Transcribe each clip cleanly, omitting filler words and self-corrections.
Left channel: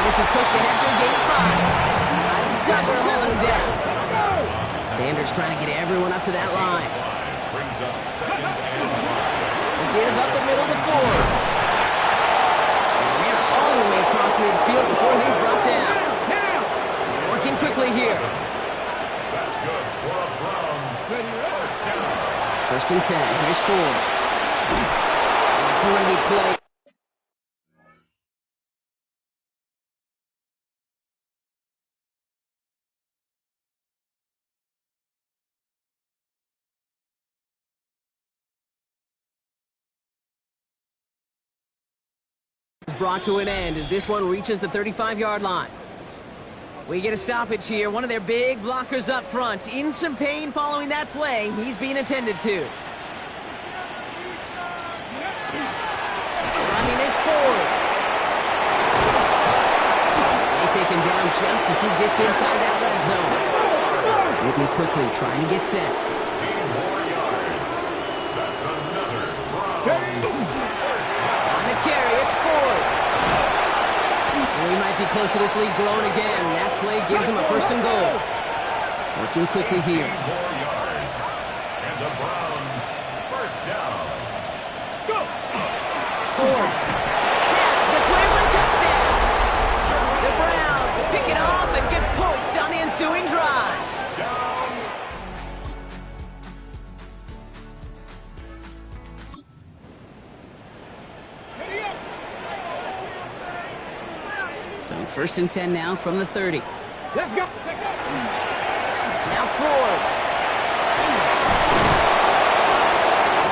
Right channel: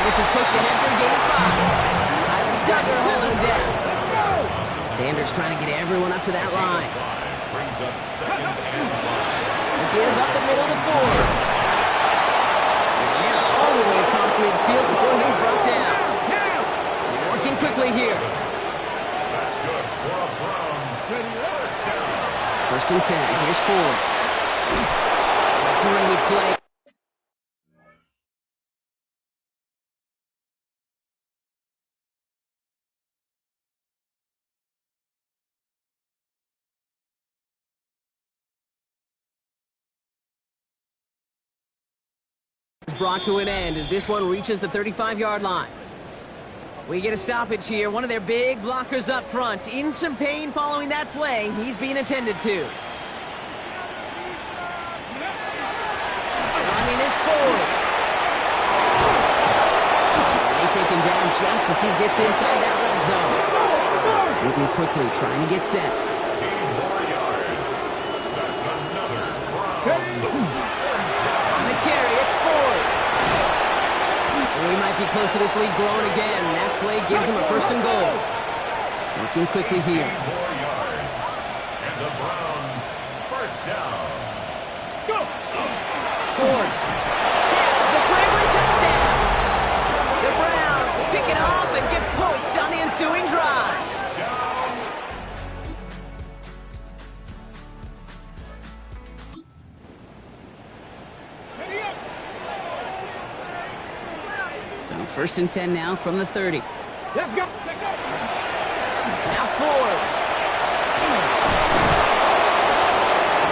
And this is pushed ahead for a gain of 5. Duggar holding him down. Sanders trying to get everyone up to that line. Brings up second and 5. Give up the middle to Ford. And they're all the way across midfield before he's brought down. They're working quickly here. That's good for a Browns first down. First and 10. Here's Ford. And a great play. Brought to an end as this one reaches the 35-yard line. We get a stoppage here. One of their big blockers up front. In some pain following that play. He's being attended to. Running is Ford. And they take him down just as he gets inside that red zone. Moving quickly, trying to get set. 16 more yards. That's another Browns first down. On the carry, it's Ford. And we might be close to this lead growing again. That play gives them a first and goal. Working quickly here. 18 more yards. And the Browns first down. Ford has the Cleveland touchdown. The Browns pick it off and get points on the ensuing drive. So first and 10 now from the 30. Let's go. Now Ford.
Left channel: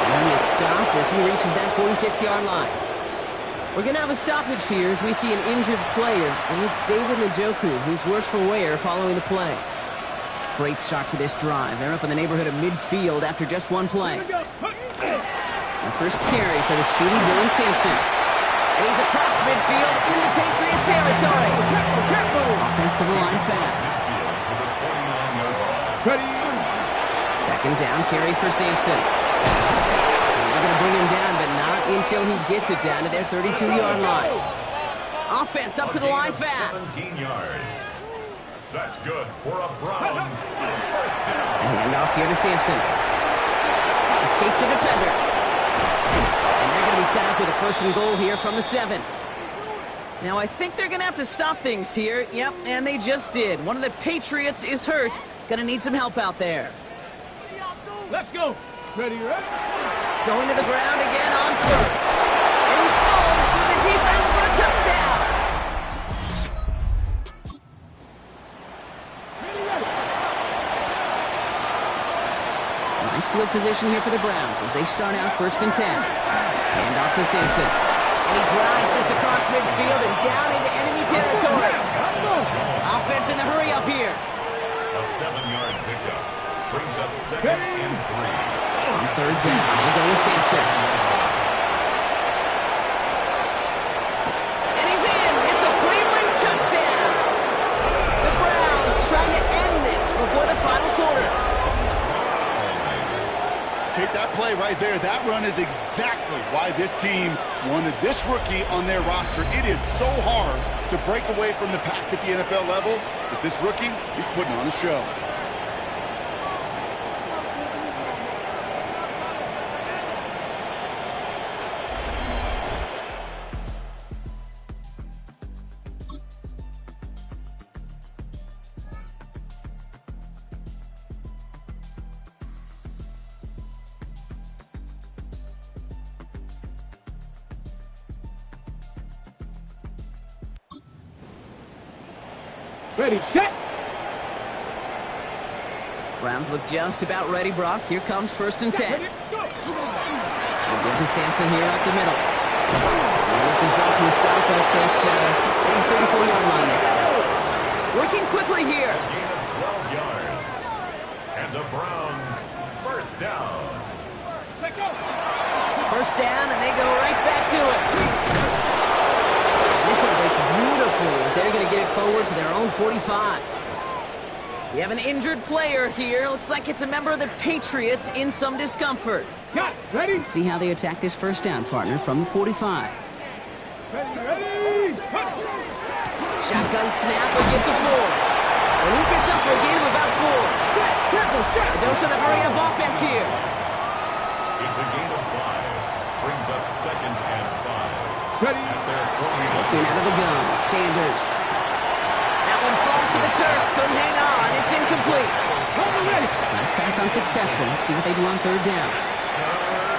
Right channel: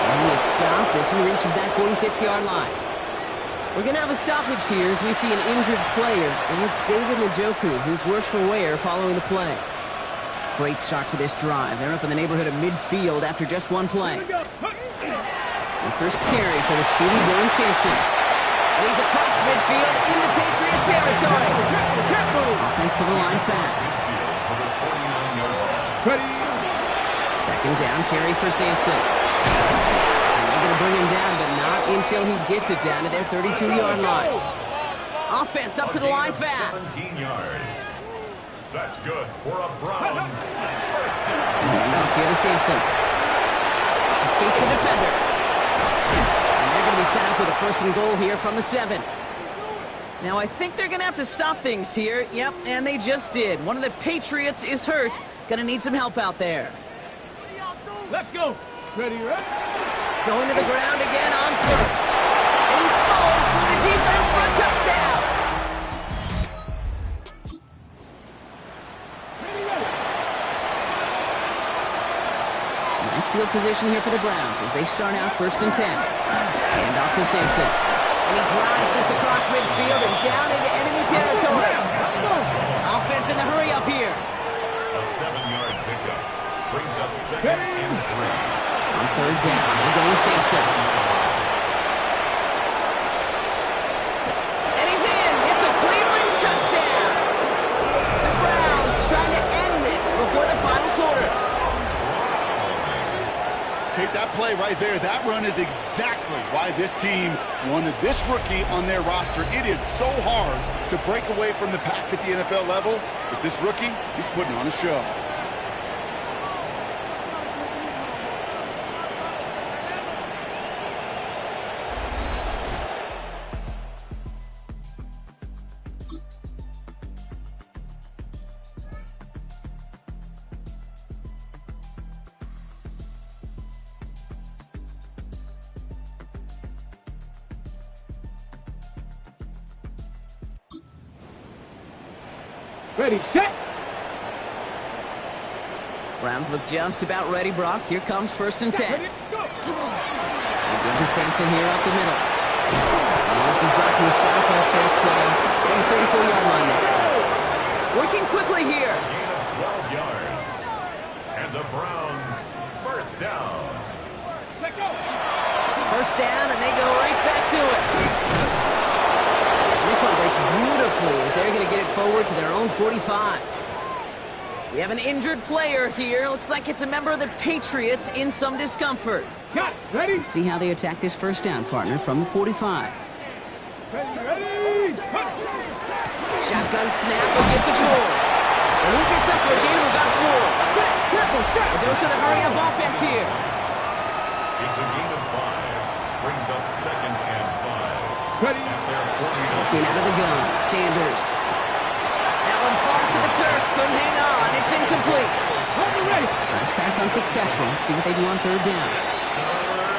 And he is stopped as he reaches that 46-yard line. We're going to have a stoppage here as we see an injured player. And it's David Njoku, who's worse for wear following the play. Great start to this drive. They're up in the neighborhood of midfield after just one play. The first carry for the speedy Dylan Sampson. And he's across midfield into Patriot territory. Offensive line fast. Second down carry for Sampson. And they're going to bring him down, but not until he gets it down to their 32-yard line. Offense up to the line fast. 17 yards. That's good for a Browns first down. Handoff here to Sampson. Escapes the defender. And they're going to be set up with a first and goal here from the 7. Now, I think they're going to have to stop things here. Yep, and they just did. One of the Patriots is hurt. Going to need some help out there. Let's go. Ready, right? Going to the ground again on first. And he falls through the defense for a touchdown. Nice field position here for the Browns as they start out first and 10. Hand off to Sampson. And he drives this across midfield and down into enemy territory. Offense in the hurry up here. A 7-yard pickup brings up second and 3. On third down, they'll go with Sampson. And he's in. It's a Cleveland touchdown. The Browns trying to end this before the final quarter. Kate, that play right there, that run is exactly why this team wanted this rookie on their roster. It is so hard to break away from the pack at the NFL level, but this rookie, he's putting on a show. Ready, set. Browns look just about ready, Brock. Here comes first and 10. Ready, go. We'll give to Sampson here up the middle. And this is brought to a stop at that 34-yard line there. Working quickly here. Gain of 12 yards. And the Browns first down. Let go. First down, and they go right back to it. And this one breaks beautifully as they're going to get it forward to their own 45. We have an injured player here. Looks like it's a member of the Patriots in some discomfort. Got it. Ready? Let's see how they attack this first down, partner, from the 45. Ready. Shotgun snap, he'll get to 4. And he gets up for a gain of about 4. A dose of the hurry-up offense here. It's a gain of 5. Brings up 2nd and 5. Ready. At their 40. Looking out of the gun, Sanders. That one falls to the turf, couldn't hang on. It's incomplete. Last pass unsuccessful. Let's see what they do on 3rd down.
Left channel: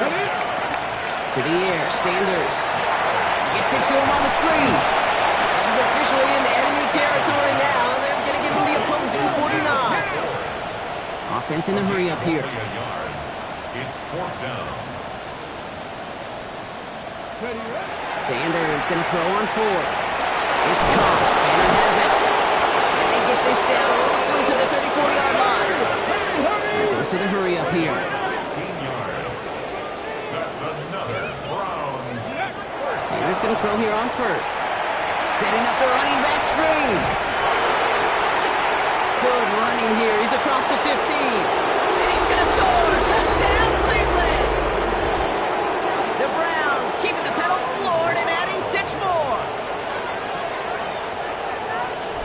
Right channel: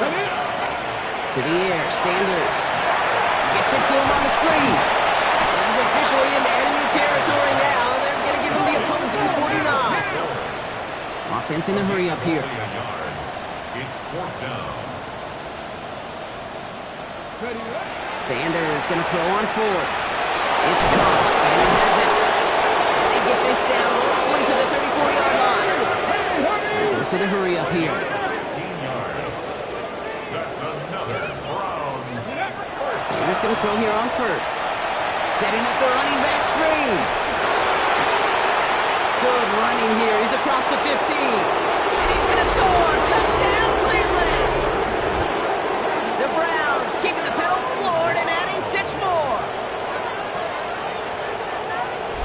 Ready. To the air, Sanders. Gets it to him on the screen. And he's officially into enemy territory now. They're going to give him the opposing 49. Offense in the hurry up here. It's 4th down. Ready. Sanders going to throw on 4th. It's caught. Fannin has it. And they get this down roughly to the 34-yard line. Dose of the hurry up here. 15 yards. That's another Browns. Sanders going to throw here on 1st. Setting up the running back screen. Good running here. He's across the 15. And he's going to score. Touchdown, Cleveland. The Browns keeping the pedal floored and adding 6 more.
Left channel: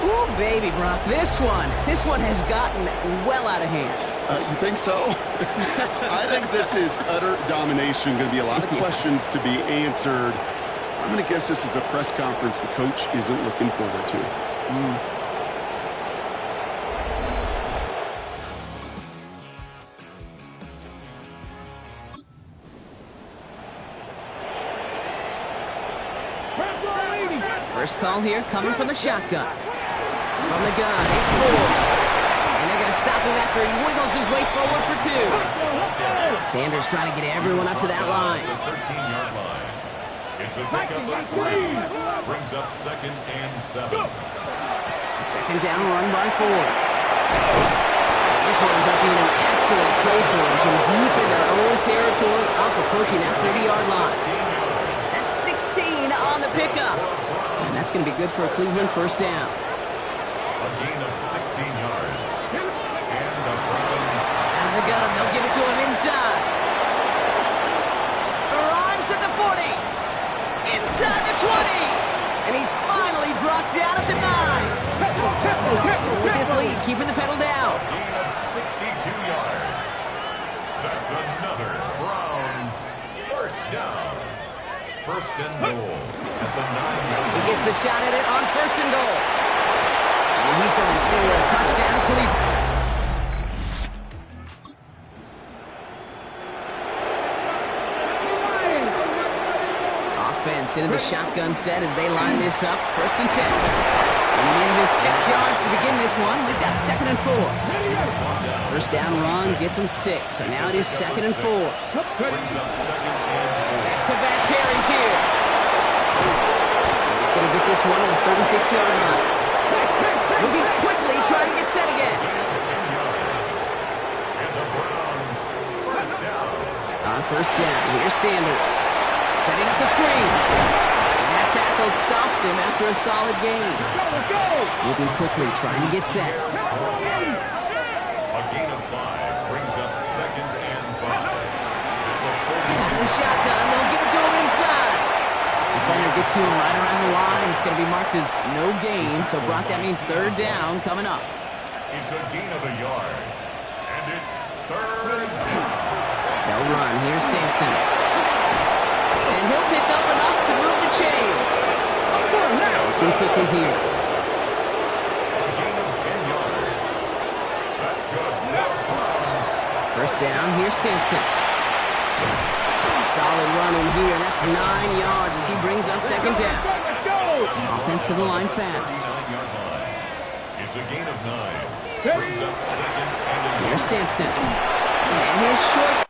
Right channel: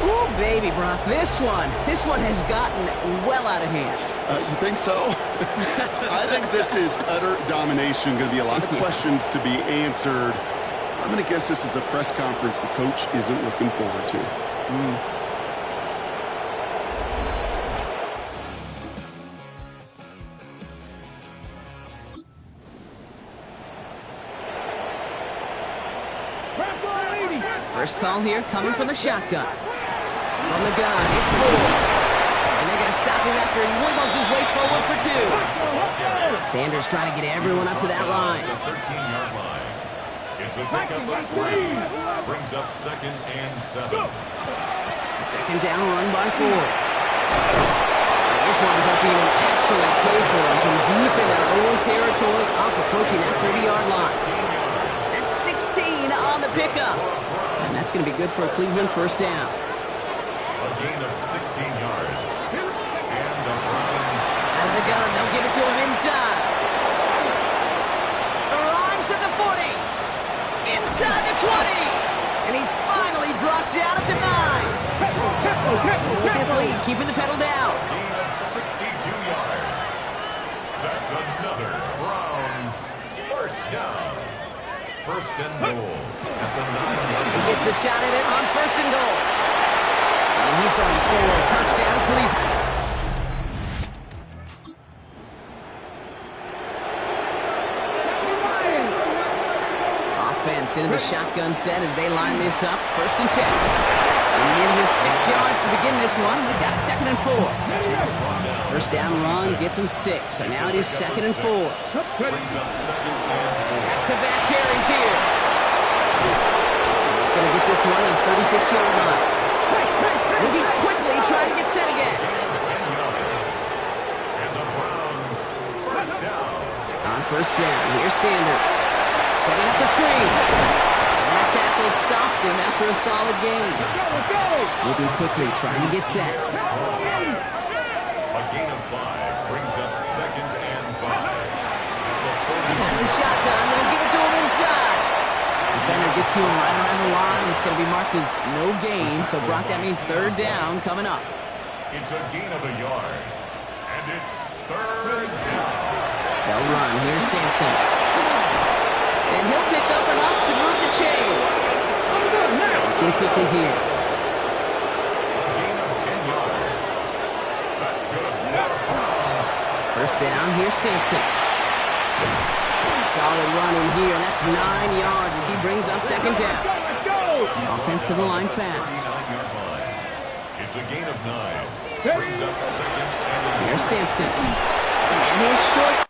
Ooh, baby, Brock. This one has gotten well out of hand. You think so? I think this is utter domination. Going to be a lot of questions to be answered. I'm going to guess this is a press conference the coach isn't looking forward to. First call here coming from the shotgun. From the gun, it's 4. And they're going to stop him after he wiggles his way forward for 2. Sanders trying to get everyone up to that line. 13-yard line. It's a pickup of 3. Brings up 2nd and 7. Second down run by 4. And this winds up being an excellent play for them from deep in their own territory, up approaching that 30-yard line. That's 16 on the pickup. And that's going to be good for a Cleveland first down. A gain of 16 yards. And the Browns. Out of the gun, they'll give it to him inside. Arrives at the 40. Inside the 20. And he's finally brought down at the 9. With this lead, keeping the pedal down. A gain of 62 yards. That's another Browns first down. 1st and goal at the 9-yard line. He gets the shot at it on 1st and goal. And he's going to score a touchdown, Cleveland. Offense into the shotgun set as they line this up. 1st and 10. And he needed his 6 yards to begin this one. We've got 2nd and 4. First down run gets him 6. So now it is 2nd and 4. Brings up 2nd and 4. Back-to-back carries here. And he's going to get this one at the 36-yard line. Moving quickly, trying to get set again. 10 yards. And the Browns first down. On 1st down, here's Sanders. Setting up the screen. And that tackle stops him after a solid gain. Moving quickly, trying to get set. A gain of 5 brings up 2nd and 5. Out of the shotgun, they'll give it to him inside. Defender gets to him right around the line. It's going to be marked as no gain. So, Brock, that means 3rd down coming up. It's a gain of a yard. And it's 3rd down. They'll run. Here's Sampson. And he'll pick up enough to move the chains. Working quickly here. A gain of 10 yards. That's good. First down, here's Sampson. Solid running here. That's 9 yards as he brings up 2nd down. Offense to the line fast. 9-yard line. It's a gain of 9. Brings up 2nd and 8. Here's Sampson. And his short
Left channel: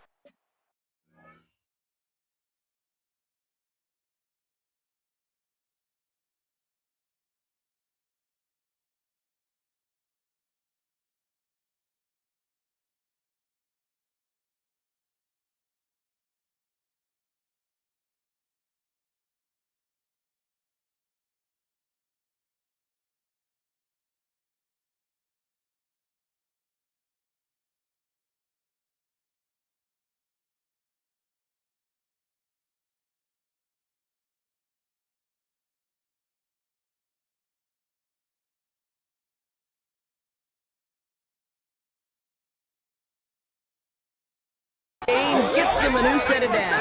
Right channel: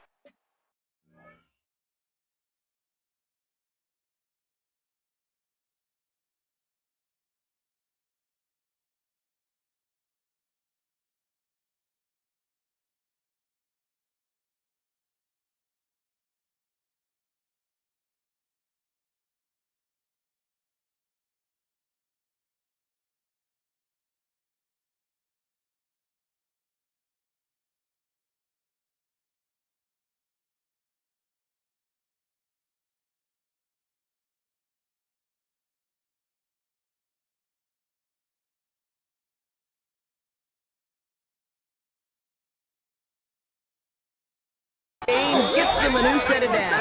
Gets them a new set it down.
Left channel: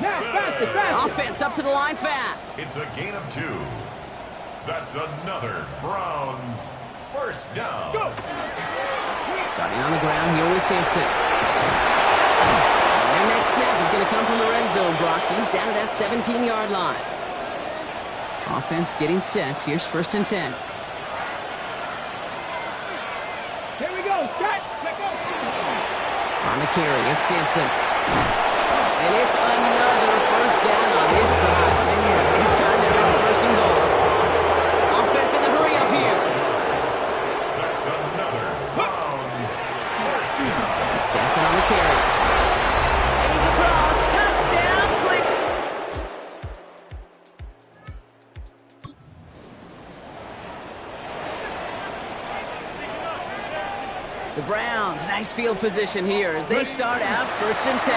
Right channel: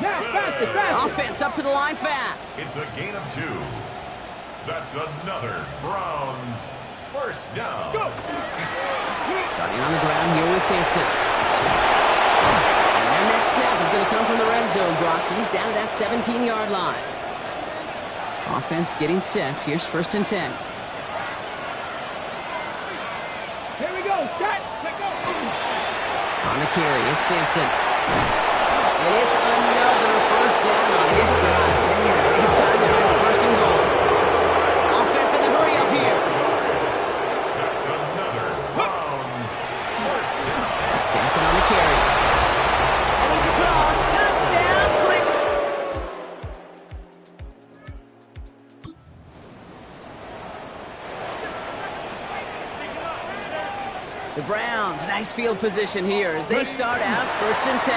Faster. Offense up to the line fast. It's a gain of 2. That's another Browns first down. Go. Starting on the ground here with Sampson. And their next snap is going to come from the red zone, Brock. He's down at that 17-yard line. Offense getting set. Here's 1st and 10. Here we go. Set. Let go. On the carry, it's Sampson. And it's another first down on this drive. Man, this time they're in the 1st and goal. Offense in the hurry up here. That's another Browns first down. That's Sampson on the carry. And he's across. Touchdown, click. The Browns, nice field position here as they start out 1st and 10.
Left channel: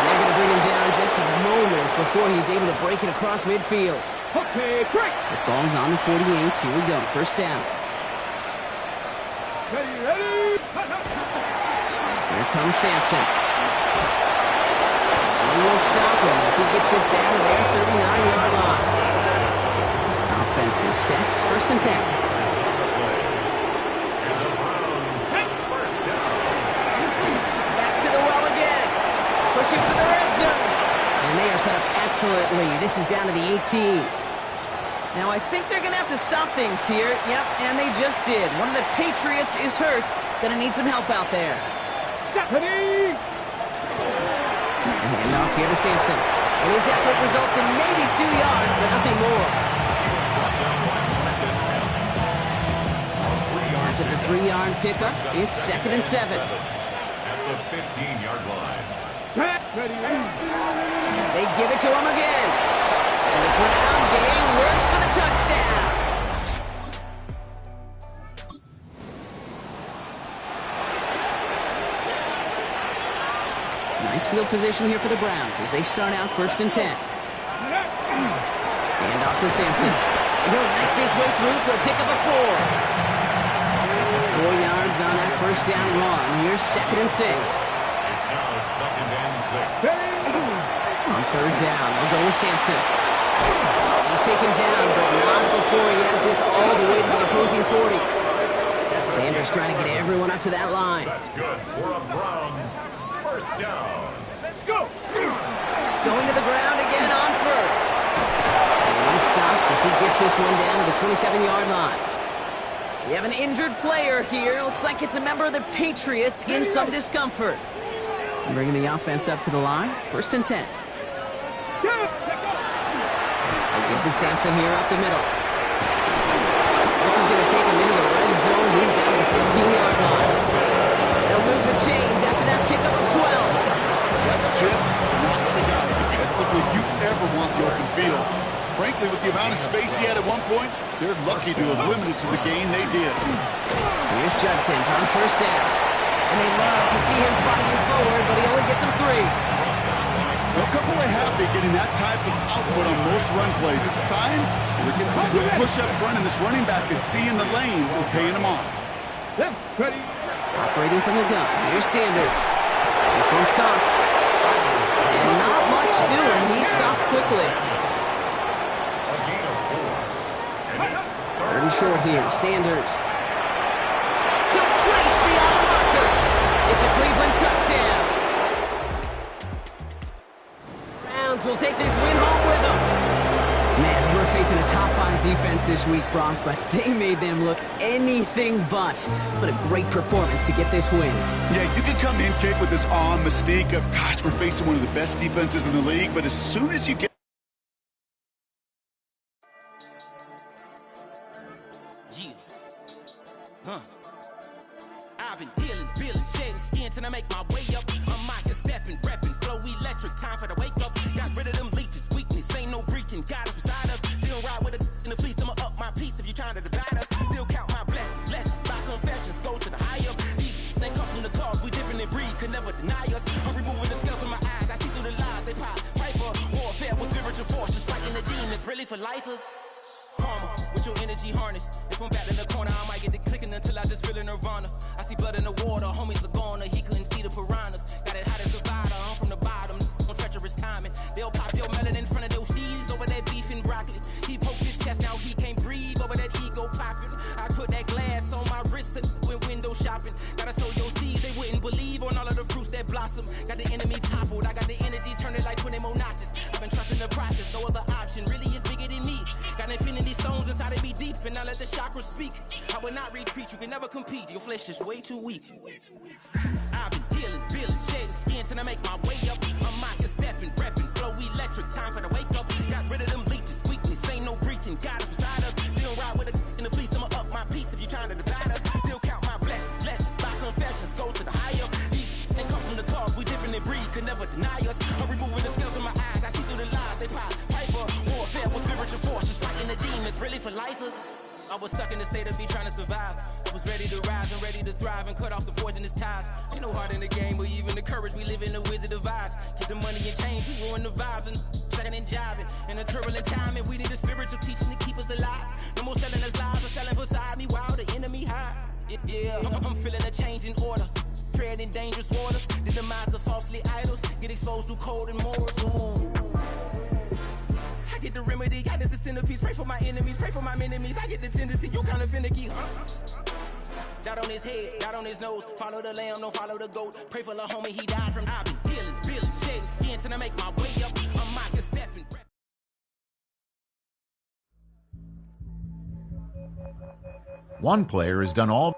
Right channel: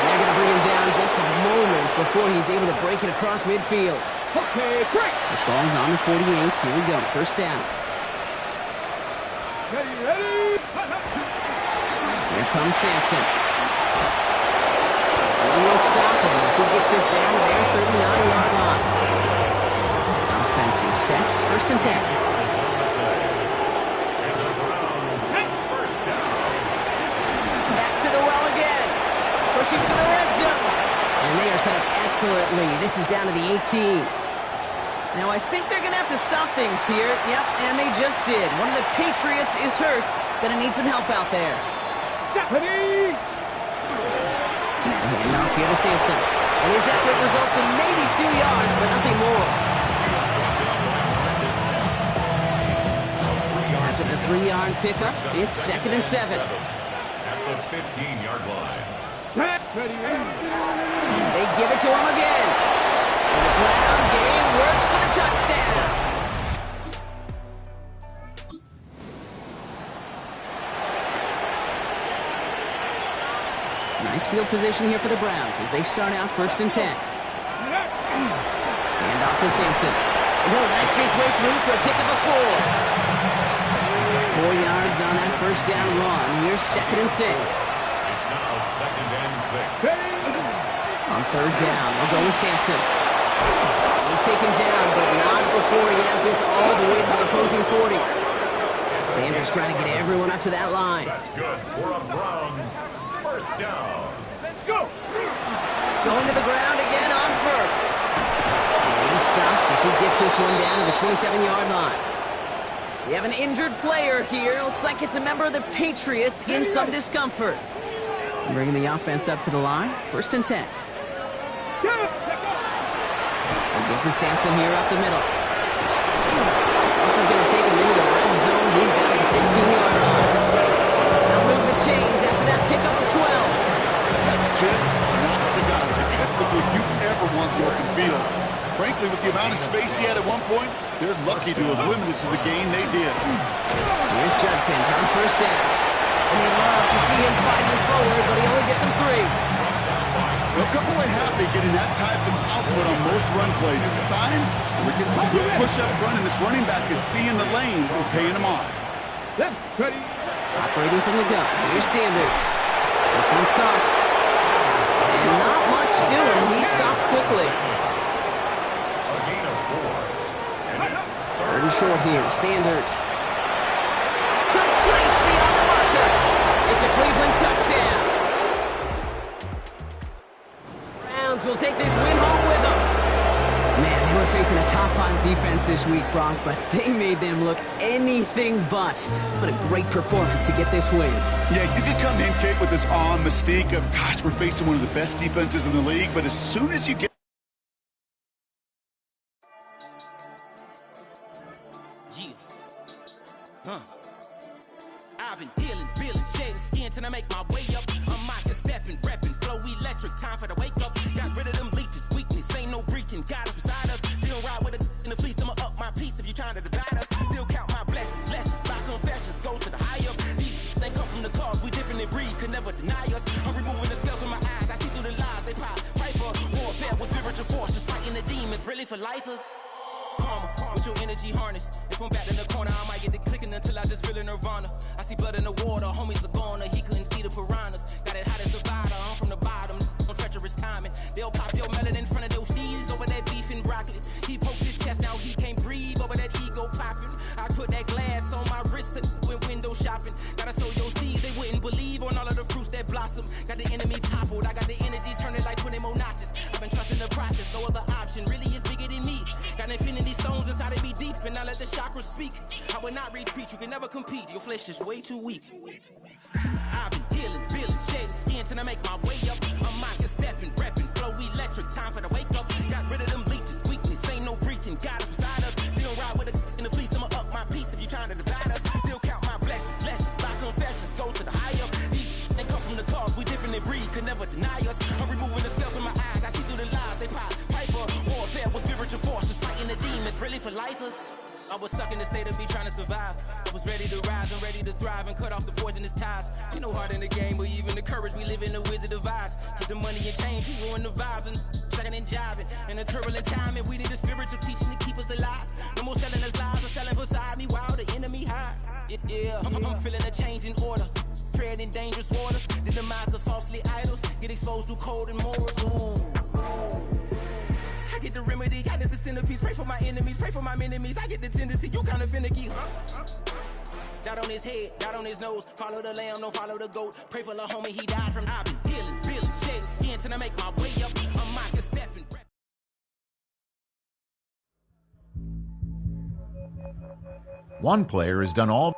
And they're going to bring him down just a moment before he's able to break it across midfield. Okay, break. The ball's on the 48. Here we go. 1st down. Ready. Here comes Sampson. And he will stop him as he gets this down to their 39-yard line. Offense is set. 1st and 10. Pushing for the red zone. And they are set up excellently. This is down to the 18. Now, I think they're going to have to stop things here. Yep, and they just did. One of the Patriots is hurt. Going to need some help out there. Stephanie! The handoff here to Sampson. And his effort results in maybe 2 yards, but nothing more. After the 3-yard pickup, it's 2nd and 7. At the 15-yard line. Ready. They give it to him again. And the ground game works for the touchdown. Nice field position here for the Browns as they start out 1st and 10. Hand off to Sampson. And he'll knife his way through for a pickup of 4. 4 yards on that 1st down run. Here's 2nd and 6. Now 2nd and 6. On 3rd down, they'll go with Sampson. He's taken down, but not before he has this all the way to the opposing 40. Sanders trying to get everyone up to that line. That's good for a Browns first down. Let's go. Going to the ground again on 1st. And he's stopped as he gets this one down to the 27-yard line. We have an injured player here. Looks like it's a member of the Patriots in some discomfort. Bringing the offense up to the line. 1st and 10. They'll give to Sampson here up the middle. This is going to take him into the red zone. He's down at the 16-yard line. They'll move the chains after that pickup of 12. That's just not the guy defensively you ever want the open field. Frankly, with the amount of space he had at one point, they're lucky to have limited to the gain they did. Here's Judkins on 1st down. And they love to see him fighting forward, but he only gets them 3. They'll come away happy getting that type of output on most run plays. It's a sign we're getting some good push up front, and this running back is seeing the lanes and paying them off. Left, ready. Operating from the gun. Here's Sanders. This one's caught. And not much doing. He stopped quickly. A gain of 4. And it's 3rd and short here. Sanders. Complete beyond the marker. It's a Cleveland touchdown. Browns will take this win home with them. Man, they were facing a top 5 defense this week, Brock, but they made them look anything but. What a great performance to get this win. Yeah, you can come in, Kate, with this awe and mystique of, gosh, we're facing one of the best defenses in the league, but as soon as you get I've been dealing, shedding skin till I make my way up. I'm out here stepping, repping, flow electric, time for the wake up. Got rid of them leeches, weakness, ain't no breaching. God is beside us, still ride with a in the fleece. I'ma up my piece if you trying to divide us. Still count my blessings, lessons, my confessions, go to the high up. These they come from the cause, we different in breed, could never deny us. I'm removing the scales from my eyes, I see through the lies they pop. Piper, warfare with spiritual force, just fighting the demons, really for lifers. karma with your energy harness. If I'm back in the corner, I might get the clicking until I just feel a nirvana. I see blood in the water, homies are gone, he couldn't see the piranhas. Got it hot as Nevada, I'm from the bottom, on treacherous timing. They'll pop your melon in front of those seeds over that beef and broccoli. He poked his chest, now he can't breathe over that ego popping. I put that glass on my wrist and went window shopping. Gotta sow your seeds, they wouldn't believe on all of the fruits that blossom. Got the enemy toppled, I got the energy turning like 20 more notches. I've been trusting the process, no other option really is bigger than me. Got infinity stones inside of me deep, and I let the chakras speak. I will not retreat, you can never compete, your flesh is way too weak. I've been dealing, shedding skin till I make my way up. I'm out here stepping, repping, flow electric, time for the wake up. Got rid of them leeches, weakness, ain't no breaching, God is beside us. Still ride with a in the fleece, I'ma up my piece if you trying to divide us. Still count my blessings, lessons, by confessions, go to the higher. These ain't come from the cause, we different in breed, could never deny us. I'm removing the scales from my eyes, I see through the lies, they pop, piper. Warfare with spiritual forces, fighting the demons, really for lifers. I was stuck in the state of me trying to survive. I was ready to rise and ready to thrive and cut off the poisonous ties. Ain't no heart in the game or even the courage. We live in the Wizard of Oz. Get the money and change, we ruin the vibes and checking and jiving. In a turbulent time and we need a spiritual teaching to keep us alive. No more selling us lies or selling beside me while the enemy hide. Yeah, I'm feeling a change in order. Treading dangerous waters. The demise of falsely idols. Get exposed through code and morals. Ooh. I get the remedy, God is the centerpiece. Pray for my enemies, pray for my enemies. I get the tendency, you kinda finicky, huh? Dot on his head, dot on his nose. Follow the lamb, don't follow the goat. Pray for the homie, he died from. I've been dealing, shedding skin till I make my way up. I'm out here stepping. One player has done all.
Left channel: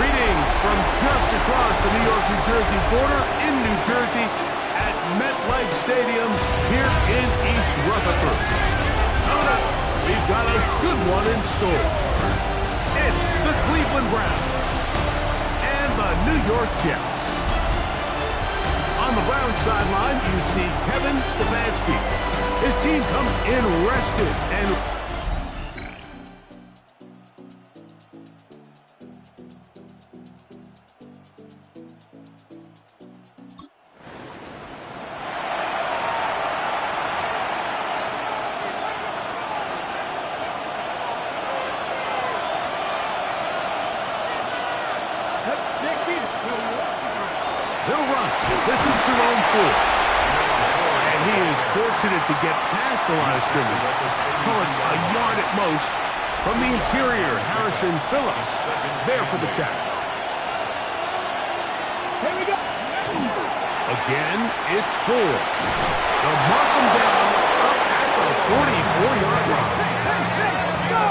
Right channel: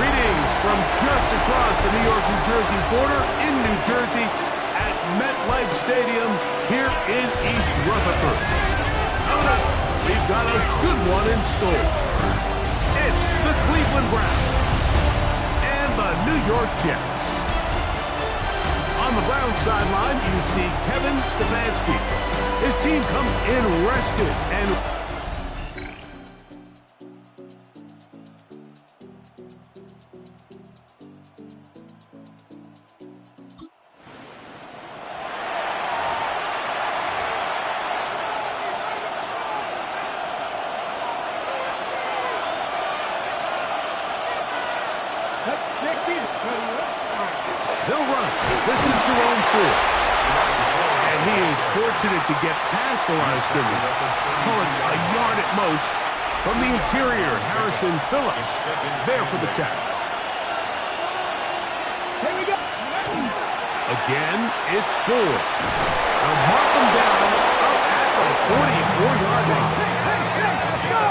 Greetings from just across the New York-New Jersey border in New Jersey at MetLife Stadium here in East Rutherford. Coming up, we've got a good one in store. It's the Cleveland Browns and the New York Jets. On the Browns sideline, you see Kevin Stefanski. His team comes in rested and they'll run. This is Jerome Ford. And he is fortunate to get past the line of scrimmage. Call it a yard at most. From the interior, Harrison Phillips there for the tackle. Here we go. Again, it's Ford. They'll mark him down up at the 44-yard line.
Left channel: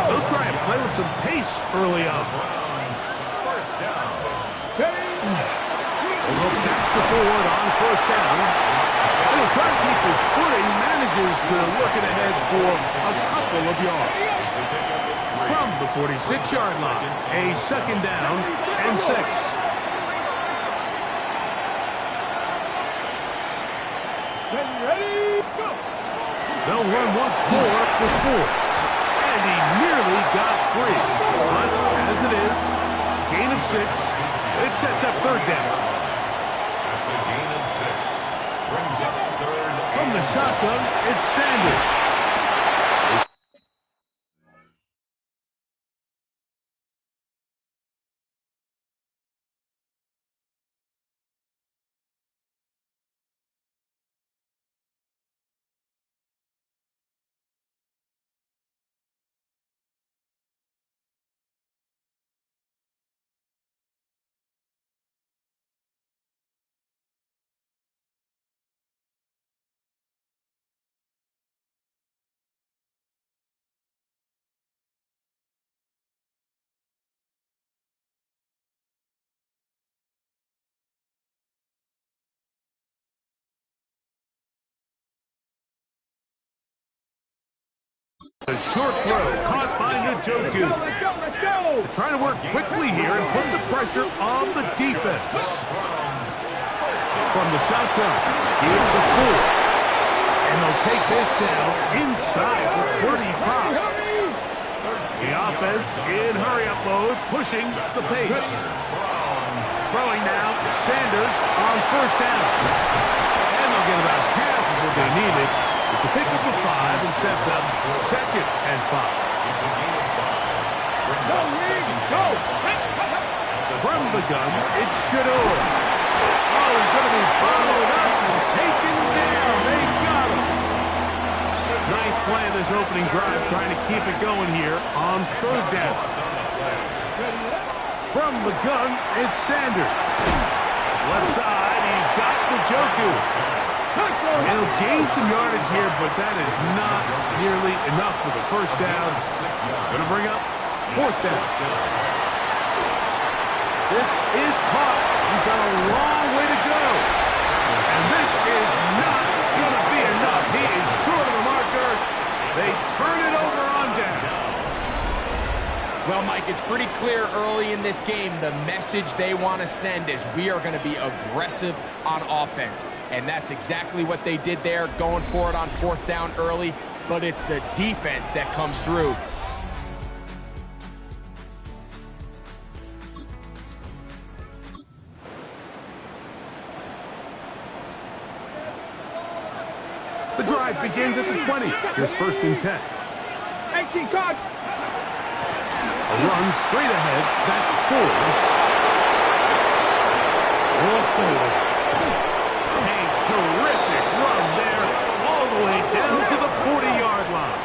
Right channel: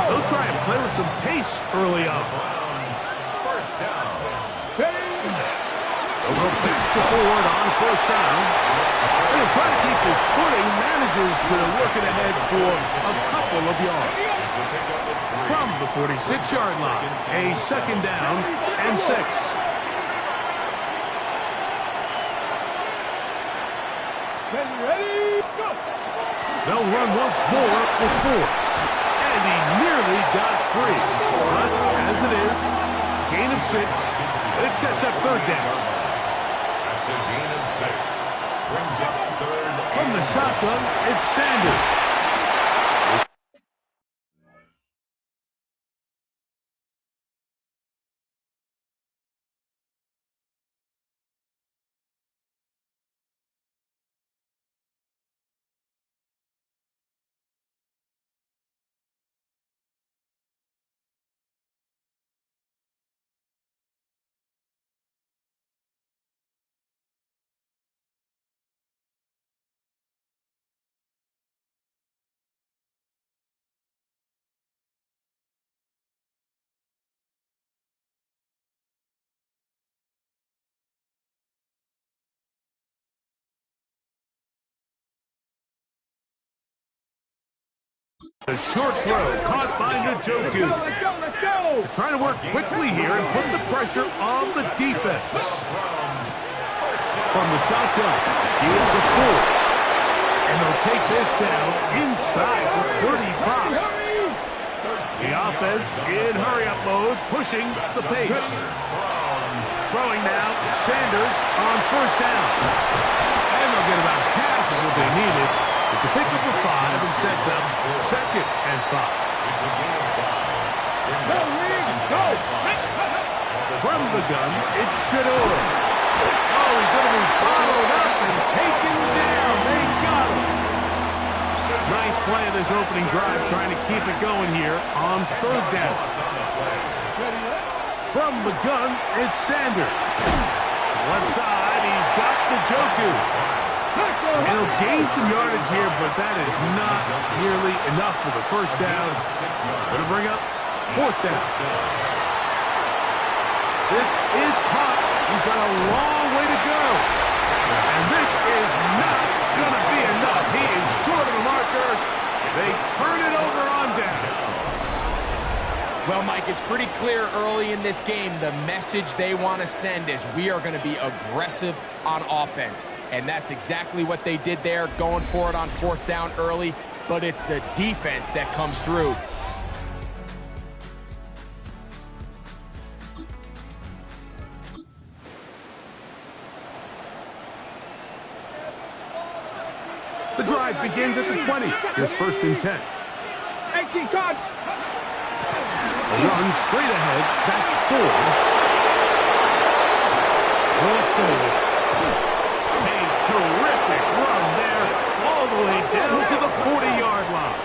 They'll try and play with some pace early on. First down. A little back to Ford on first down. And he'll try to keep his footing, manages to work it ahead for a couple of yards. From the 46-yard line, a second down and 6. Ready, go! They'll run once more with Ford. And he nearly got free. But as it is, gain of 6. It sets up third down. a gain of 6. Brings up third. From the shotgun, it's Sanders. A short throw caught by Njoku. They're trying to work quickly here and put the pressure on the defense. From the shotgun, here's a 4. And they'll take this down inside the 35. The offense in hurry-up mode, pushing the pace. Throwing now, Sanders on first down. And they'll get about half of what they needed. It's a pickup of 5 and sets up 2nd and 5. It's a gain of 5. Brings up 2nd and 5. From the gun, it's Shador. Oh, he's going to be bottled up and taken down. They got him. Ninth play of this opening drive, trying to keep it going here on 3rd down. From the gun, it's Sanders. Left side, he's got Njoku. He'll gain some yardage here, but that is not nearly enough for the first down. It's going to bring up 4th down. This is caught. He's got a long way to go. And this is not going to be enough. He is short of the marker. They turn it over on down. Well, Mike, it's pretty clear early in this game the message they want to send is we are going to be aggressive on offense. And that's exactly what they did there, going for it on 4th down early. But it's the defense that comes through. The drive begins at the 20. Here's 1st and 10. 18 cards. A run straight ahead. That's 4. A terrific run there, all the way down to the 40-yard line.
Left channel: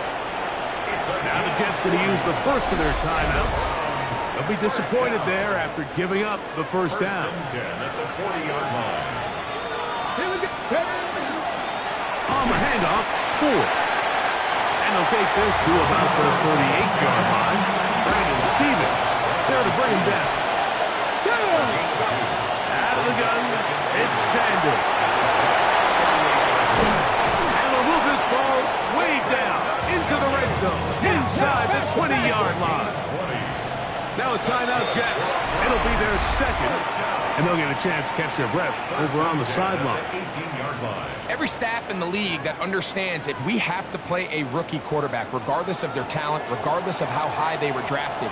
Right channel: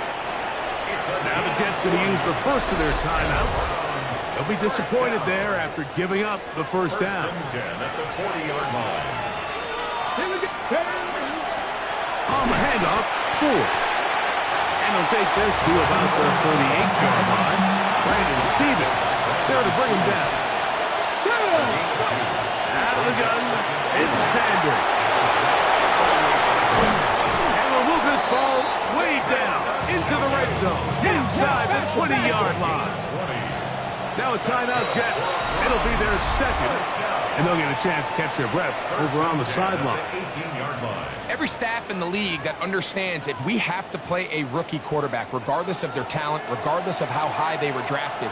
Now the Jets going to use the first of their timeouts. They'll be disappointed there after giving up the first down. 10 at the 40-yard line. On the handoff, 4. And they'll take this to about the 38-yard line. Brandon Stevens there to bring him down. Out of the gun, it's Sanders. And they'll move this ball way down into the red zone, inside the 20-yard line. Now a timeout, Jets. It'll be their 2nd, and they'll get a chance to catch their breath over on the sideline. 18-yard line. Every staff in the league that understands if we have to play a rookie quarterback, regardless of their talent, regardless of how high they were drafted,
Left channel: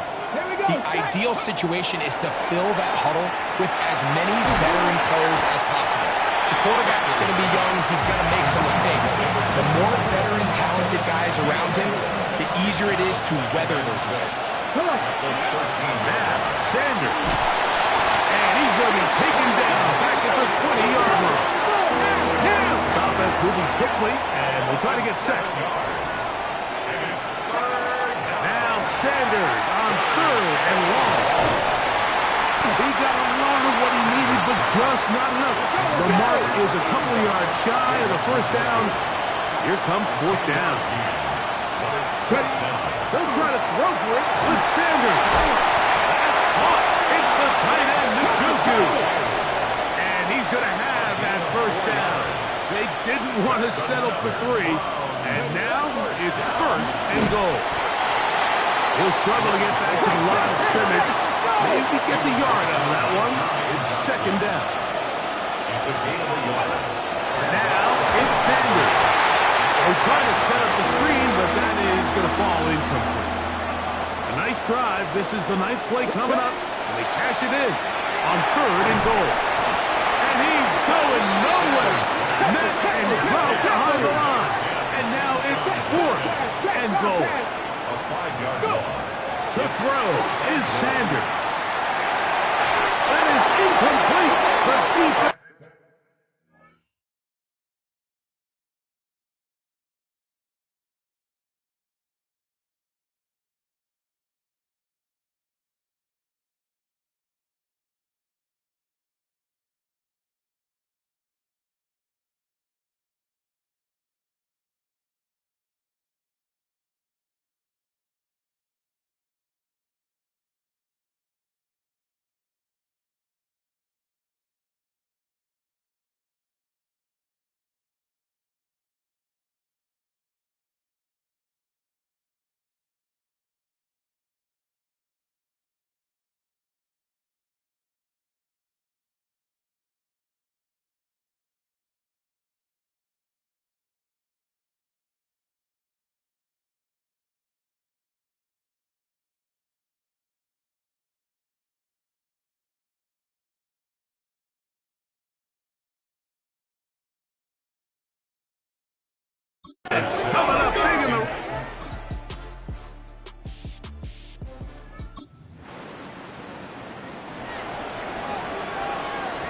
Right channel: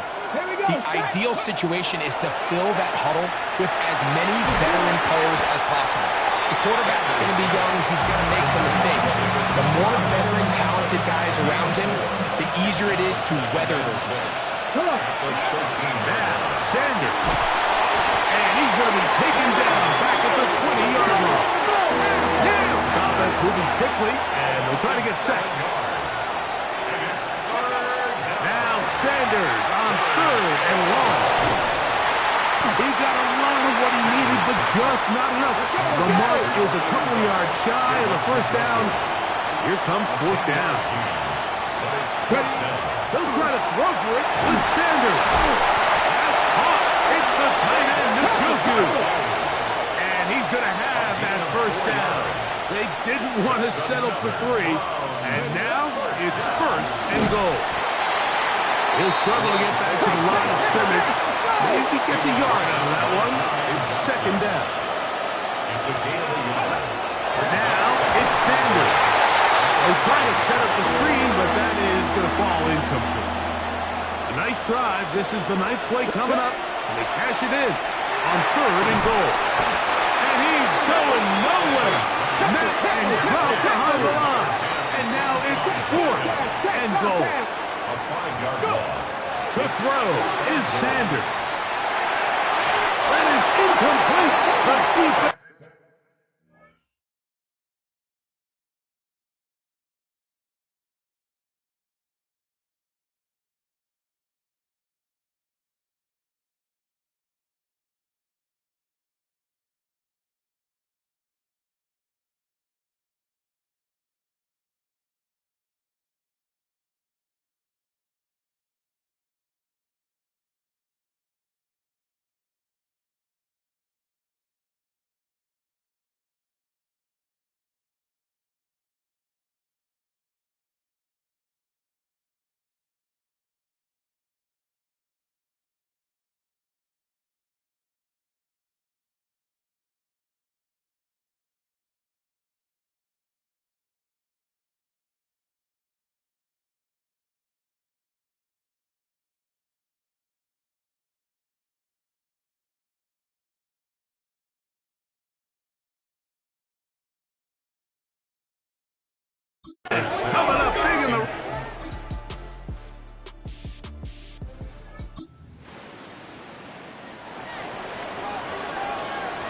the ideal situation is to fill that huddle with as many veteran players as possible. The quarterback's going to be young. He's going to make some mistakes. The more veteran, talented guys around him, the easier it is to weather those mistakes. Now, Sanders. And he's going to be taken down back at the 20-yard line. This offense moving quickly, and they'll try to get set. Now Sanders on 3rd and long. He got a lot of what he needed, but just not enough. The mark is a couple yards shy of the first down. Here comes 4th down. They'll try to throw for it with Sanders. That's caught. It's the tight end, Njoku. And he's going to have that first down. They didn't want to settle for 3. And now it's 1st and goal. He'll struggle to get back to the line of scrimmage. Maybe he gets a yard out of that one. It's 2nd down. It's a gain of a yard. Now it's Sanders. They're trying to set up the screen, but that is going to fall incomplete. A nice drive. This is the 9th play coming up, and they cash it in on 3rd and goal. And he's going good. Met and dropped behind the line. And now it's 4th and goal. A 5-yard loss. To throw is Sanders. That is incomplete. The defense. Coming up big in the...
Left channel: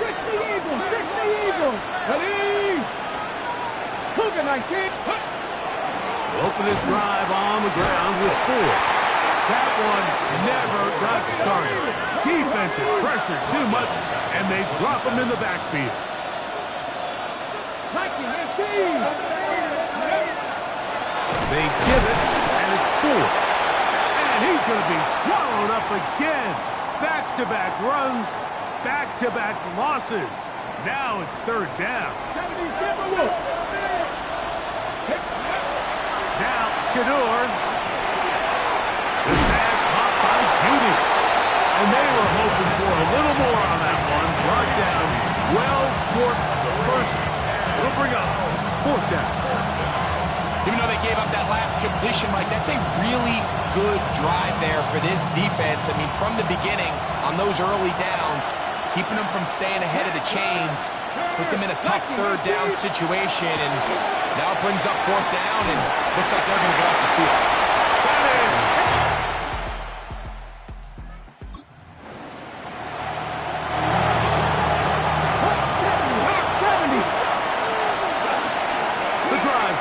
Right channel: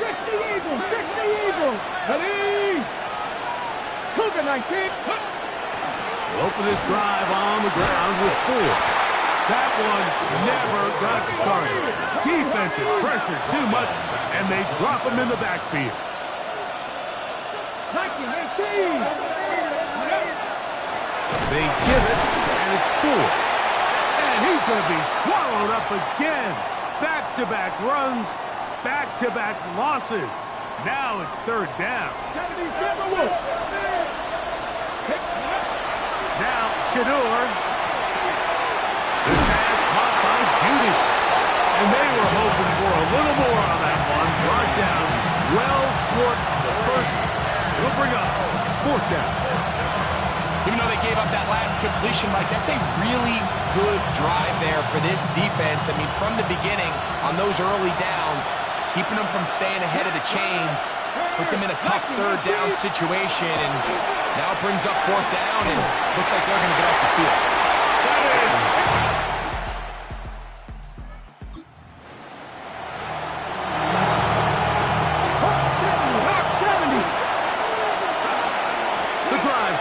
Fix the Eagles! Fix the Eagles! Ready? Cougar 19! Open this drive on the ground with 4. That one never got started. Defensive pressure too much, and they drop him in the backfield. 19, 18! They give it, and it's 4. And he's going to be swallowed up again. Back-to-back runs, back-to-back losses. Now it's 3rd down. Now Shadur. This pass caught by Judy. And they were hoping for a little more on that one. Brought down well short of the first. It'll bring up 4th down. Even though they gave up that last completion, Mike, that's a really good drive there for this defense. I mean, from the beginning, on those early downs, keeping them from staying ahead of the chains, put them in a tough 3rd down situation, and now it brings up 4th down, and looks like they're going to get off the field. That is...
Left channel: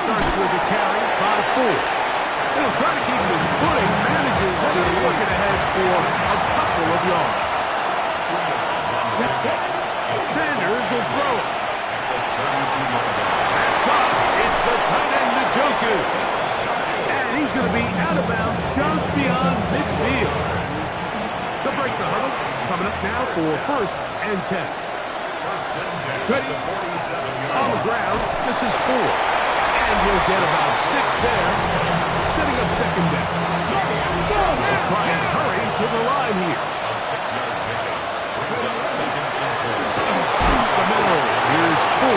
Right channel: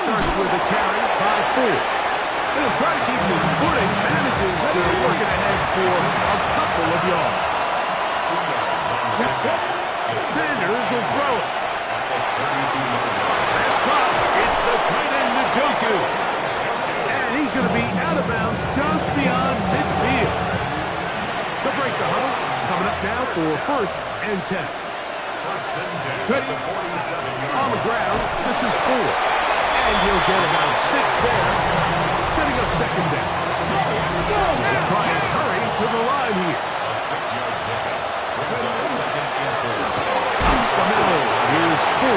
starts with a carry by 4. And he'll try to keep his footing, manages to work it ahead for a couple of yards. 2 yards on the pickup. Sanders will throw it. That's caught. It's the tight end, Njoku. And he's going to be out of bounds just beyond midfield. They'll break the huddle. Coming up now for 1st and 10. 1st and 10 at the 47-yard on the ground. This is 4. And he'll get about 6 there, setting up 2nd down. We'll try and hurry to the line here. A 6-yard pickup brings up 2nd and 4. Up the middle, here's 4.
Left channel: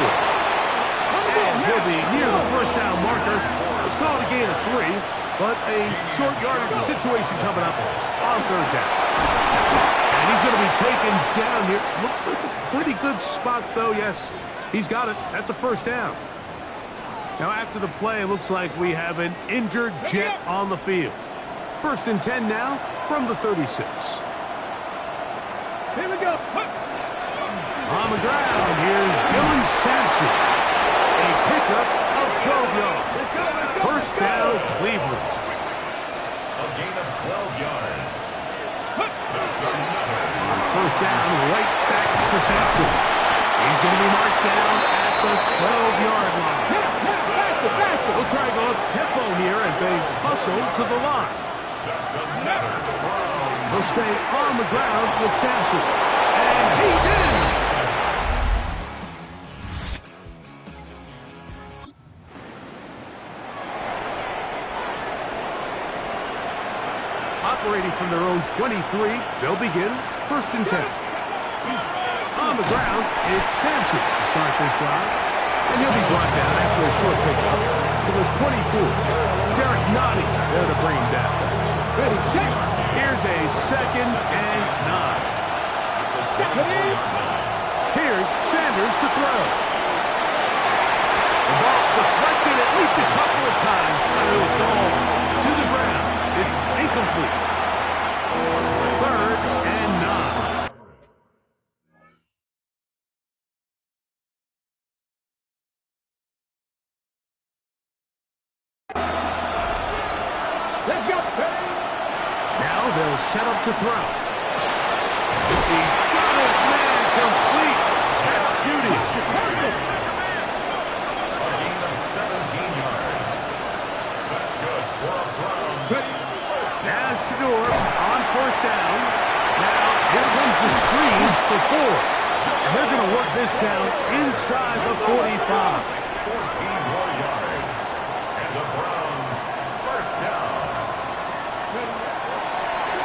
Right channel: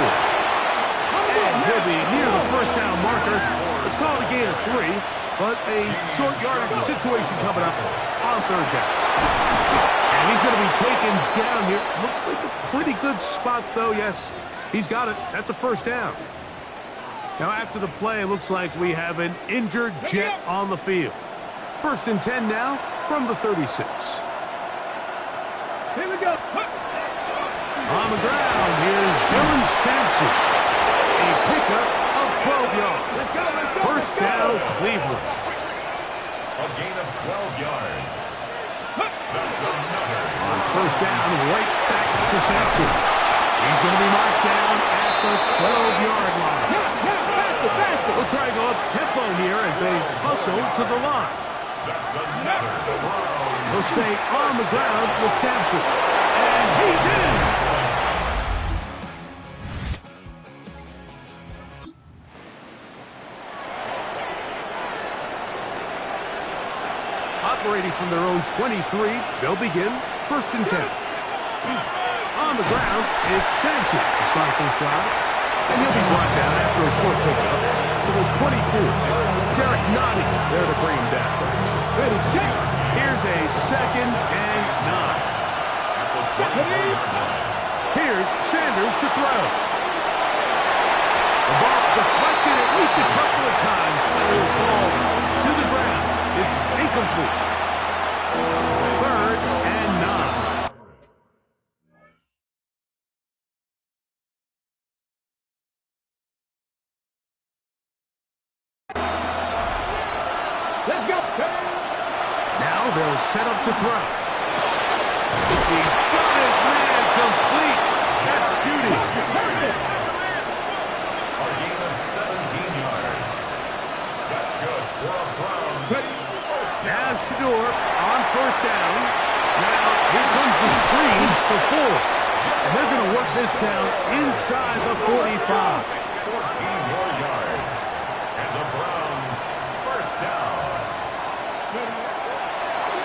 And he'll be near the 1st down marker. It's called a gain of 3, but a short yardage situation coming up on 3rd down. And he's going to be taken down here. Looks like a pretty good spot, though. Yes, he's got it. That's a 1st down. Now, after the play, it looks like we have an injured Jet on the field. 1st and 10 now from the 36. Here we go. On the ground, here's Dylan Sampson. A pickup of 12 yards. 1st down, Cleveland. A gain of 12 yards. That's another. On 1st down, right back to Sampson. He's going to be marked down at the 12-yard line. We'll try to go up-tempo here as they hustle to the line. That's another Brown. He'll stay on the ground with Sampson. And he's in! Operating from their own 23, they'll begin 1st and 10. On the ground, it's Sampson to start this drive. And he'll be brought down after a short pickup to the 24. Derek Notty there to bring him down. Ready, set. Here's a 2nd and 9. At the 24-yard line. Here's Sanders to throw. The ball deflected at least a couple of times, but it will fall to the ground. It's incomplete. 3rd and 9. Let's go. Now they'll set up to throw. He's got his man complete. That's Judy. A gain of 17 yards. That's good for a Browns first down. Now Shador on 1st down. Now here comes the screen for 4. And they're going to work this down inside the 45. 14 more yards. And the Browns first down.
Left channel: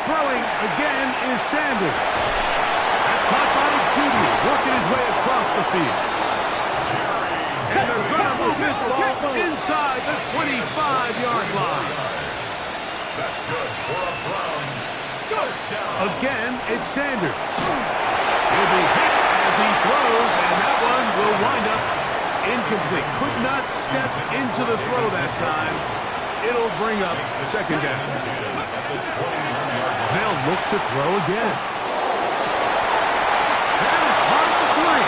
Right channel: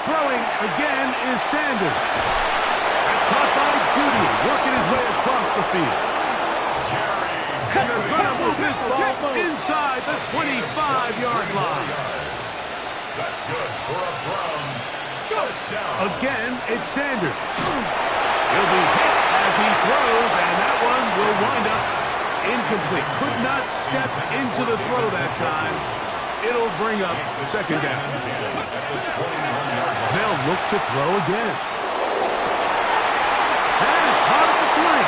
Throwing again is Sanders. That's caught by Judy, working his way across the field. And they're going to move this ball inside the 25-yard line. That's good for a Browns first down. Again, it's Sanders. He'll be hit as he throws, and that one will wind up incomplete. Could not step into the throw that time. It'll bring up 2nd down. They'll look to throw again. That is caught at the 3.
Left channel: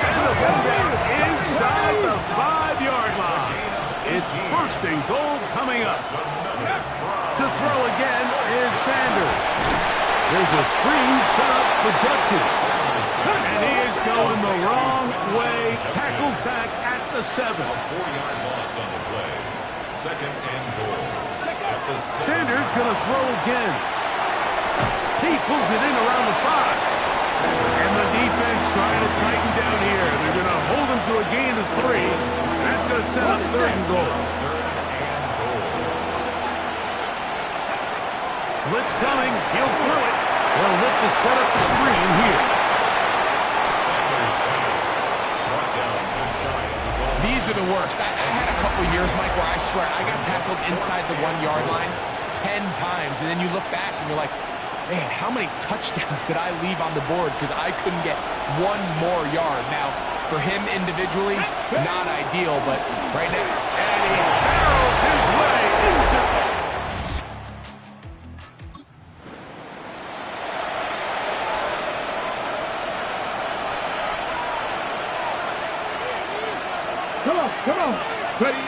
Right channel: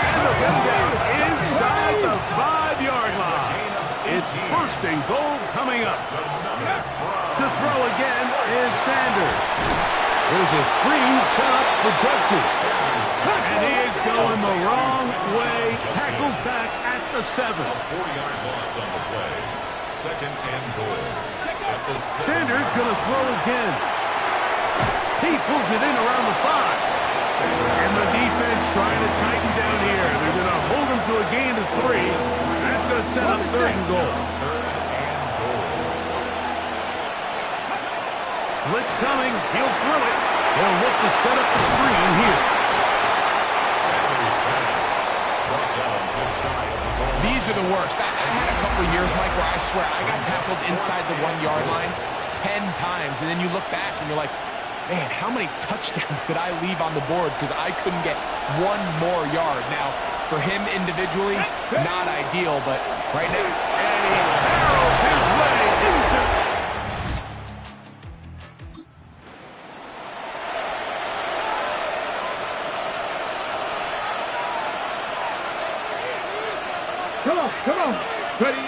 And they'll get him down inside the 5-yard line. It's 1st and goal coming up. To throw again is Sanders. There's a screen set up for Judkins. And he is going the wrong way. Tackled back at the 7. A 4-yard loss on the play. 2nd and goal. Sanders going to throw again. He pulls it in around the 5. And the defense trying to tighten down here. They're going to hold him to a gain of 3. And that's going to set up 3rd and goal. 3rd and goal. Blitz coming. He'll throw it. They'll look to set up the screen here. Sanders pass. Brought down just shy of the goal. These are the worst. I had a couple years, Mike, where I swear I got tackled inside the 1-yard line 10 times. And then you look back and you're like, man, how many touchdowns did I leave on the board because I couldn't get 1 more yard? Now, for him individually, not ideal, but right now. And he barrels his way into... Come on. Ready?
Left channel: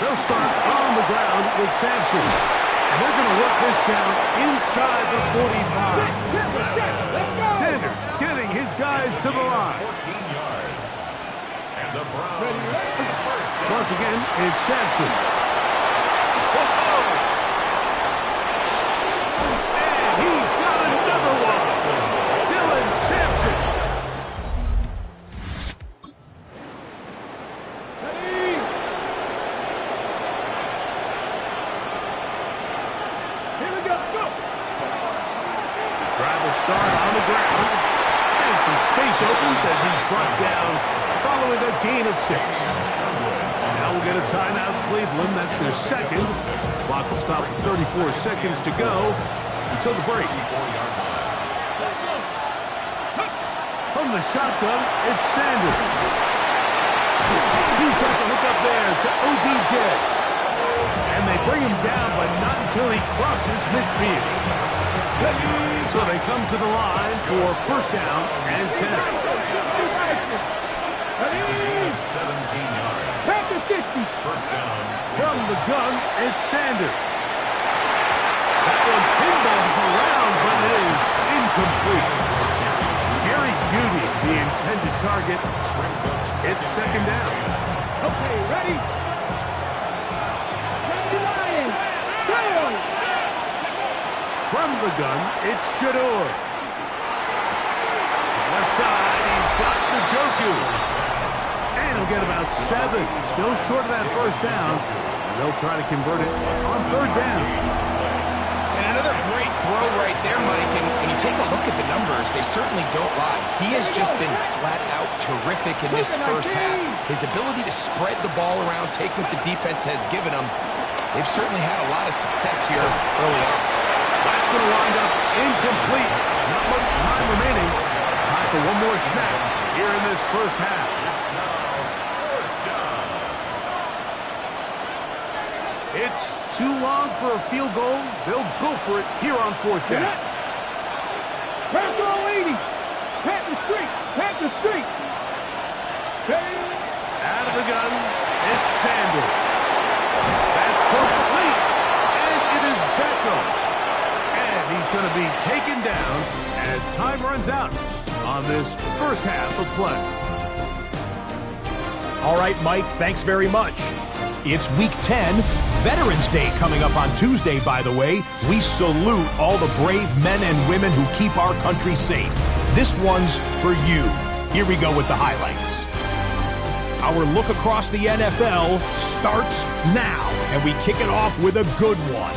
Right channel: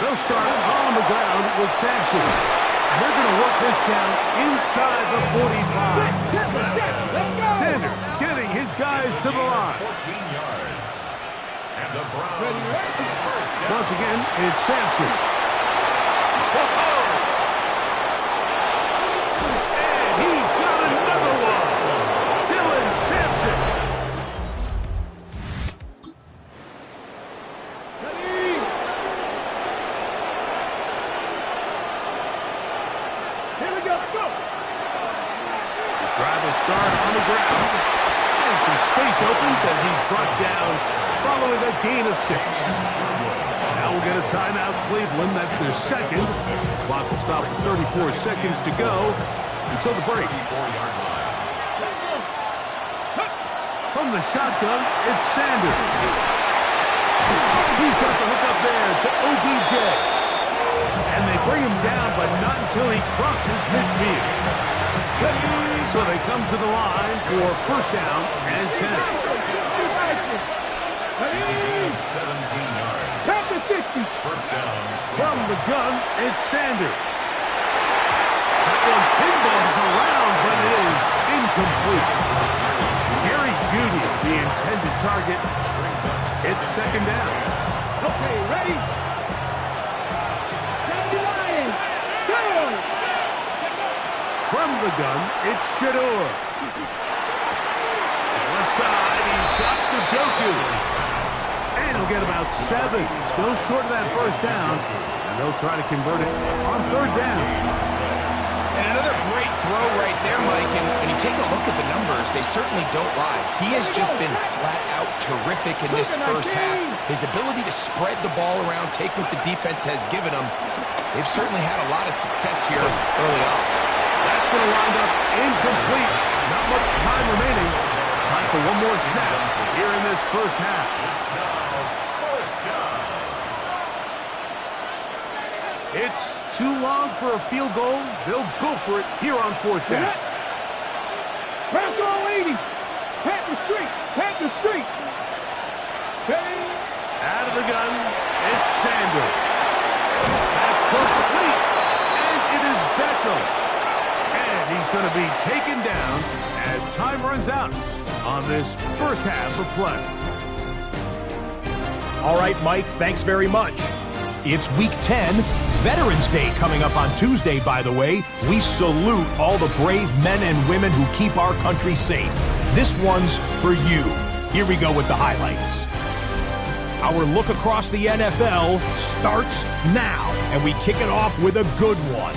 They'll start on the ground with Sampson. And they're going to work this down inside the 45. Let's go. Sanders getting his guys to the line. 14 yards. And the Browns first down. Once again, it's Sampson. And he's got another one. Dylan Sampson. Ready? Here we go. Go. Drive will start on the ground. And some space opens as he's brought down following a gain of 6. Now we'll get a timeout, Cleveland. That's their 2nd. Clock will stop with 34 seconds to go until the break. From the shotgun, it's Sanders. He's got the hook up there to OBJ. And they bring him down, but not until he crosses midfield. So they come to the line for 1st down and 10. It's a gain of 17 yards. Back to 60. First down. From the gun, it's Sanders. That one pinballs around, but it is incomplete. Jerry Jeudy, the intended target. It's 2nd down. Okay, ready? Lion. Go. From the gun, it's Shador. Left side, he's got the Njoku. And he'll get about 7. Still short of that 1st down. And they'll try to convert it on 3rd down. And another great throw right there, Mike. And when you take a look at the numbers, they certainly don't lie. He has just been flat out terrific in this first half. His ability to spread the ball around, take what the defense has given him, they've certainly had a lot of success here early on. That's going to wind up incomplete. Not much time remaining. Time for one more snap here in this first half. It's now down. It's too long for a field goal. They'll go for it here on fourth down. Pass all 80. Pat the street. Pat the street. Steady. Out of the gun, it's Sanders. That's complete, and it is Beckham. And he's going to be taken down as time runs out on this first half of play. All right, Mike, thanks very much. It's Week 10, Veterans Day coming up on Tuesday, by the way. We salute all the brave men and women who keep our country safe. This one's for you. Here we go with the highlights. Our look across the NFL starts now, and we kick it off with a good one.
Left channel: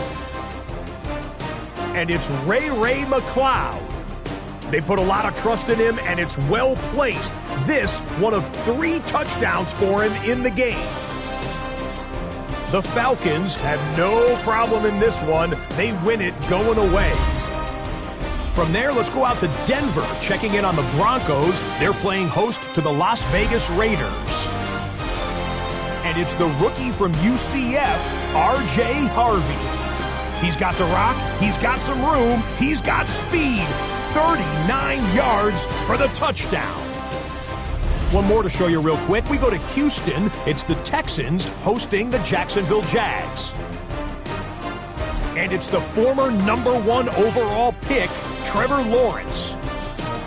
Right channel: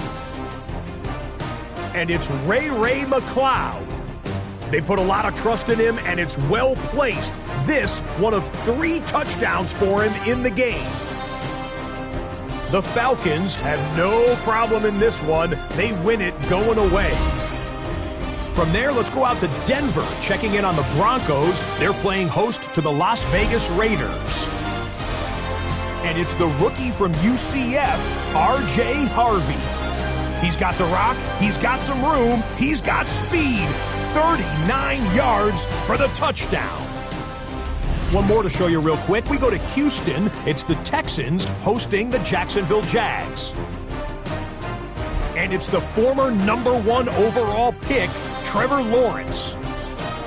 And it's Ray McCloud. They put a lot of trust in him, and it's well placed. This, one of 3 touchdowns for him in the game. The Falcons have no problem in this one. They win it going away. From there, let's go out to Denver, checking in on the Broncos. They're playing host to the Las Vegas Raiders. And it's the rookie from UCF, R.J. Harvey. He's got the rock, he's got some room, he's got speed. 39 yards for the touchdown. One more to show you real quick. We go to Houston. It's the Texans hosting the Jacksonville Jags. And it's the former #1 overall pick, Trevor Lawrence.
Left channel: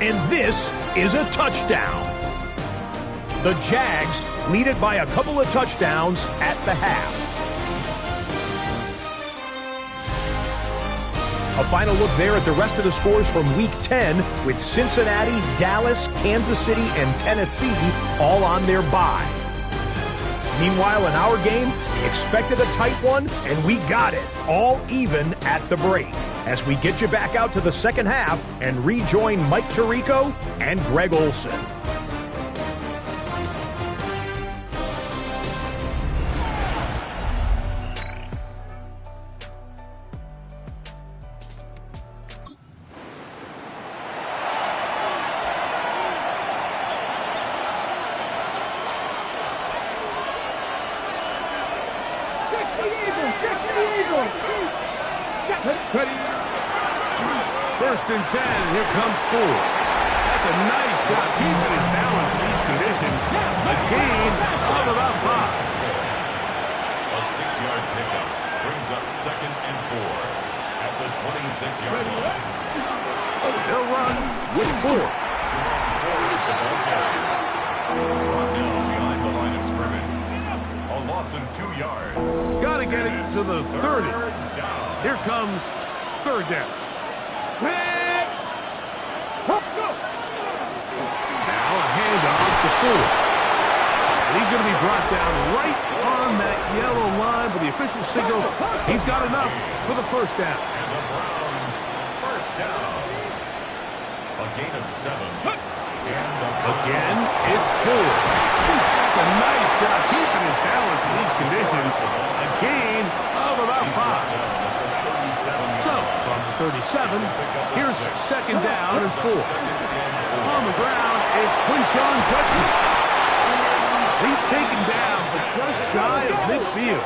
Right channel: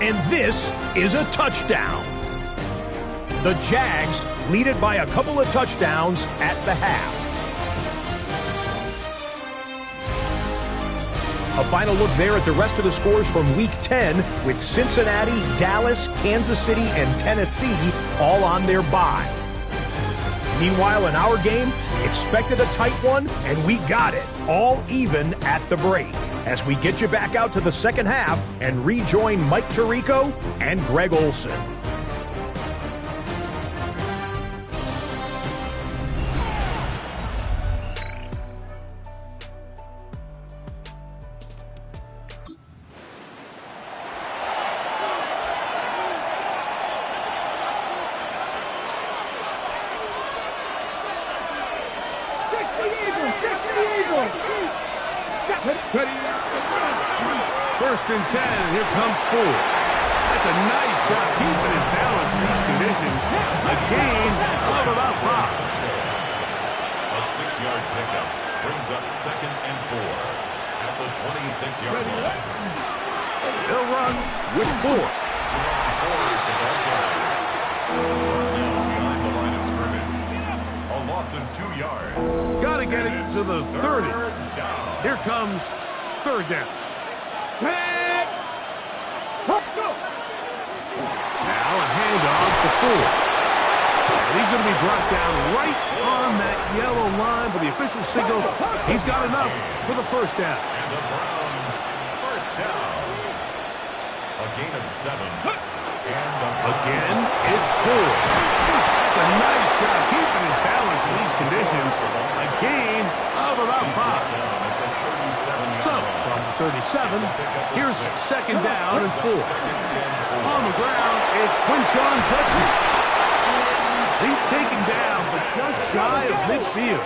And this is a touchdown. The Jags lead it by a couple of touchdowns at the half. A final look there at the rest of the scores from Week 10 with Cincinnati, Dallas, Kansas City, and Tennessee all on their bye. Meanwhile, in our game, we expected a tight one, and we got it, all even at the break. As we get you back out to the second half and rejoin Mike Tirico and Greg Olson. First and 10, and here comes Ford. That's a nice job keeping his balance in these conditions. A gain of about 5. A 6-yard pickup brings up 2nd and 4 at the 26-yard line. They'll run with Ford. Jerome Ford is the ball carrier. Brought down behind the line of scrimmage. A loss of 2 yards. Got to get it to the 30. Third down. Here comes third down. Now a handoff to Ford. And he's going to be brought down right on that yellow line, but the official signal, he's got enough for the first down. And the Browns first down. A gain of 7. Again, it's Ford. That's a nice job keeping his balance in these conditions. A gain of about 5. So, from the 37, here's second down and 4. On the ground, it's Quinshawn Judkins. He's taken down, but just shy of midfield.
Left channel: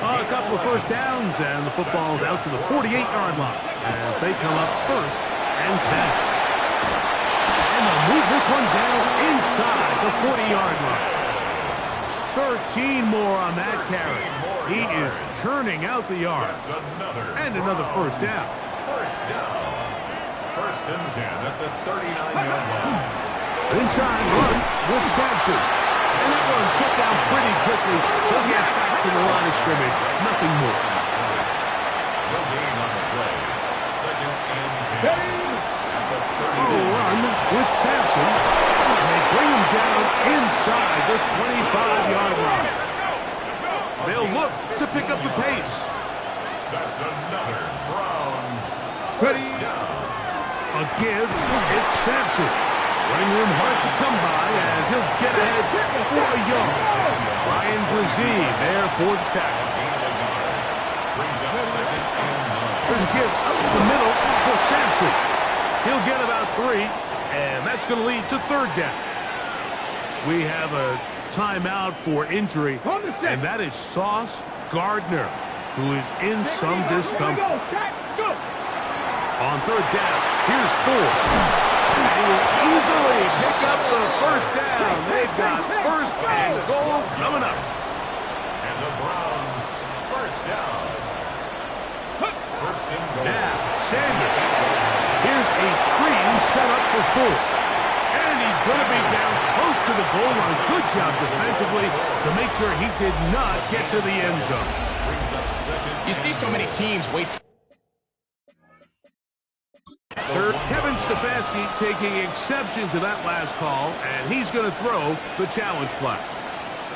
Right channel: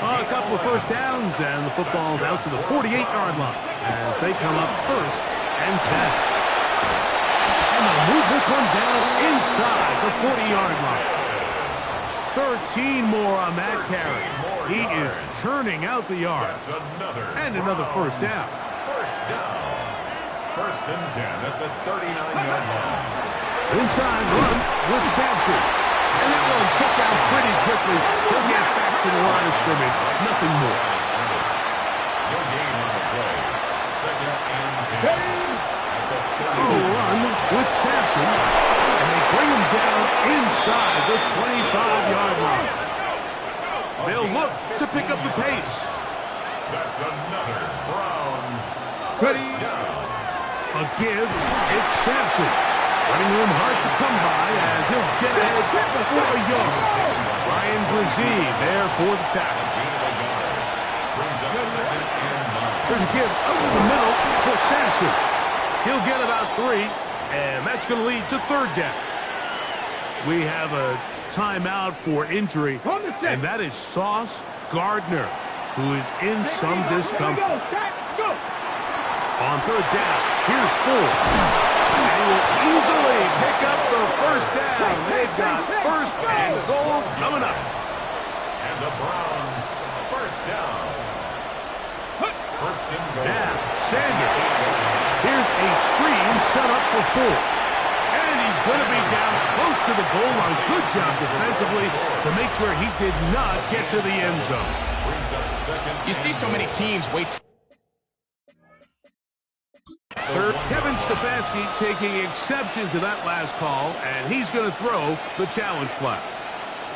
A couple of first downs, and the football's out to the 48-yard line as they come up first and 10. And they'll move this one down inside the 40-yard line. 13 more on that carry. He is churning out the yards. And another first down. First down. First and 10 at the 39-yard line. Inside run with Sampson. And that one shut down pretty quickly. He'll get back to the line of scrimmage. Nothing more. No gain on the play. Second and 10 at the 30. Run with Sampson. And they bring him down inside the 25-yard line. They'll look to pick up the pace. That's another Browns first down. A give, it's Sampson. Running room hard to come by as he'll get ahead for a yard. Ryan Brzee there for the tackle. Gain of a yard. Brings up second and 9. There's a give up the middle for Sampson. He'll get about 3, and that's going to lead to third down. We have a timeout for injury, and that is Sauce Gardner, who is in some discomfort. On third down, here's Ford. And he will easily pick up the first down. They've got first and goal coming up. And the Browns, first down. First and goal. Now, Sanders. Here's a screen set up for Ford. And he's going to be down close to the goal line. Good job defensively to make sure he did not get to the end zone. You see so many teams wait. Third, Kevin Stefanski taking exception to that last call, and he's going to throw the challenge flag.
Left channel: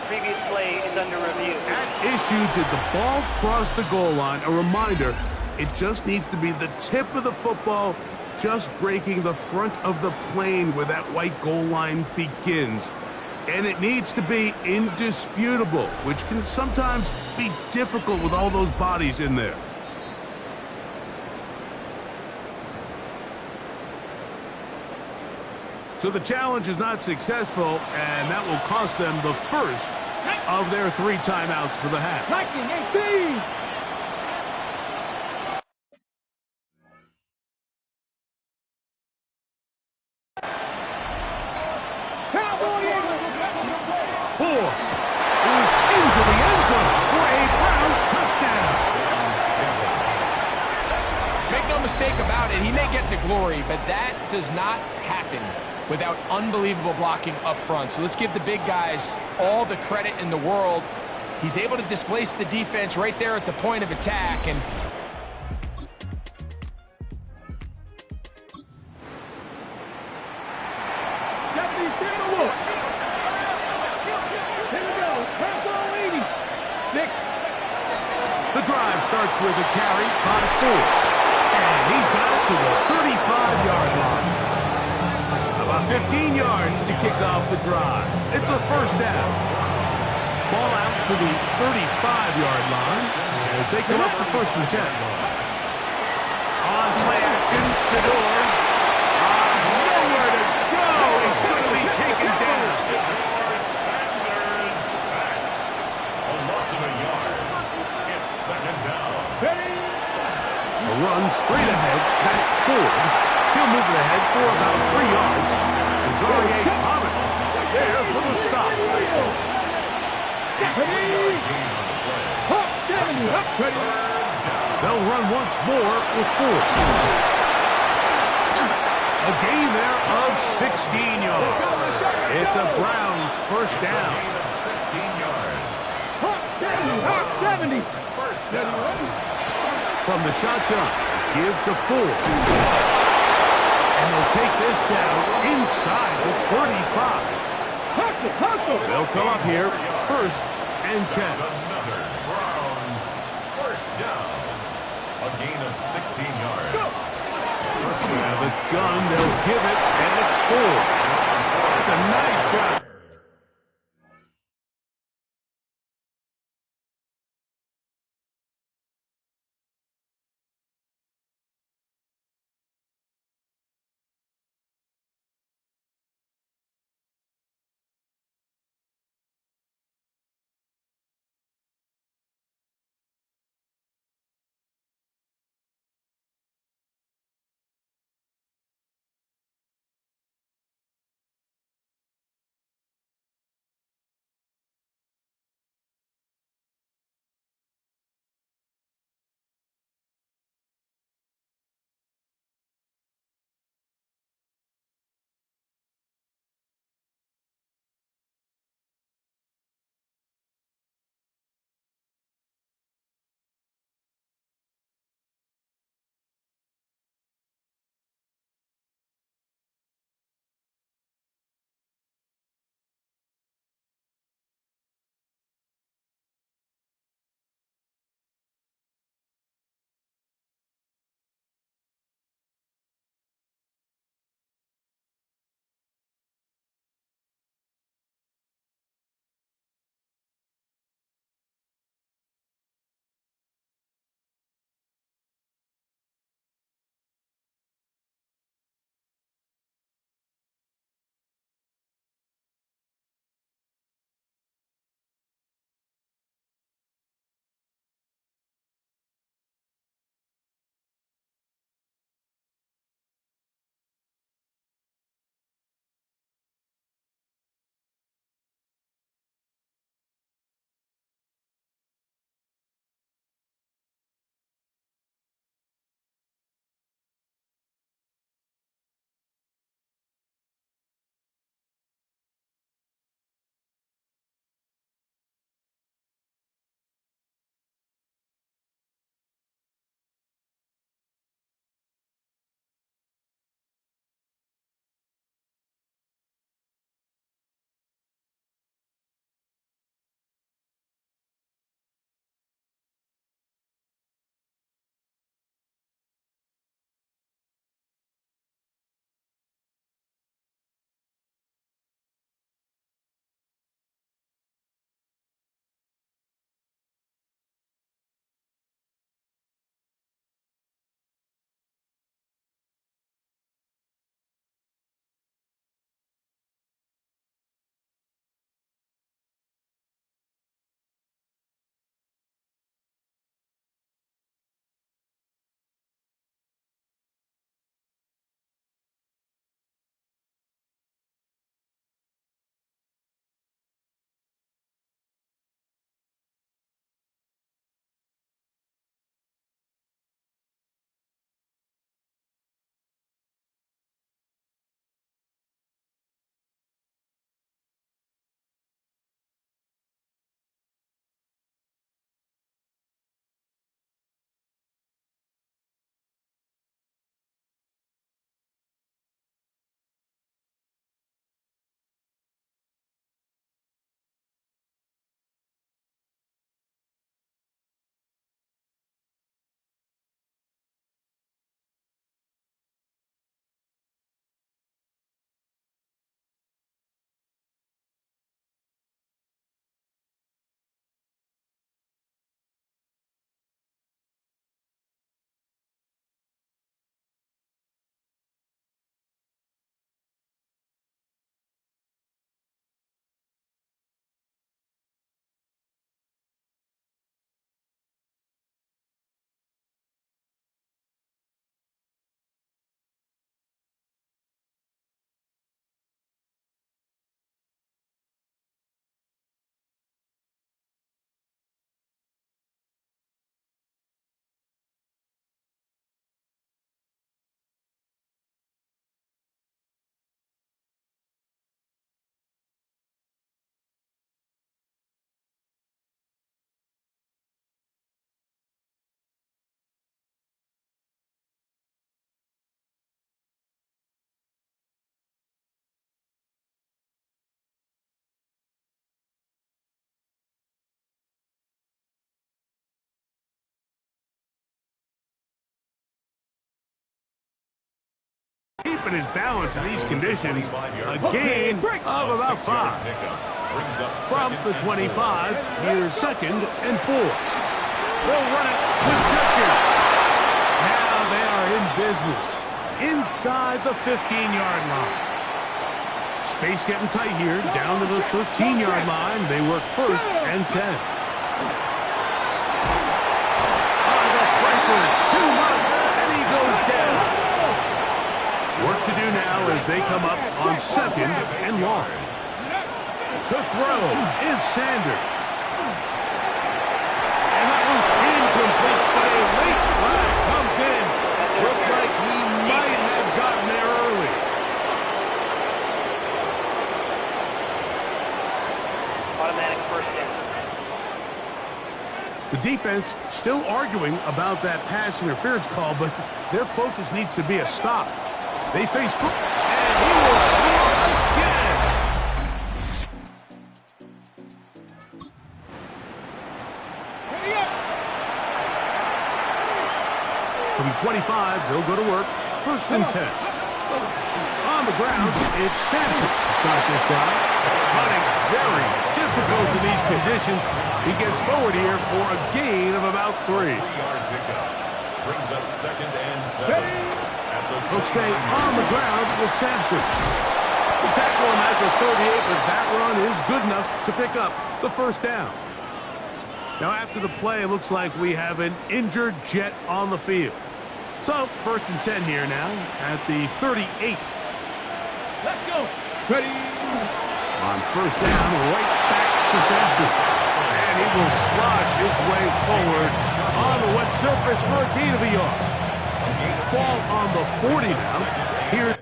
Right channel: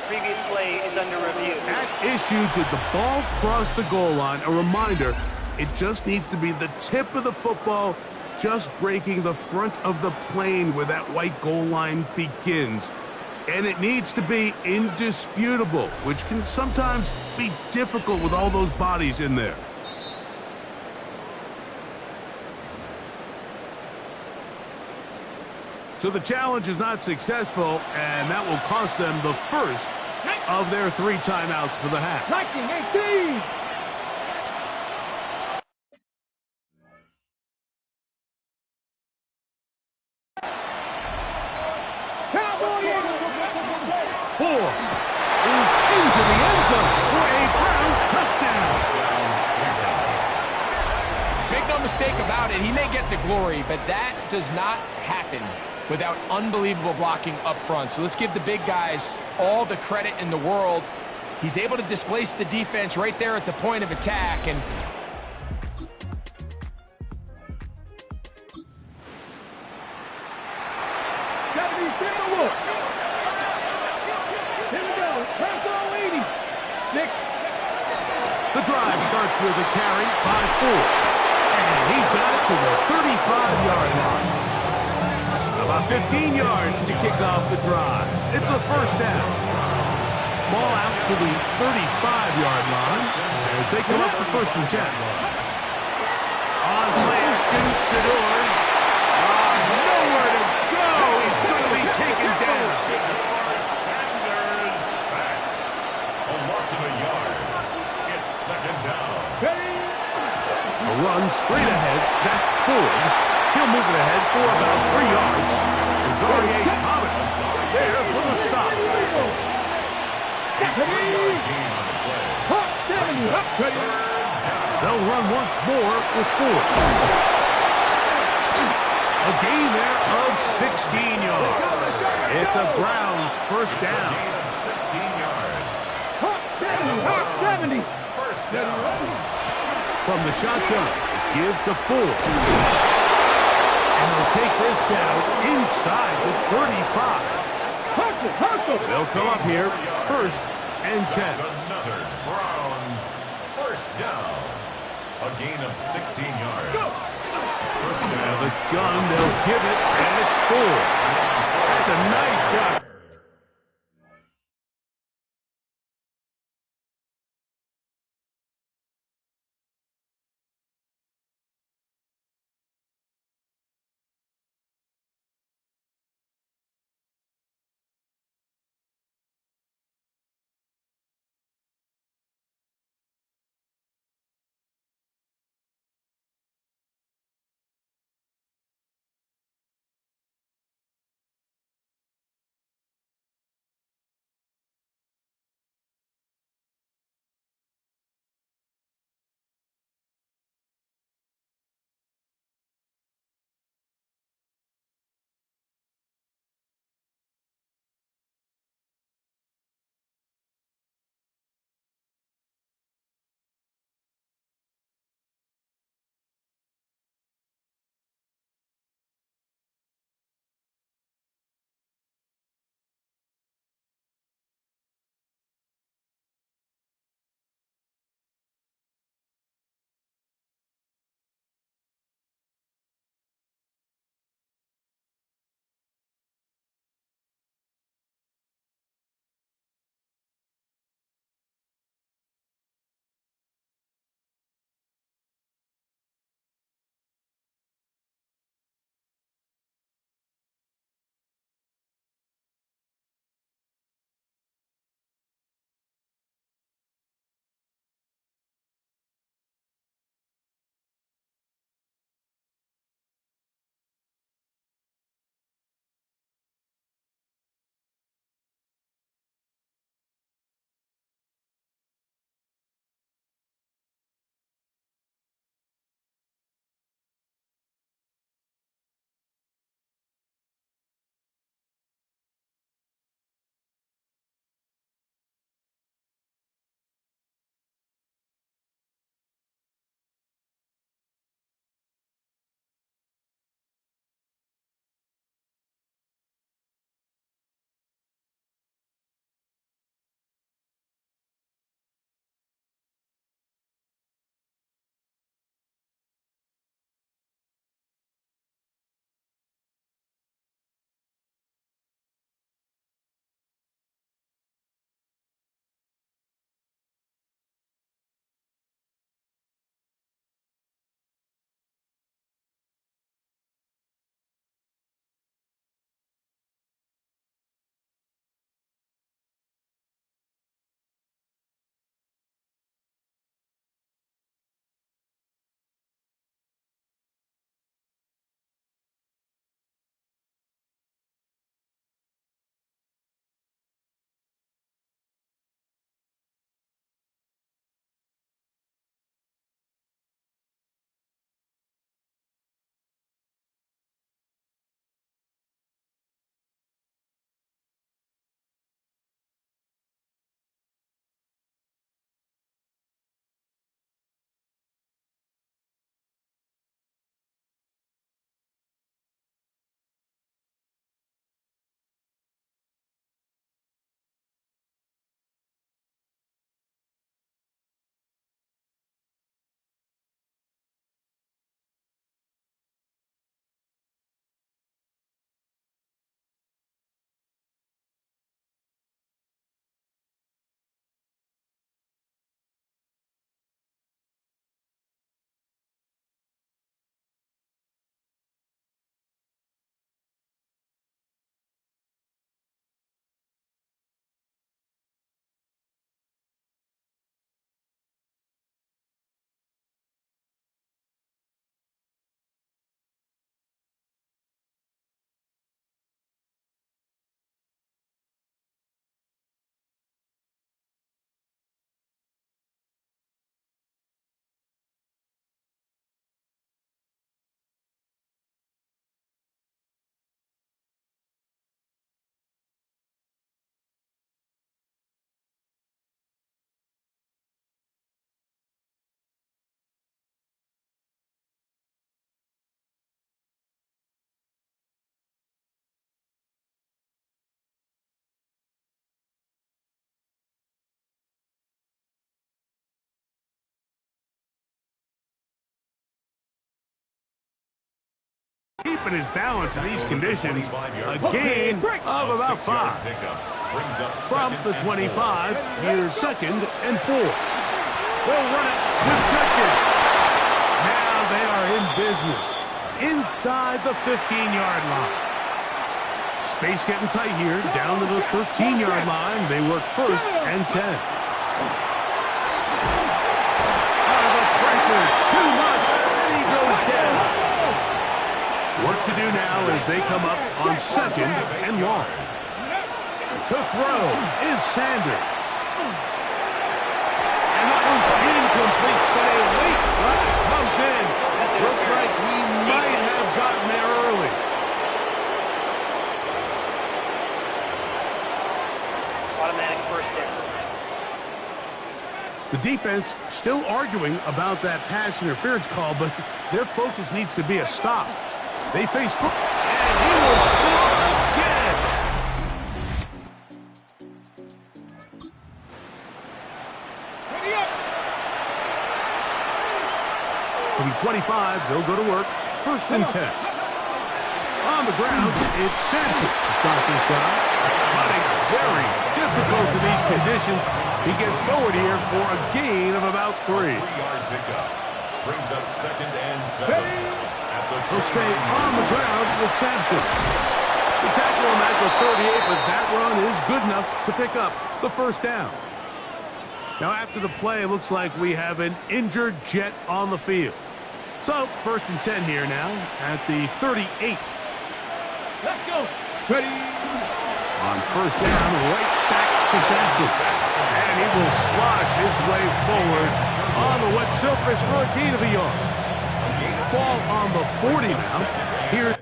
Previous play is under review. At issue, did the ball cross the goal line? A reminder, it just needs to be the tip of the football just breaking the front of the plane where that white goal line begins. And it needs to be indisputable, which can sometimes be difficult with all those bodies in there. So the challenge is not successful, and that will cost them the first of their 3 timeouts for the half. 19-18. Ford is into the end zone for a Browns touchdown. Make no mistake about it, he may get the glory, but that does not happen without unbelievable blocking up front. So let's give the big guys all the credit in the world. He's able to displace the defense right there at the point of attack. And the drive starts with a carry by Ford. And he's got it to the 35-yard line. About 15 yards to kick off the drive. It's a first down. Ball out to the 35-yard line as they come up for first and 10. On play action, Shador. Nowhere to go. He's going to be taken down. Sanders sacked. A loss of a yard. It's second down. A run straight ahead. That's Ford. He'll move it ahead for about 3 yards. Zaire Thomas there for the stop. They'll run once more with Ford. A gain there of 16 yards. It's a Browns first down. A gain of 16 yards. 70. First down. From the shotgun, give to Ford. And they'll take this down inside the 35. They'll come up here, first and 10. That's another Browns first down. A gain of 16 yards. First Out down. of the gun, they'll give it, and it's Ford. That's a nice job. Keeping his balance in these conditions. A gain of about 5. From the 25, here's 2nd and 4. They'll run it with Judkins. Now they are in business inside the 15-yard line. Space getting tight here, down to the 13-yard line. They work 1st and 10. The pressure, too much, and he goes down. Work to do now as they come up on 2nd and long. To throw is Sanders. And that one's incomplete, but a late flag comes in. Looked like he might have gotten there early. Automatic 1st down. The defense still arguing about that pass interference call, but their focus needs to be a stop. They face and he will score again. From 25, they'll go to work. 1st and 10. On the ground, it's Sampson to start this drive. Running very difficult in these conditions. He gets forward here for a gain of about 3. 3-yard pickup. Brings up 2nd and 7. He'll stay on the ground with Sampson. We tackle him at the 38, but that run is good enough to pick up the 1st down. Now after the play, it looks like we have an injured Jet on the field. So 1st and 10 here now at the 38. Let's go. Ready. On 1st down, right back to Sampson. And he will slosh his way forward on the wet surface for a gain of a yard. Ball on the 40 now. Here.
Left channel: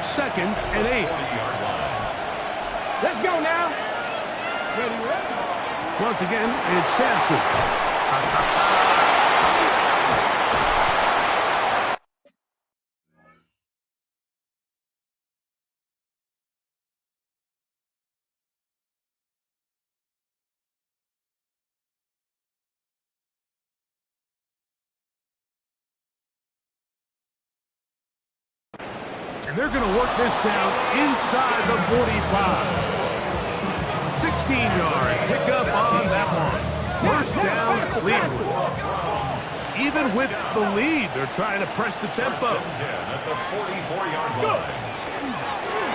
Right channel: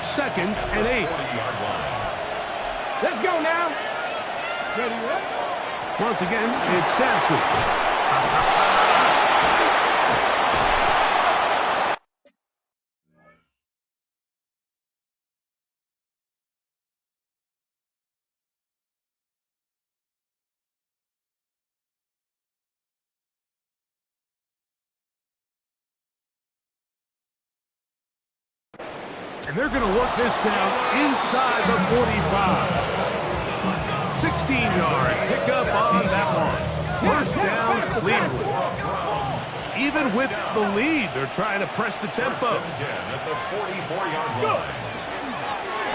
Second and 8. Let's go now. Ready, ready. Once again, it's Sampson. And they're going to work this down inside the 45. 16-yard pickup on that one. 1st down, Cleveland. Even with the lead, they're trying to press the tempo. At the 44-yard line.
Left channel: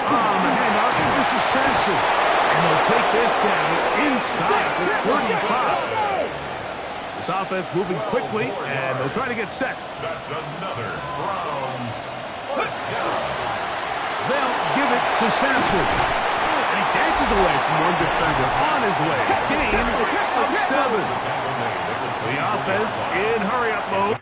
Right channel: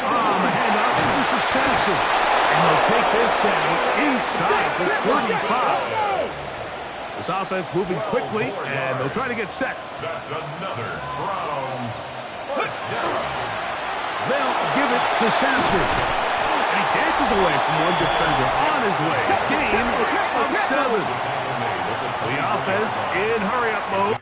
On the handoff, this is Sampson. And they'll take this down inside the 35. This offense moving quickly, and they'll try to get set. That's another Browns 1st down. They'll give it to Sampson. And he dances away from one defender on his way. Gain of 7. The offense in hurry-up mode.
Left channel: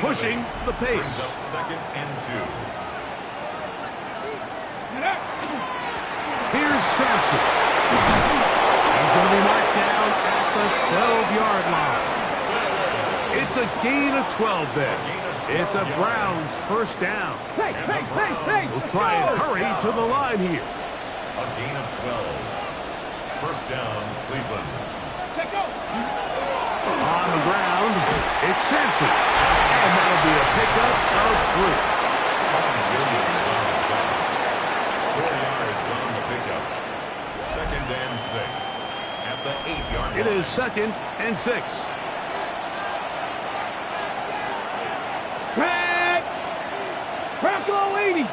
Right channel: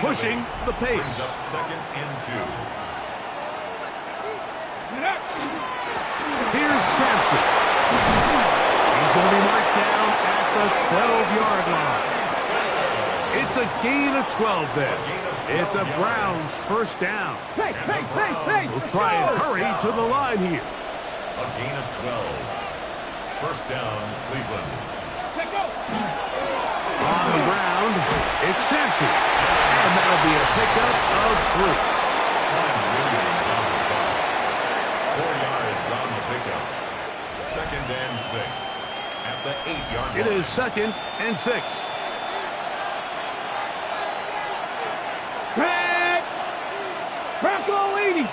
Pushing the pace. Brings up 2nd and 2. Here's Sampson. He's going to be marked down at the 12-yard line. It's a gain of 12 there. It's a Browns 1st down. Hey. We'll try and hurry to the line here. A gain of 12. 1st down, Cleveland. Let's go. On the ground, it's Sampson. And that'll be a pickup of 3. Williams on the stop. 4 yards on the pickup. 2nd and 6. At the 8-yard line. It is 2nd and 6. Crack. Bronco 80.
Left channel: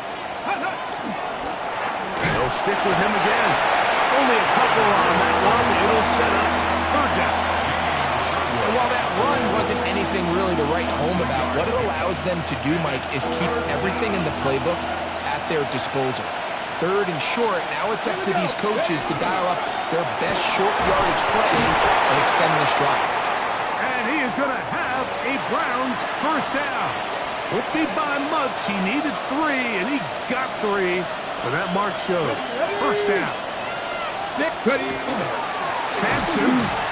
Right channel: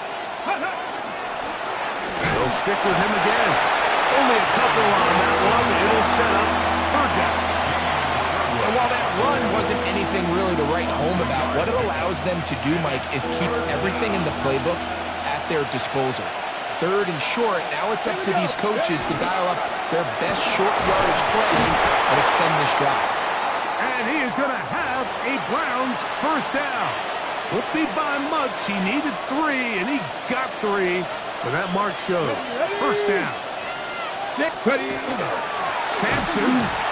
They'll stick with him again. Only a couple on that one. It'll set up 3rd down. And while that run wasn't anything really to write home about, what it allows them to do, Mike, is keep everything in the playbook at their disposal. 3rd and short, now it's up to these coaches to dial up their best short yardage play and extend this drive. And he is going to have have a Browns first down. Won't be by much. He needed 3, and he got 3. But that mark shows. First down. Ready. Sampson.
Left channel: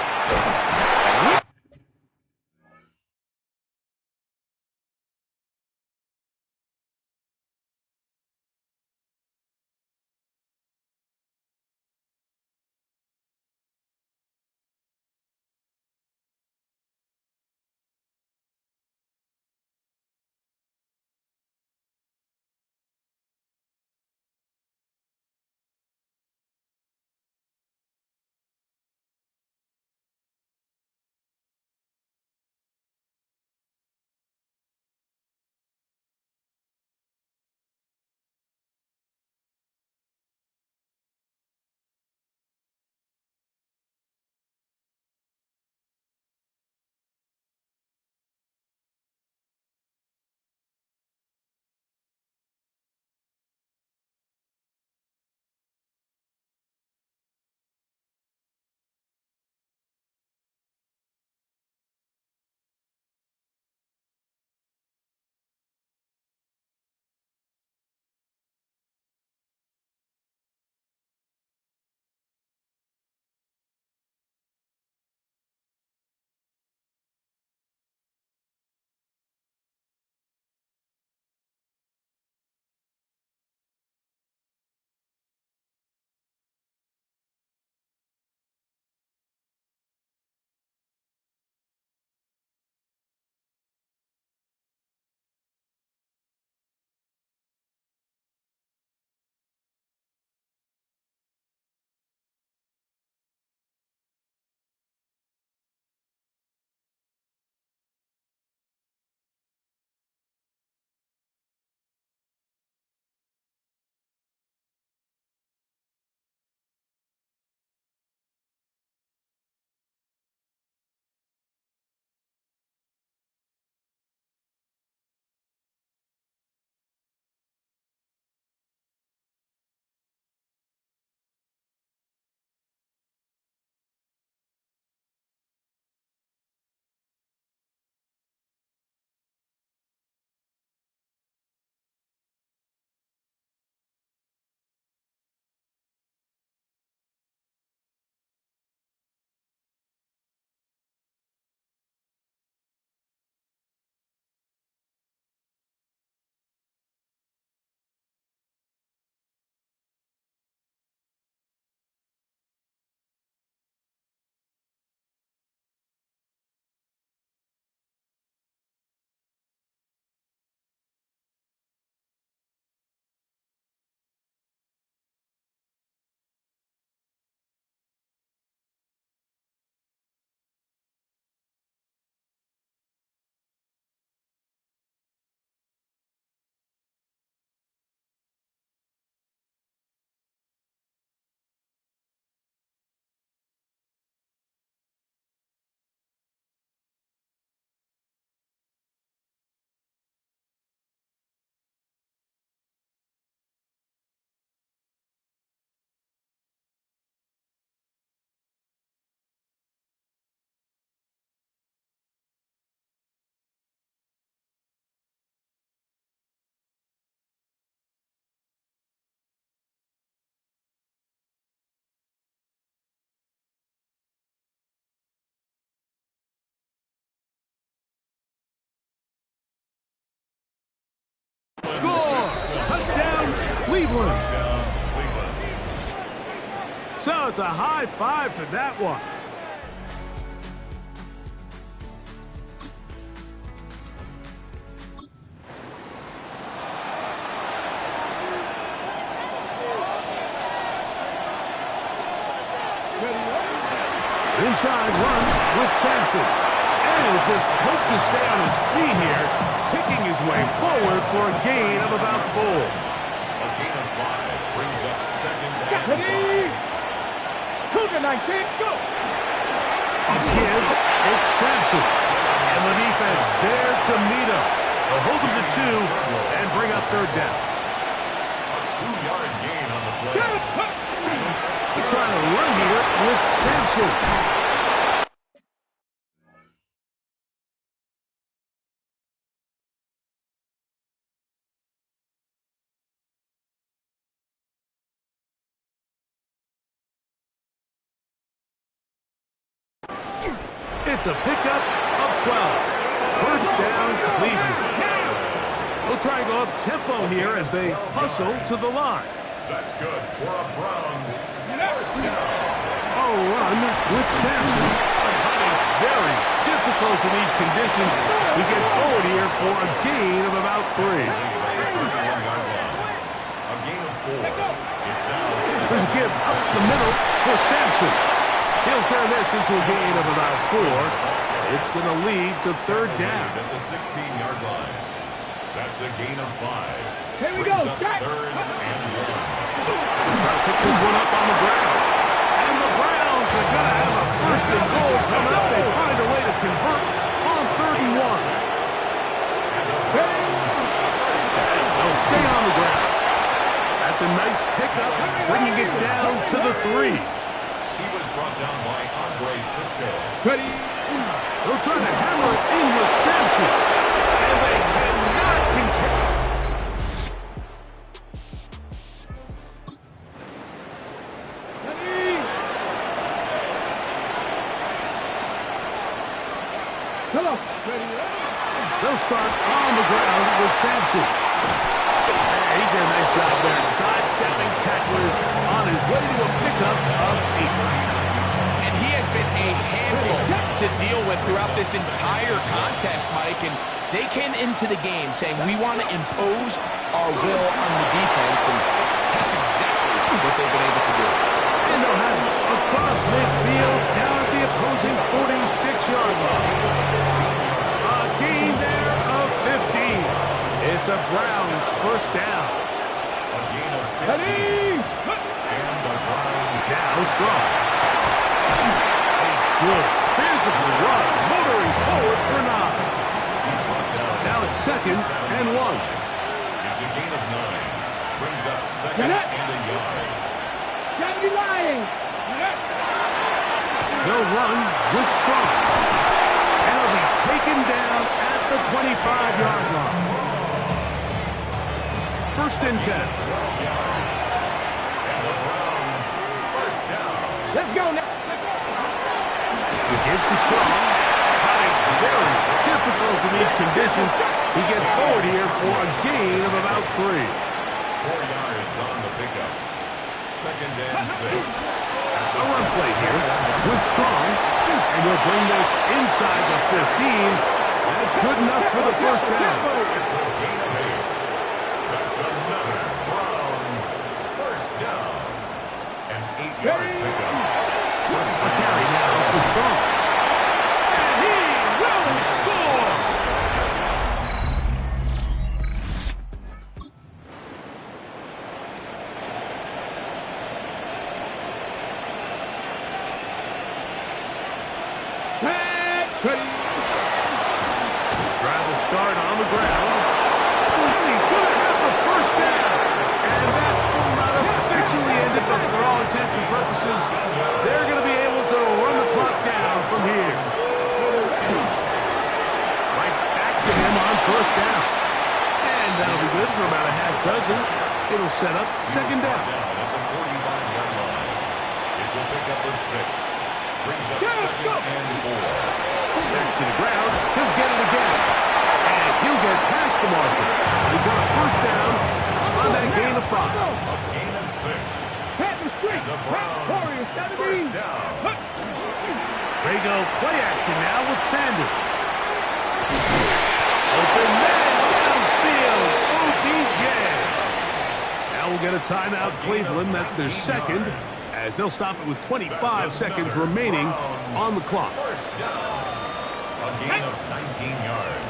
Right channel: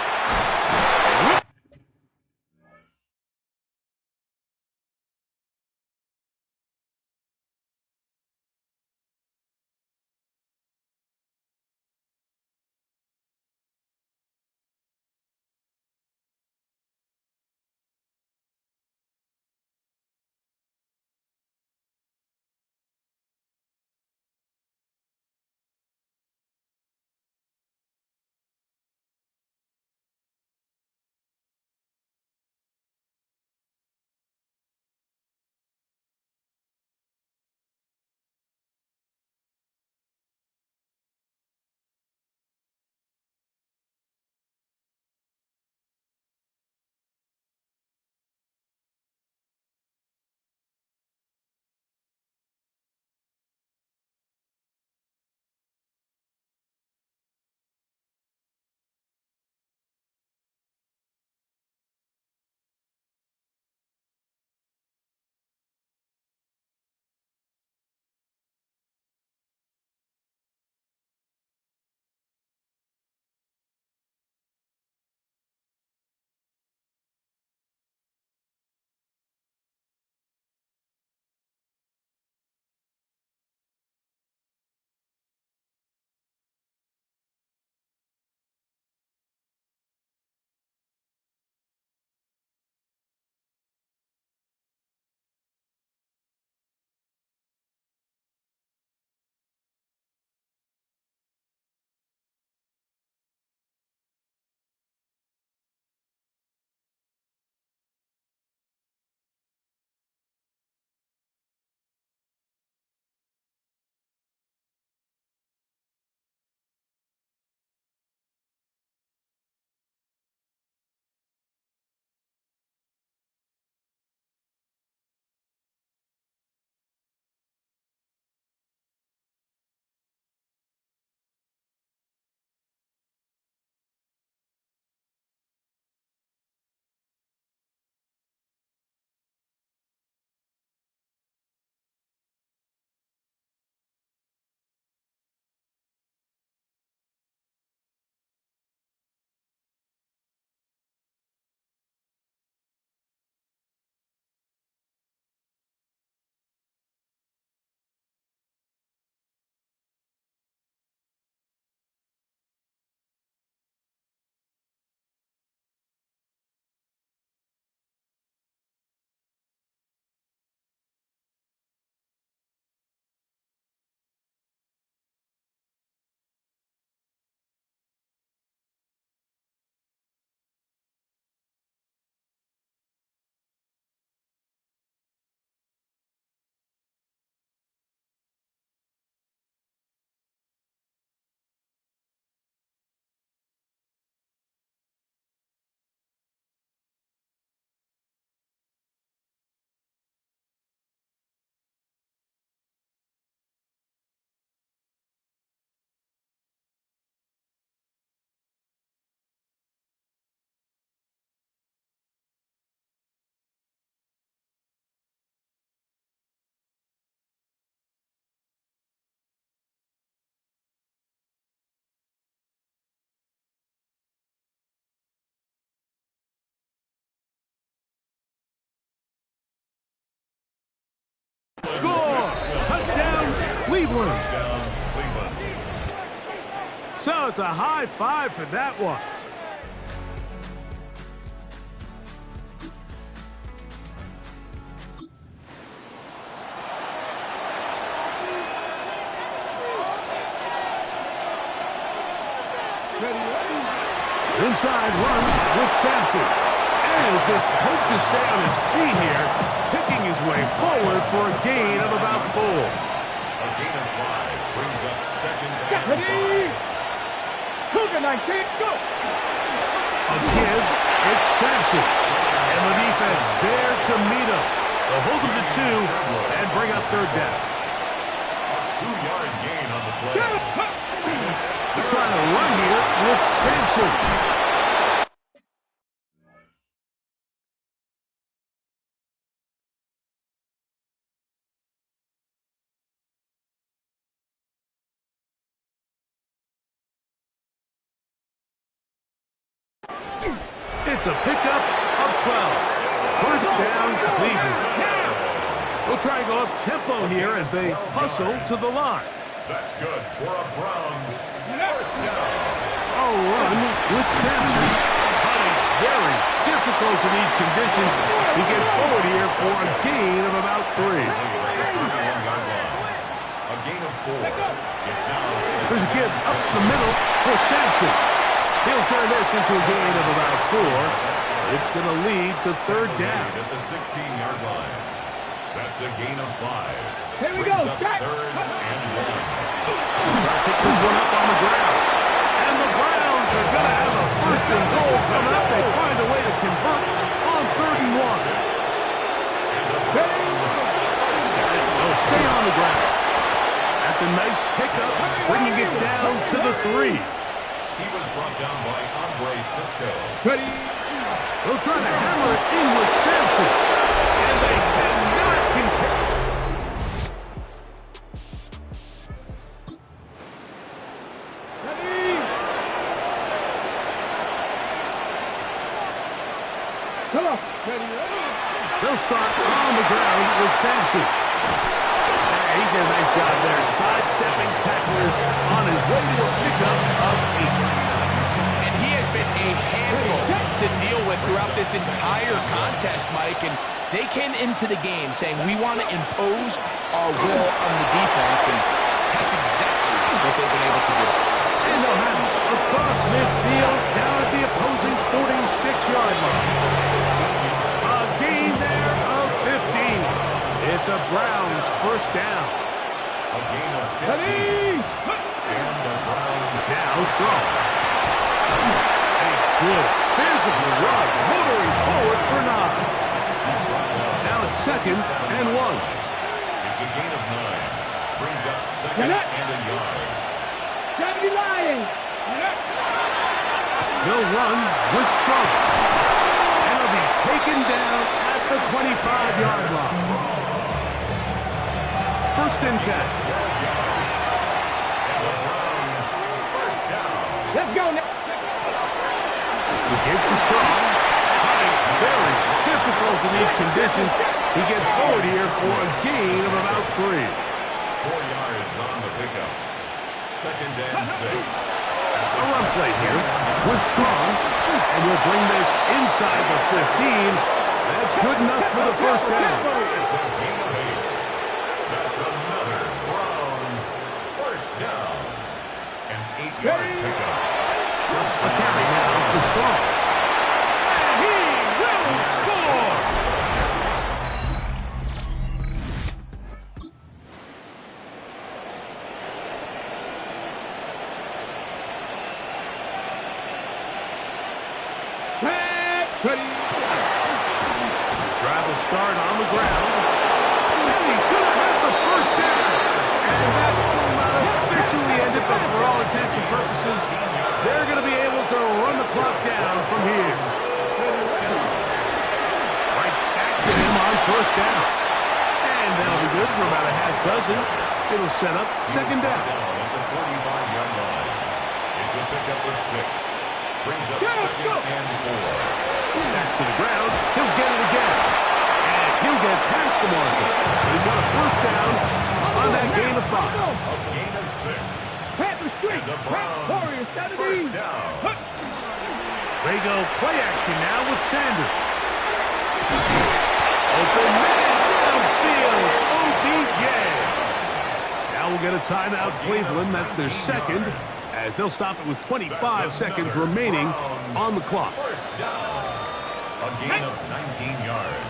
Score! Touchdown, Cleveland. So it's a high five for that one. Inside run with Sampson. And just hopes to stay on his feet here, picking his way forward for a gain of about 4. A gain of 5 brings up second and 5. Cougar 19, go! A give, it's Sampson. And the defense there to meet him. They'll hold him to 2 and bring up third down. A 2-yard gain on the play. They're trying to run here with Sampson. It's a pickup of 12. First down, Cleveland. They'll try and go up tempo here as they hustle to the line. That's good for a Browns first down. A run with Sampson. Hunting very difficult in these conditions. He gets forward here for a gain of about 3. A gain of 4. It's now There's a give up the middle for Sampson. He'll turn this into a gain of about 4. It's going to lead to third down. At the 16-yard line. That's a gain of 5. Here we go. Third and 1. Try to pick this one up on the ground. And the Browns are going to have a first and goal coming up. They find a way to convert on 3rd and 1. They'll stay on the ground. That's a nice pickup, bringing it down to the 3. He was brought down by Andre Cisco. Ready. They'll try to hammer it in with Sampson. And they cannot contest. Ready. Come on. Ready. They'll start on the ground with Sampson. He did a nice job there, sidestepping tacklers on his way to a pickup of 8. And he has been a handful to deal with throughout this entire contest, Mike. And they came into the game saying, we want to impose our will on the defense, and that's exactly what they've been able to do. And they'll have it across midfield, down at the opposing 46-yard line. A gain there of 15. It's a Browns first down. A gain of 15. Ready. And the Browns Now strong. A good physical run, motoring forward for 9. He's brought down. Now it's 2nd and 1. It's a gain of 9. Brings up 2nd and a yard. Gotta be lying. They'll run with Strong. And he'll be taken down at the 25-yard line. 1st and 10. 12 yards. And the Browns first down. Let's go now. He gives to Strong. Hunting very difficult in these conditions. He gets forward here for a gain of about 3. 4 yards on the pickup. 2nd and 6. A run play here with Strong. And he'll bring this inside the 15. That's good enough for the first down. It's a gain of 8. That's another Browns first down. An 8-yard pickup. A carry now for Strong. And he will score! Ready. Drive will start on the ground. And he's going to have the first down. And that will not officially end it, but for all intents and purposes, they're going to be able to run the clock down from here. Right back to him on first down. And that'll be good for about a half dozen. It'll set up 2nd down. At the 45-yard line. It's a pickup of 6. Brings up 2nd and 4. Back to the ground. He'll get it again. And he'll get past the marker. So he's got a first down on that gain of 5. A gain of 6. Panther Street. And the Browns first down. They go play action now with Sanders. Open man downfield. OBJ. Now we'll get a timeout, Cleveland. That's their 2nd, as they'll stop it with 25 seconds remaining on the clock. First down. A gain of 19 yards.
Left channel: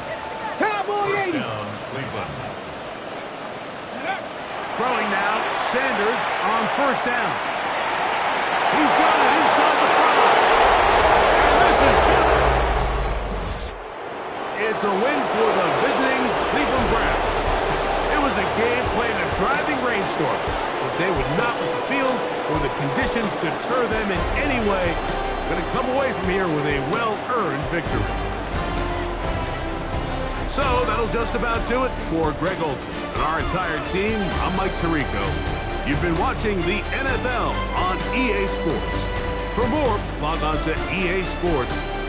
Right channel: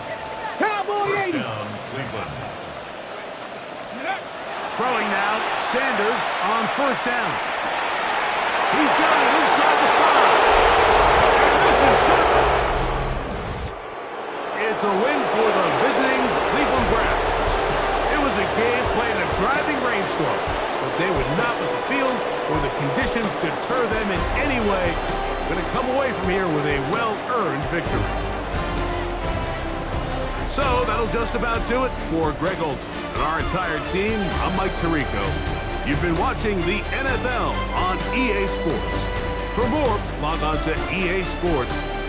Cowboy First 80. down, Cleveland. Throwing now, Sanders on first down. He's got it inside the 5. And this is good. It's a win for the visiting Cleveland Browns. It was a game played in a driving rainstorm, but they would not let the field or the conditions deter them in any way. Going to come away from here with a well-earned victory. So that'll just about do it for Greg Olson and our entire team. I'm Mike Tirico. You've been watching the NFL on EA Sports. For more, log on to easports.com.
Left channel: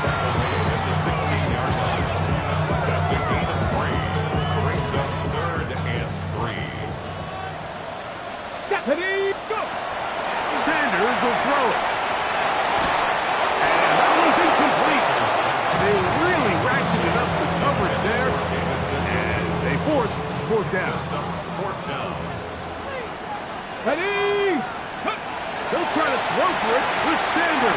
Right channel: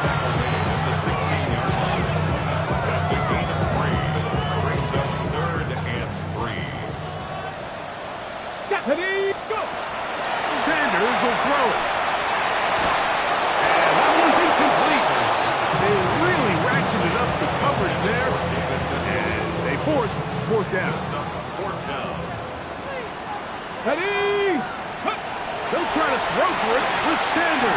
tackle made at the 16-yard line. That's a gain of 3. Brings up 3rd and 3. Ready, go! Sanders will throw it. And that one's incomplete. They really ratcheted up the coverage there. And they force 4th down. 4th down. Ready, They'll try to throw for it with Sanders.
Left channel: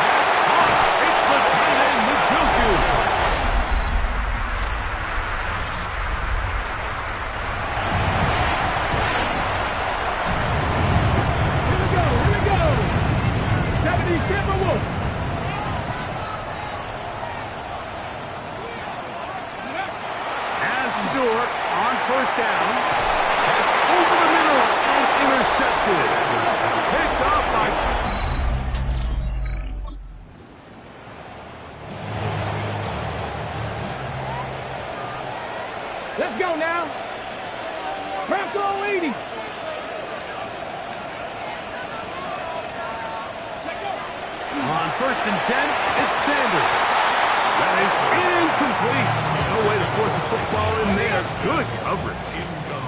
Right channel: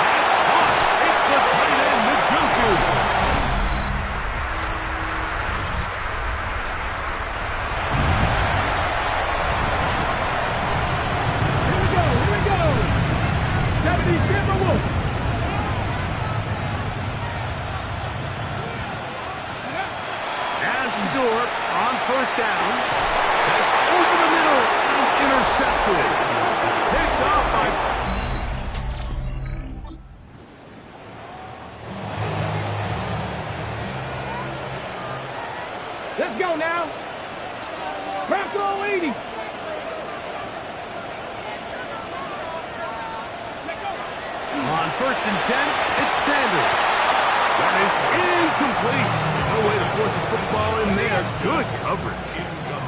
That's caught. It's the tight end, Njoku. On 1st down. That's over the middle and intercepted. Picked off by... Let's go now. Bronco 80. On 1st and 10, it's Sanders. That is incomplete. No way to force a football in there. Good coverage.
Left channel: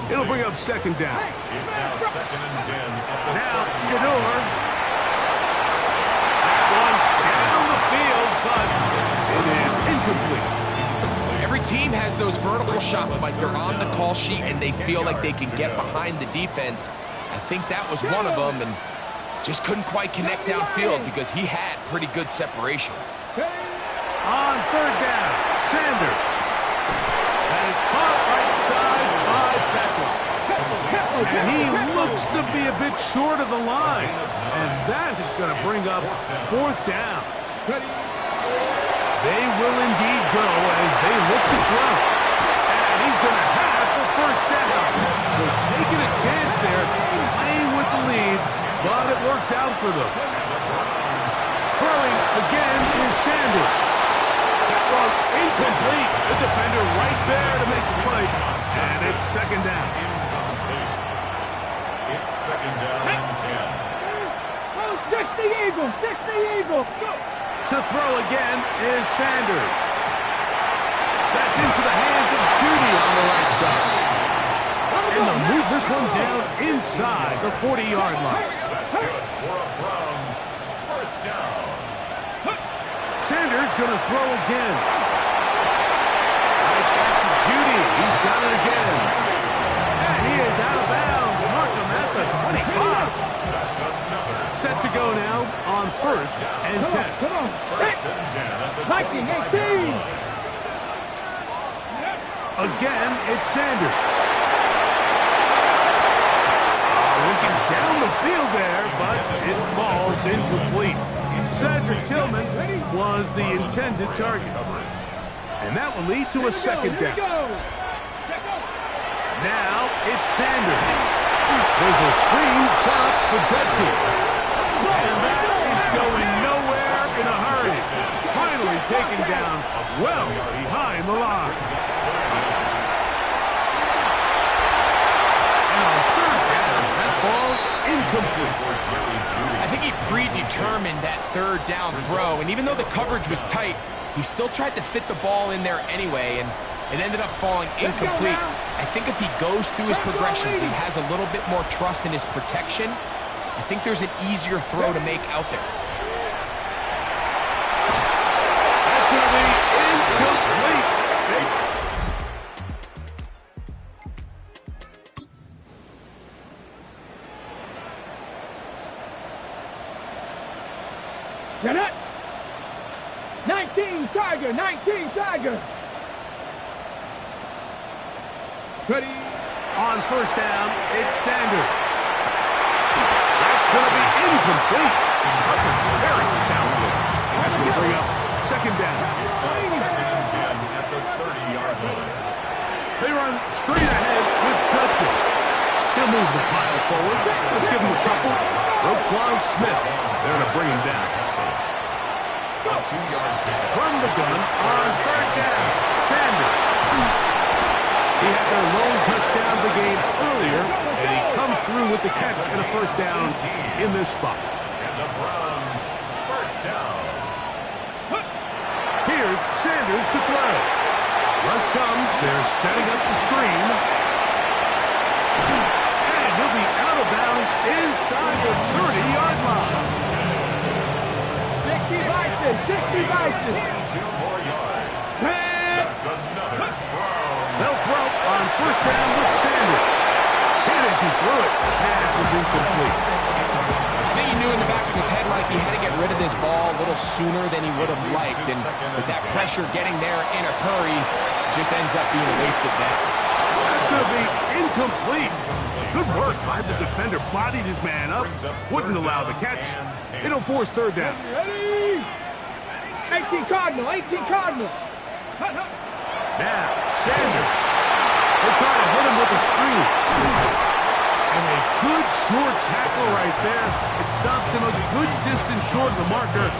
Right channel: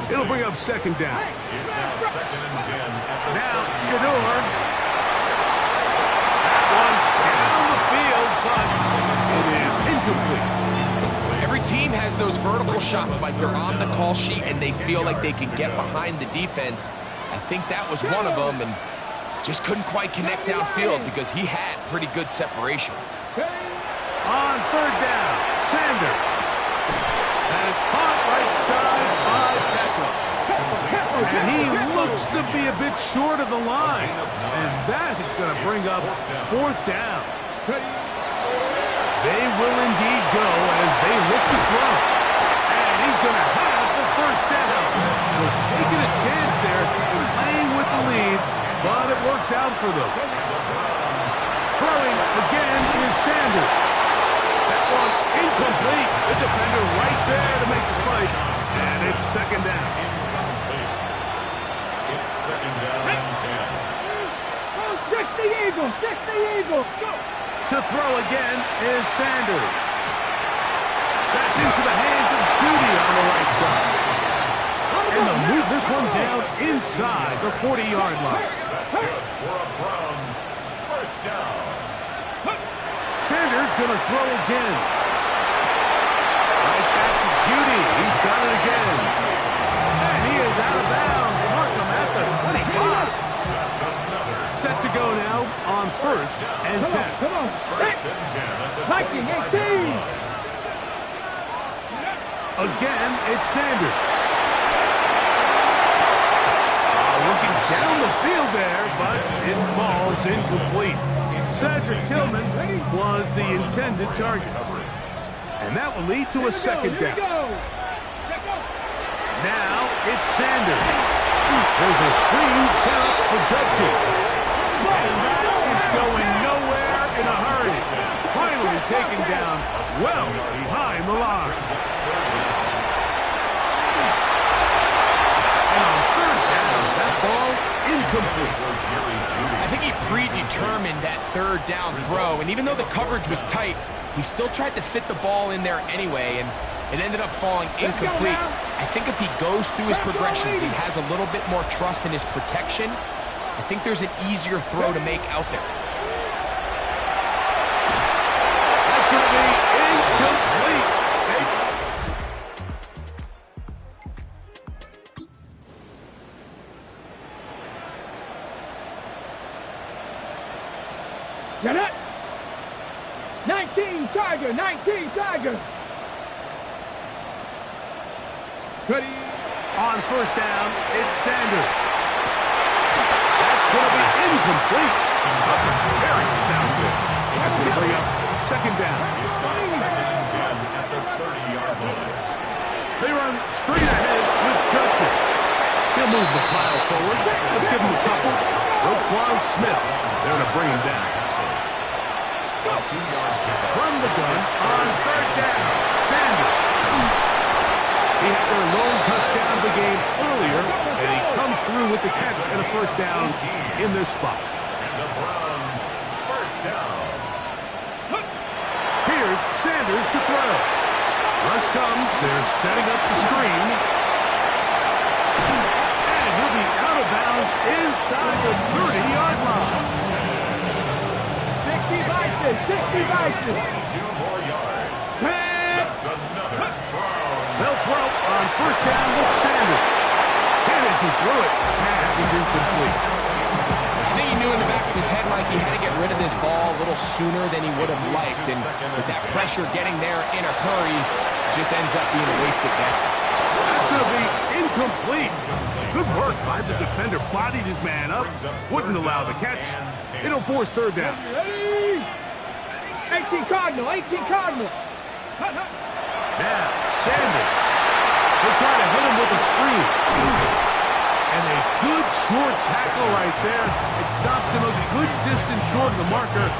It'll bring up 2nd down. It's now 2nd and 10 at the Now, Shador. That one down the field, but it is incomplete. Every team has those vertical shots, Mike. They're on the call sheet, and they feel like they can get behind the defense. I think that was one of them, and just couldn't quite connect downfield because he had pretty good separation. On 3rd down, Sanders. And it's caught right side by Beckham. And he looks to be a bit short of the line. And that is going to bring up 4th down. They will indeed go as they look to throw. And he's going to have the 1st down. So taking a chance there, playing with the lead, but it works out for them. Throwing again is Sanders. That one incomplete. The defender right there to make the play. And it's 2nd down. Incomplete. It's 2nd down and 10. Stretch the Eagles. Stretch the Eagles. Go. To throw again is Sanders. That's into the hands of Judy on the right side. And they'll move this one down inside the 40-yard line. That's good for a Browns 1st down. Sanders going to throw again. Right back to Judy. He's got it again. And he is out of bounds. Mark him at the 25. That's another. Set to go now on 1st and 10. Come on. 1st and 10 at the 19, 18. Again, it's Sanders. Looking down the field there, but it falls incomplete. Cedric Tillman was the intended target. And that will lead to a 2nd down. Now it's Sanders. There's a screen set up for Judkins. And that is going nowhere in a hurry. Finally taken down well behind the line. And on 3rd down, that ball incomplete. I think he predetermined that 3rd down throw, and even though the coverage was tight, he still tried to fit the ball in there anyway, and it ended up falling incomplete. I think if he goes through his progressions and has a little bit more trust in his protection, I think there's an easier throw to make out there. That's going to be incomplete. Get it. 19 Tiger. 19 Tiger. Ready. On 1st down, it's Sanders. That's going to be incomplete. Coverage very stout there. That's going to bring up 2nd down. It's now 2nd and 10 at the 30-yard line. They run straight ahead with Judkins. He'll move the pile forward. Let's give him a couple. Roquan Smith there to bring him down. From the gun on 3rd down, Sanders. He had their lone touchdown of the game earlier, and he comes through with the catch and a 1st down in this spot. And the Browns 1st down. Here's Sanders to throw. Rush comes. They're setting up the screen. And he'll be out of bounds inside the 30-yard line. 6 devices, 6 devices. 22 more yards. That's another Browns. They'll throw on first down with Sanders. And as he threw it, pass is incomplete. I think he knew in the back of his head like he had to get rid of this ball a little sooner than he would have liked. And with that pressure getting there in a hurry, just ends up being a wasted down. That's going to be incomplete. Good work by the defender. Bodied his man up. Wouldn't allow the catch. It'll force third down. Ready? 18 Cardinal, 18 Cardinal. Now, Sanders. They're trying to hit him with a screen. And a good short tackle right there. It stops him a good distance short of the marker.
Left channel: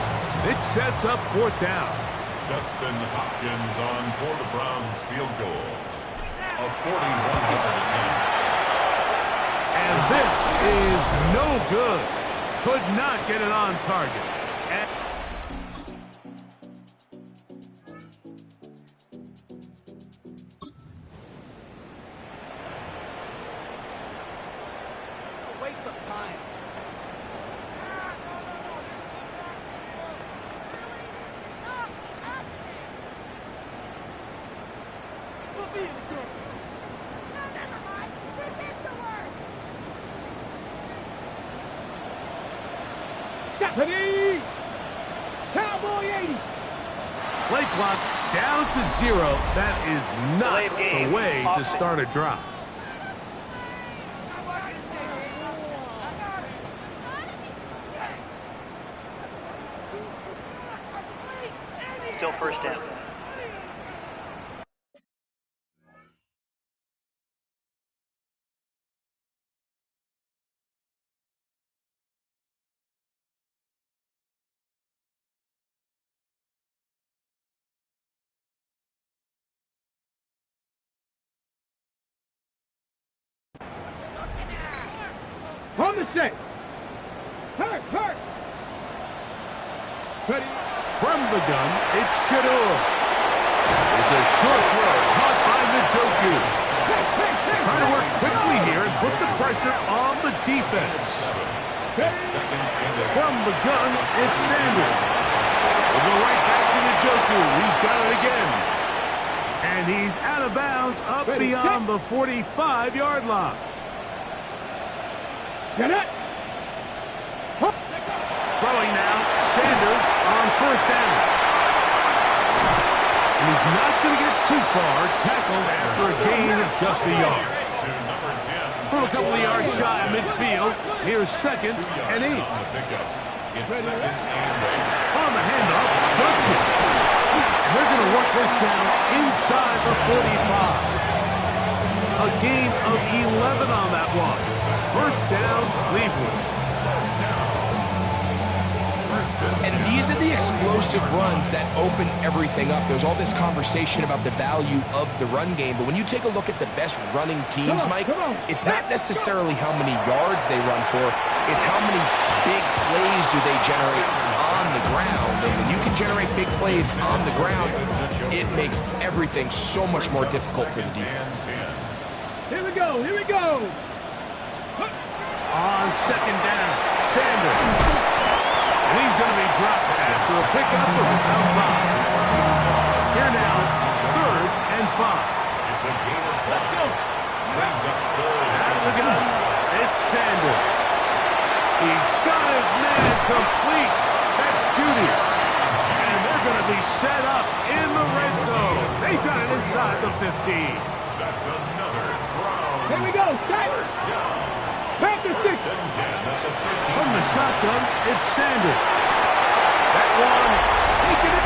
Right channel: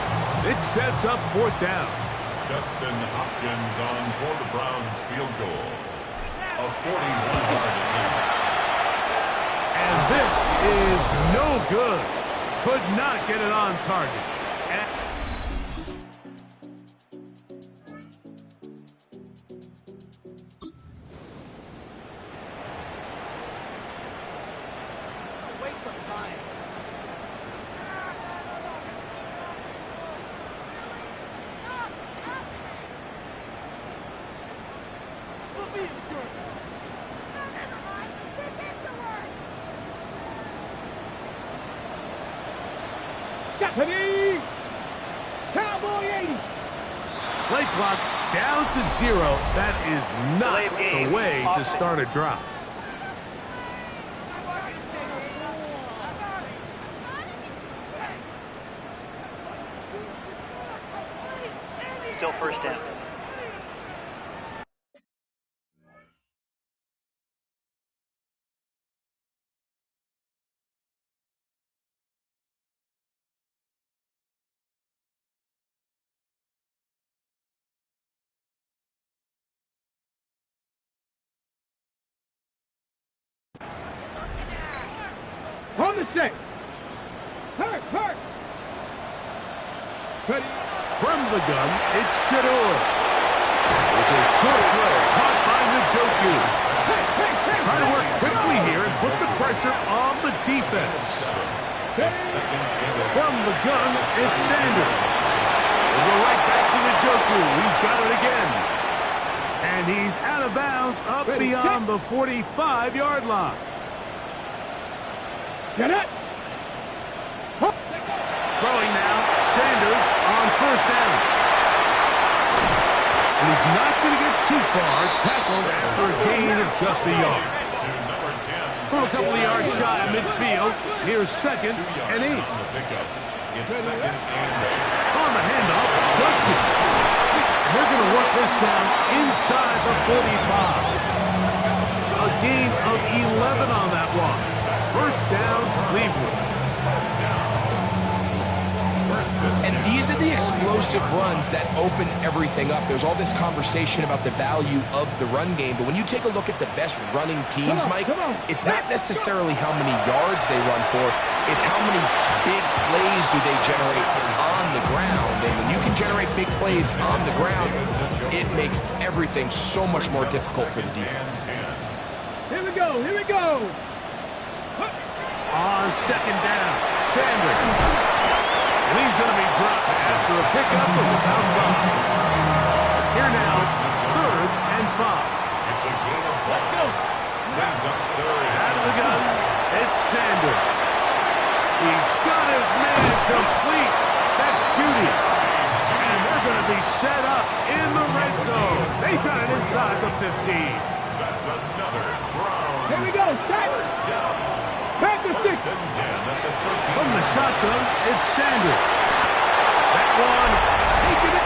It sets up fourth down. Dustin Hopkins on for the Browns field goal. A 41-yard attempt. And this is no good. Could not get it on target. Waste of time. We'll be in the group. No, never mind. We get the word. Ready? Cowboy 80. Play clock down to 0. That is not the way to start a drive. Still first down. On the set. Hurt. Ready? From the gun, it's Shador. There's a short throw caught by Njoku. Trying to work quickly here and put the pressure on the defense. From the gun, it's Sanders. We'll go right back to Njoku. He's got it again. And he's out of bounds up beyond the 45-yard line. Get it. Throwing now, Sanders on first down. And he's not going to get too far, tackled after a gain of just a yard. From a couple of yards shy of midfield, here's second and 8. On the handoff, Judkins. And they're going to work this down inside the 45. A gain of 11 on that one. First down, Cleveland. And these are the explosive runs that open everything up. There's all this conversation about the value of the run game, but when you take a look at the best running teams, Mike, it's not necessarily how many yards they run for, it's how many big plays do they generate on the ground. And when you can generate big plays on the ground, it makes everything so much more difficult for the defense. Here we go. On second down, Sanders. And he's going to be dropped after a pickup of about 5. Here now, 3rd and 5. It's a gain of 5. Brings up 3rd. Out of the gun, it's Sanders. He's got his man complete. That's Judy. And they're going to be set up in the red zone. They've got it inside the 15. That's another Browns. Here we go. First down. Back to 6. First and 10 at the 13. From the shotgun, it's Sanders. That one, taking it.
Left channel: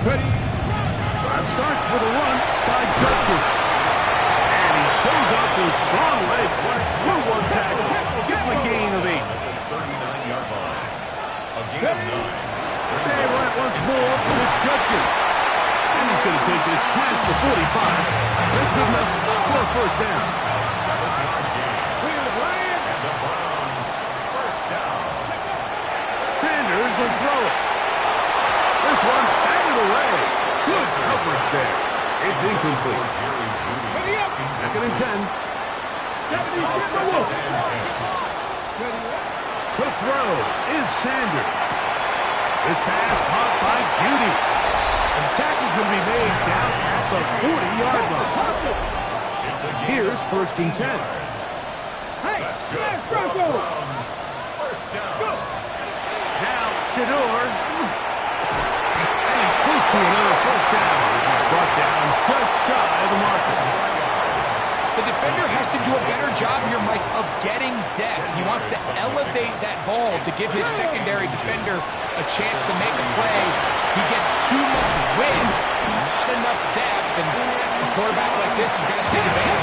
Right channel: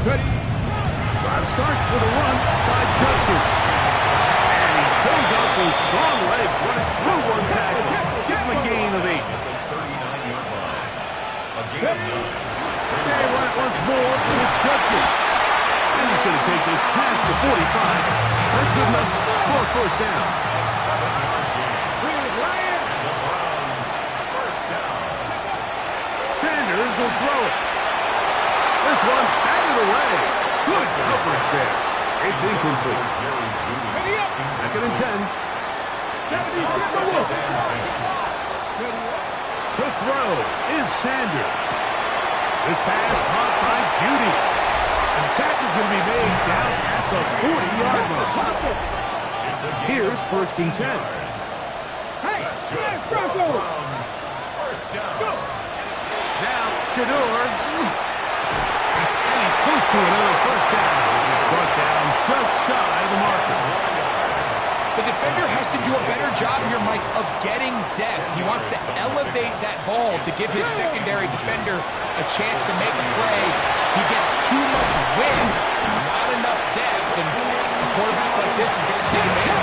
Ready. Drive starts with a run by Judkins. And he shows off those strong legs running through one tackle. Give him a gain of 8. At the 39-yard line. A gain of 9. They run it once more with Judkins. And he's going to take this past the 45. That's good enough for a first down. A 7-yard gain. And the Browns first down. Sanders will throw it. This one batted away. Good coverage there. It's incomplete. Second and 10. To throw is Sanders. This pass caught by Judy. And the tackle's going to be made down at the 40-yard line. Here's first and 10. That's good. Browns first down. Now Shador. And he's close to another first down as he's brought down just shy of the marker. The defender has to do a better job here, Mike, of getting depth. He wants to elevate that ball to give his secondary defender a chance to make a play. He gets too much width, not enough depth, and a quarterback like this is going to take advantage.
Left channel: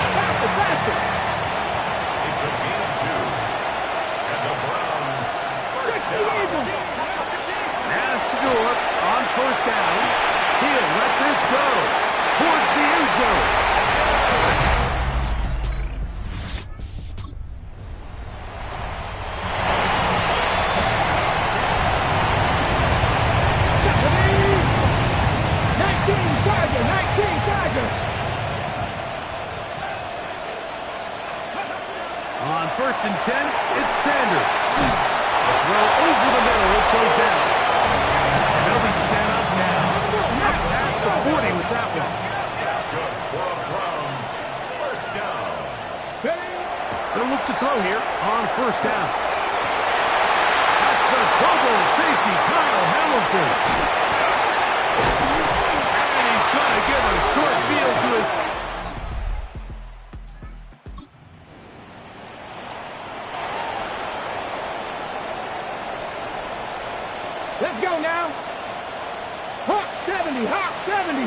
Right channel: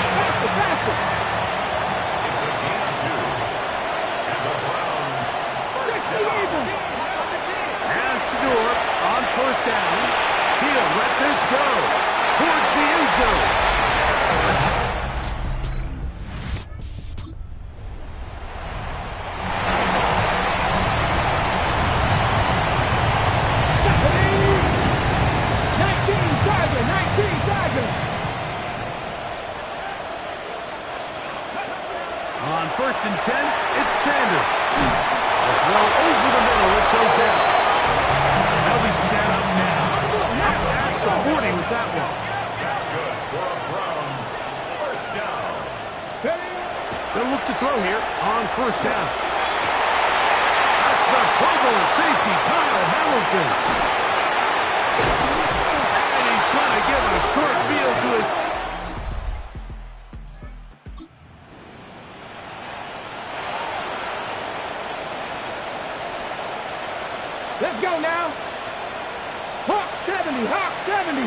It's a gain of 2. And the Browns first down. Now Shador on first down. He'll let this go towards the end zone. On first and 10, it's Sanders. A throw over the middle, it's Odell. And they'll be set up now. Up past the 40 with that one. That's good for a Browns first down. They'll look to throw here on first down. That's the Pro Bowl safety, Kyle Hamilton. And he's going to give a short field to his... Let's go now. Hawk 70, Hawk 70.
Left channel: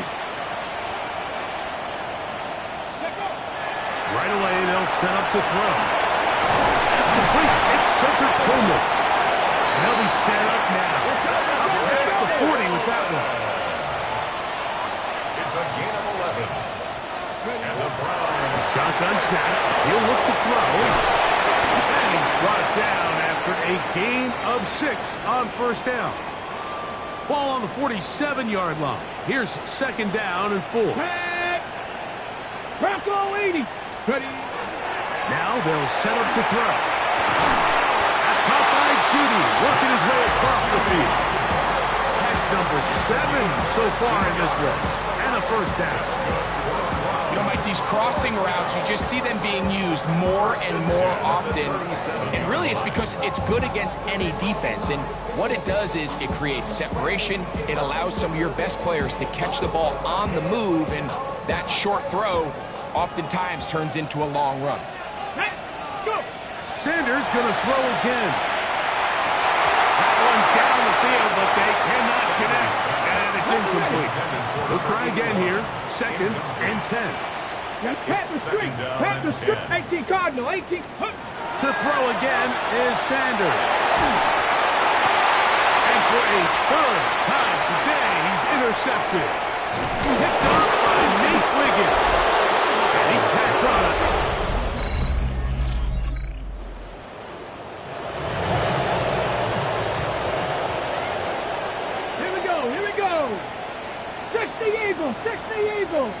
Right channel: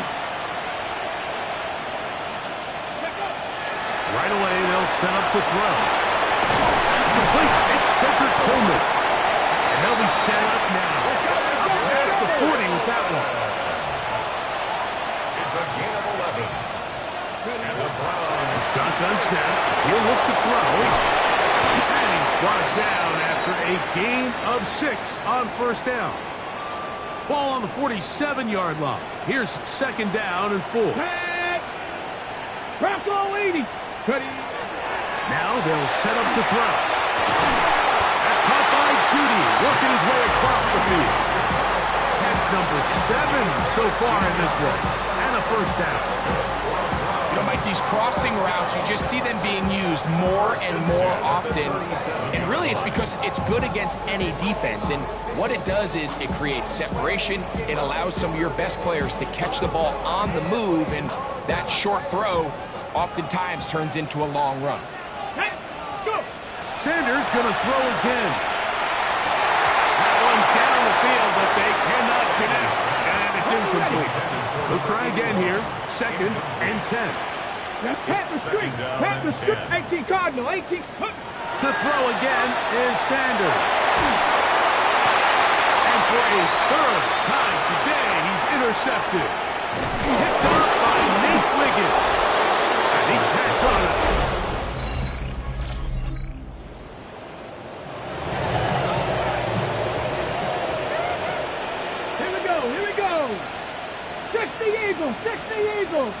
Let's go. Right away, they'll set up to throw. That's complete. It's centered Tillman. And they'll be set up now. Up past the 40 with that one. It's a gain of 11. And the Browns. Shotgun snap. He'll look to throw. And he's brought down after a gain of 6 on first down. Ball on the 47-yard line. Here's second down and 4. Bronco 80. Ready. Now they'll set up to throw. That's caught by Judy, working his way across the field. Catch number 7 so far in this one. And a first down. You know, Mike, these crossing routes, you just see them being used more and more often. And really, it's because it's good against any defense. And what it does is it creates separation. It allows some of your best players to catch the ball on the move. And that short throw oftentimes turns into a long run. Let's go. Sanders going to throw again. That one down the field, but they cannot connect. And it's incomplete. They'll try again here. Second and 10. Pat the street. Pat the street. 18 Cardinal. 18. To throw again is Sanders. And for a third time today, he's intercepted. Picked up by Nate Wiggins. And he tacks on it. Here we go. 60 Eagles. 60 Eagles.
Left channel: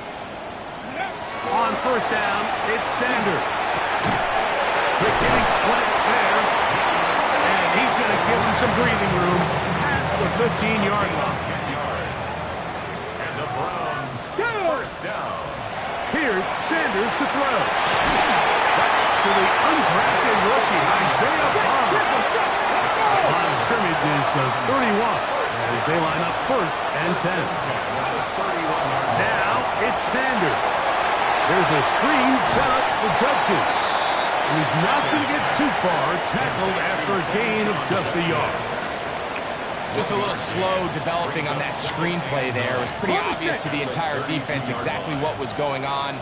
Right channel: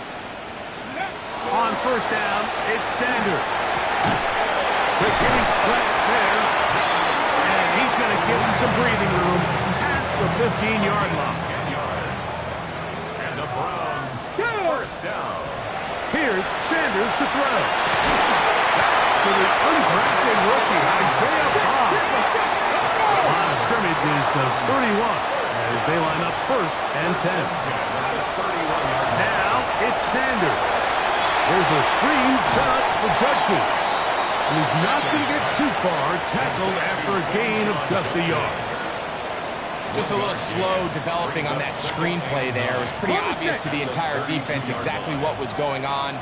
On first down, it's Sanders. Quick hitting slant there. And he's going to give him some breathing room past the 15-yard line. 10 yards. And the Browns first down. Here's Sanders to throw. Back to the undrafted rookie, Isaiah Bond. The line of scrimmage is the 31 as they line up first and 10. Now it's Sanders. There's a screen set up for Judkins. And he's not going to get too far, tackled after a gain of just a yard. Just a little slow developing on that screenplay there. It was pretty obvious to the entire defense exactly what was going on.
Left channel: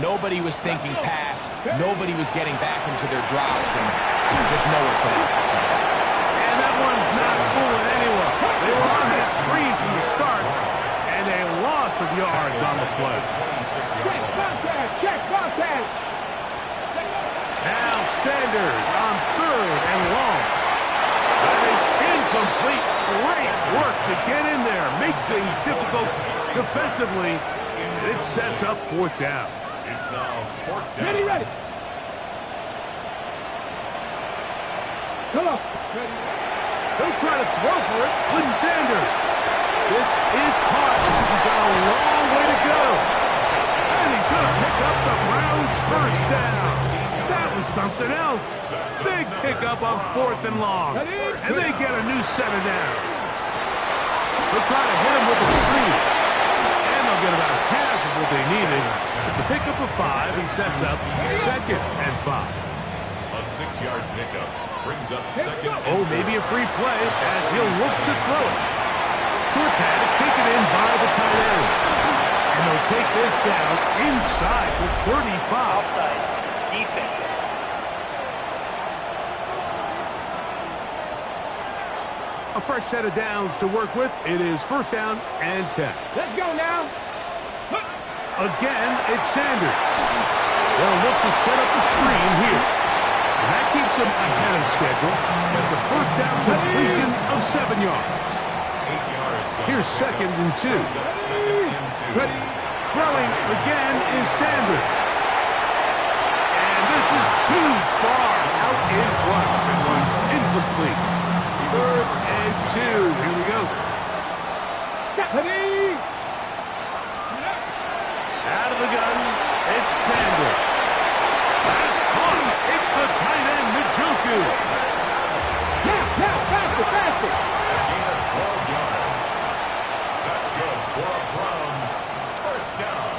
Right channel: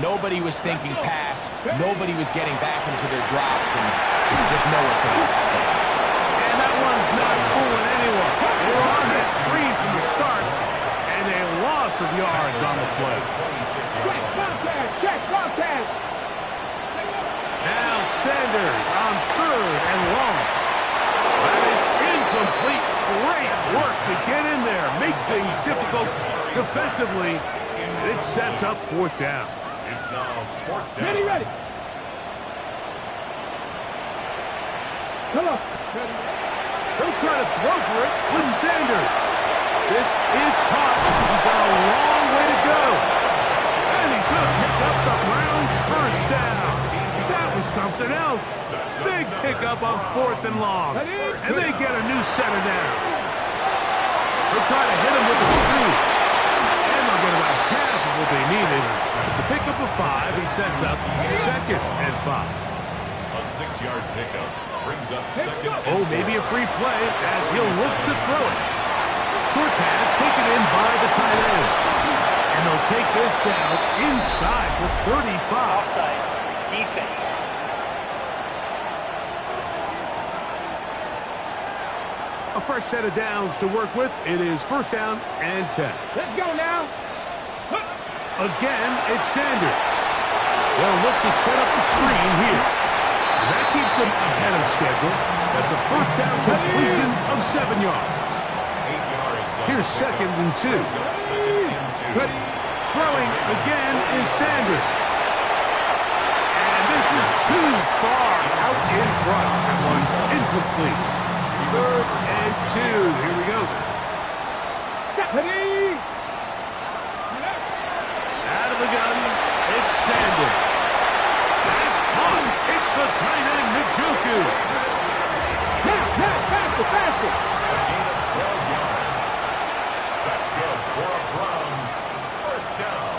Nobody was thinking pass. Nobody was getting back into their drops, and just nowhere for that. And that one's not fooling anyone. They were on that screen from the start, and they lost loss of yards on the play. Check contact. Check contact. Now Sanders on 3rd and long. That is incomplete. Great work to get in there, make things difficult defensively, and it sets up 4th down. It's now 4th down. Ready, ready. Come on. They'll try to throw for it with Sanders. This is caught. He's got a long way to go. And he's going to pick up the Browns' 1st down. That was something else. Big pickup on 4th and long. And they get a new set of downs. They'll try to hit him with a screen. And they'll get about half of what they needed. It's a pickup of 5 and sets up 2nd and 5. A 6-yard pickup brings up 2nd. Oh, maybe a free play as he'll look to throw it. Short pass taken in by the tight end. And they'll take this down inside for 35. Offside. Defense. A fresh set of downs to work with. It is 1st down and 10. Let's go now. Again, it's Sanders. They'll look to set up the screen here. And that keeps them ahead of schedule. That's a 1st down completion of 7 yards. 8 yards. Here's 2nd and 2. Ready. Throwing again is Sanders. And this is too far out in front. That one's incomplete. 3rd and 2. Here we go. Ready. Out of the gun, it's Sanders. That's caught. It's the tight end, Njoku. Now, faster, faster. A gain of 12 yards. That's good for a Browns 1st down.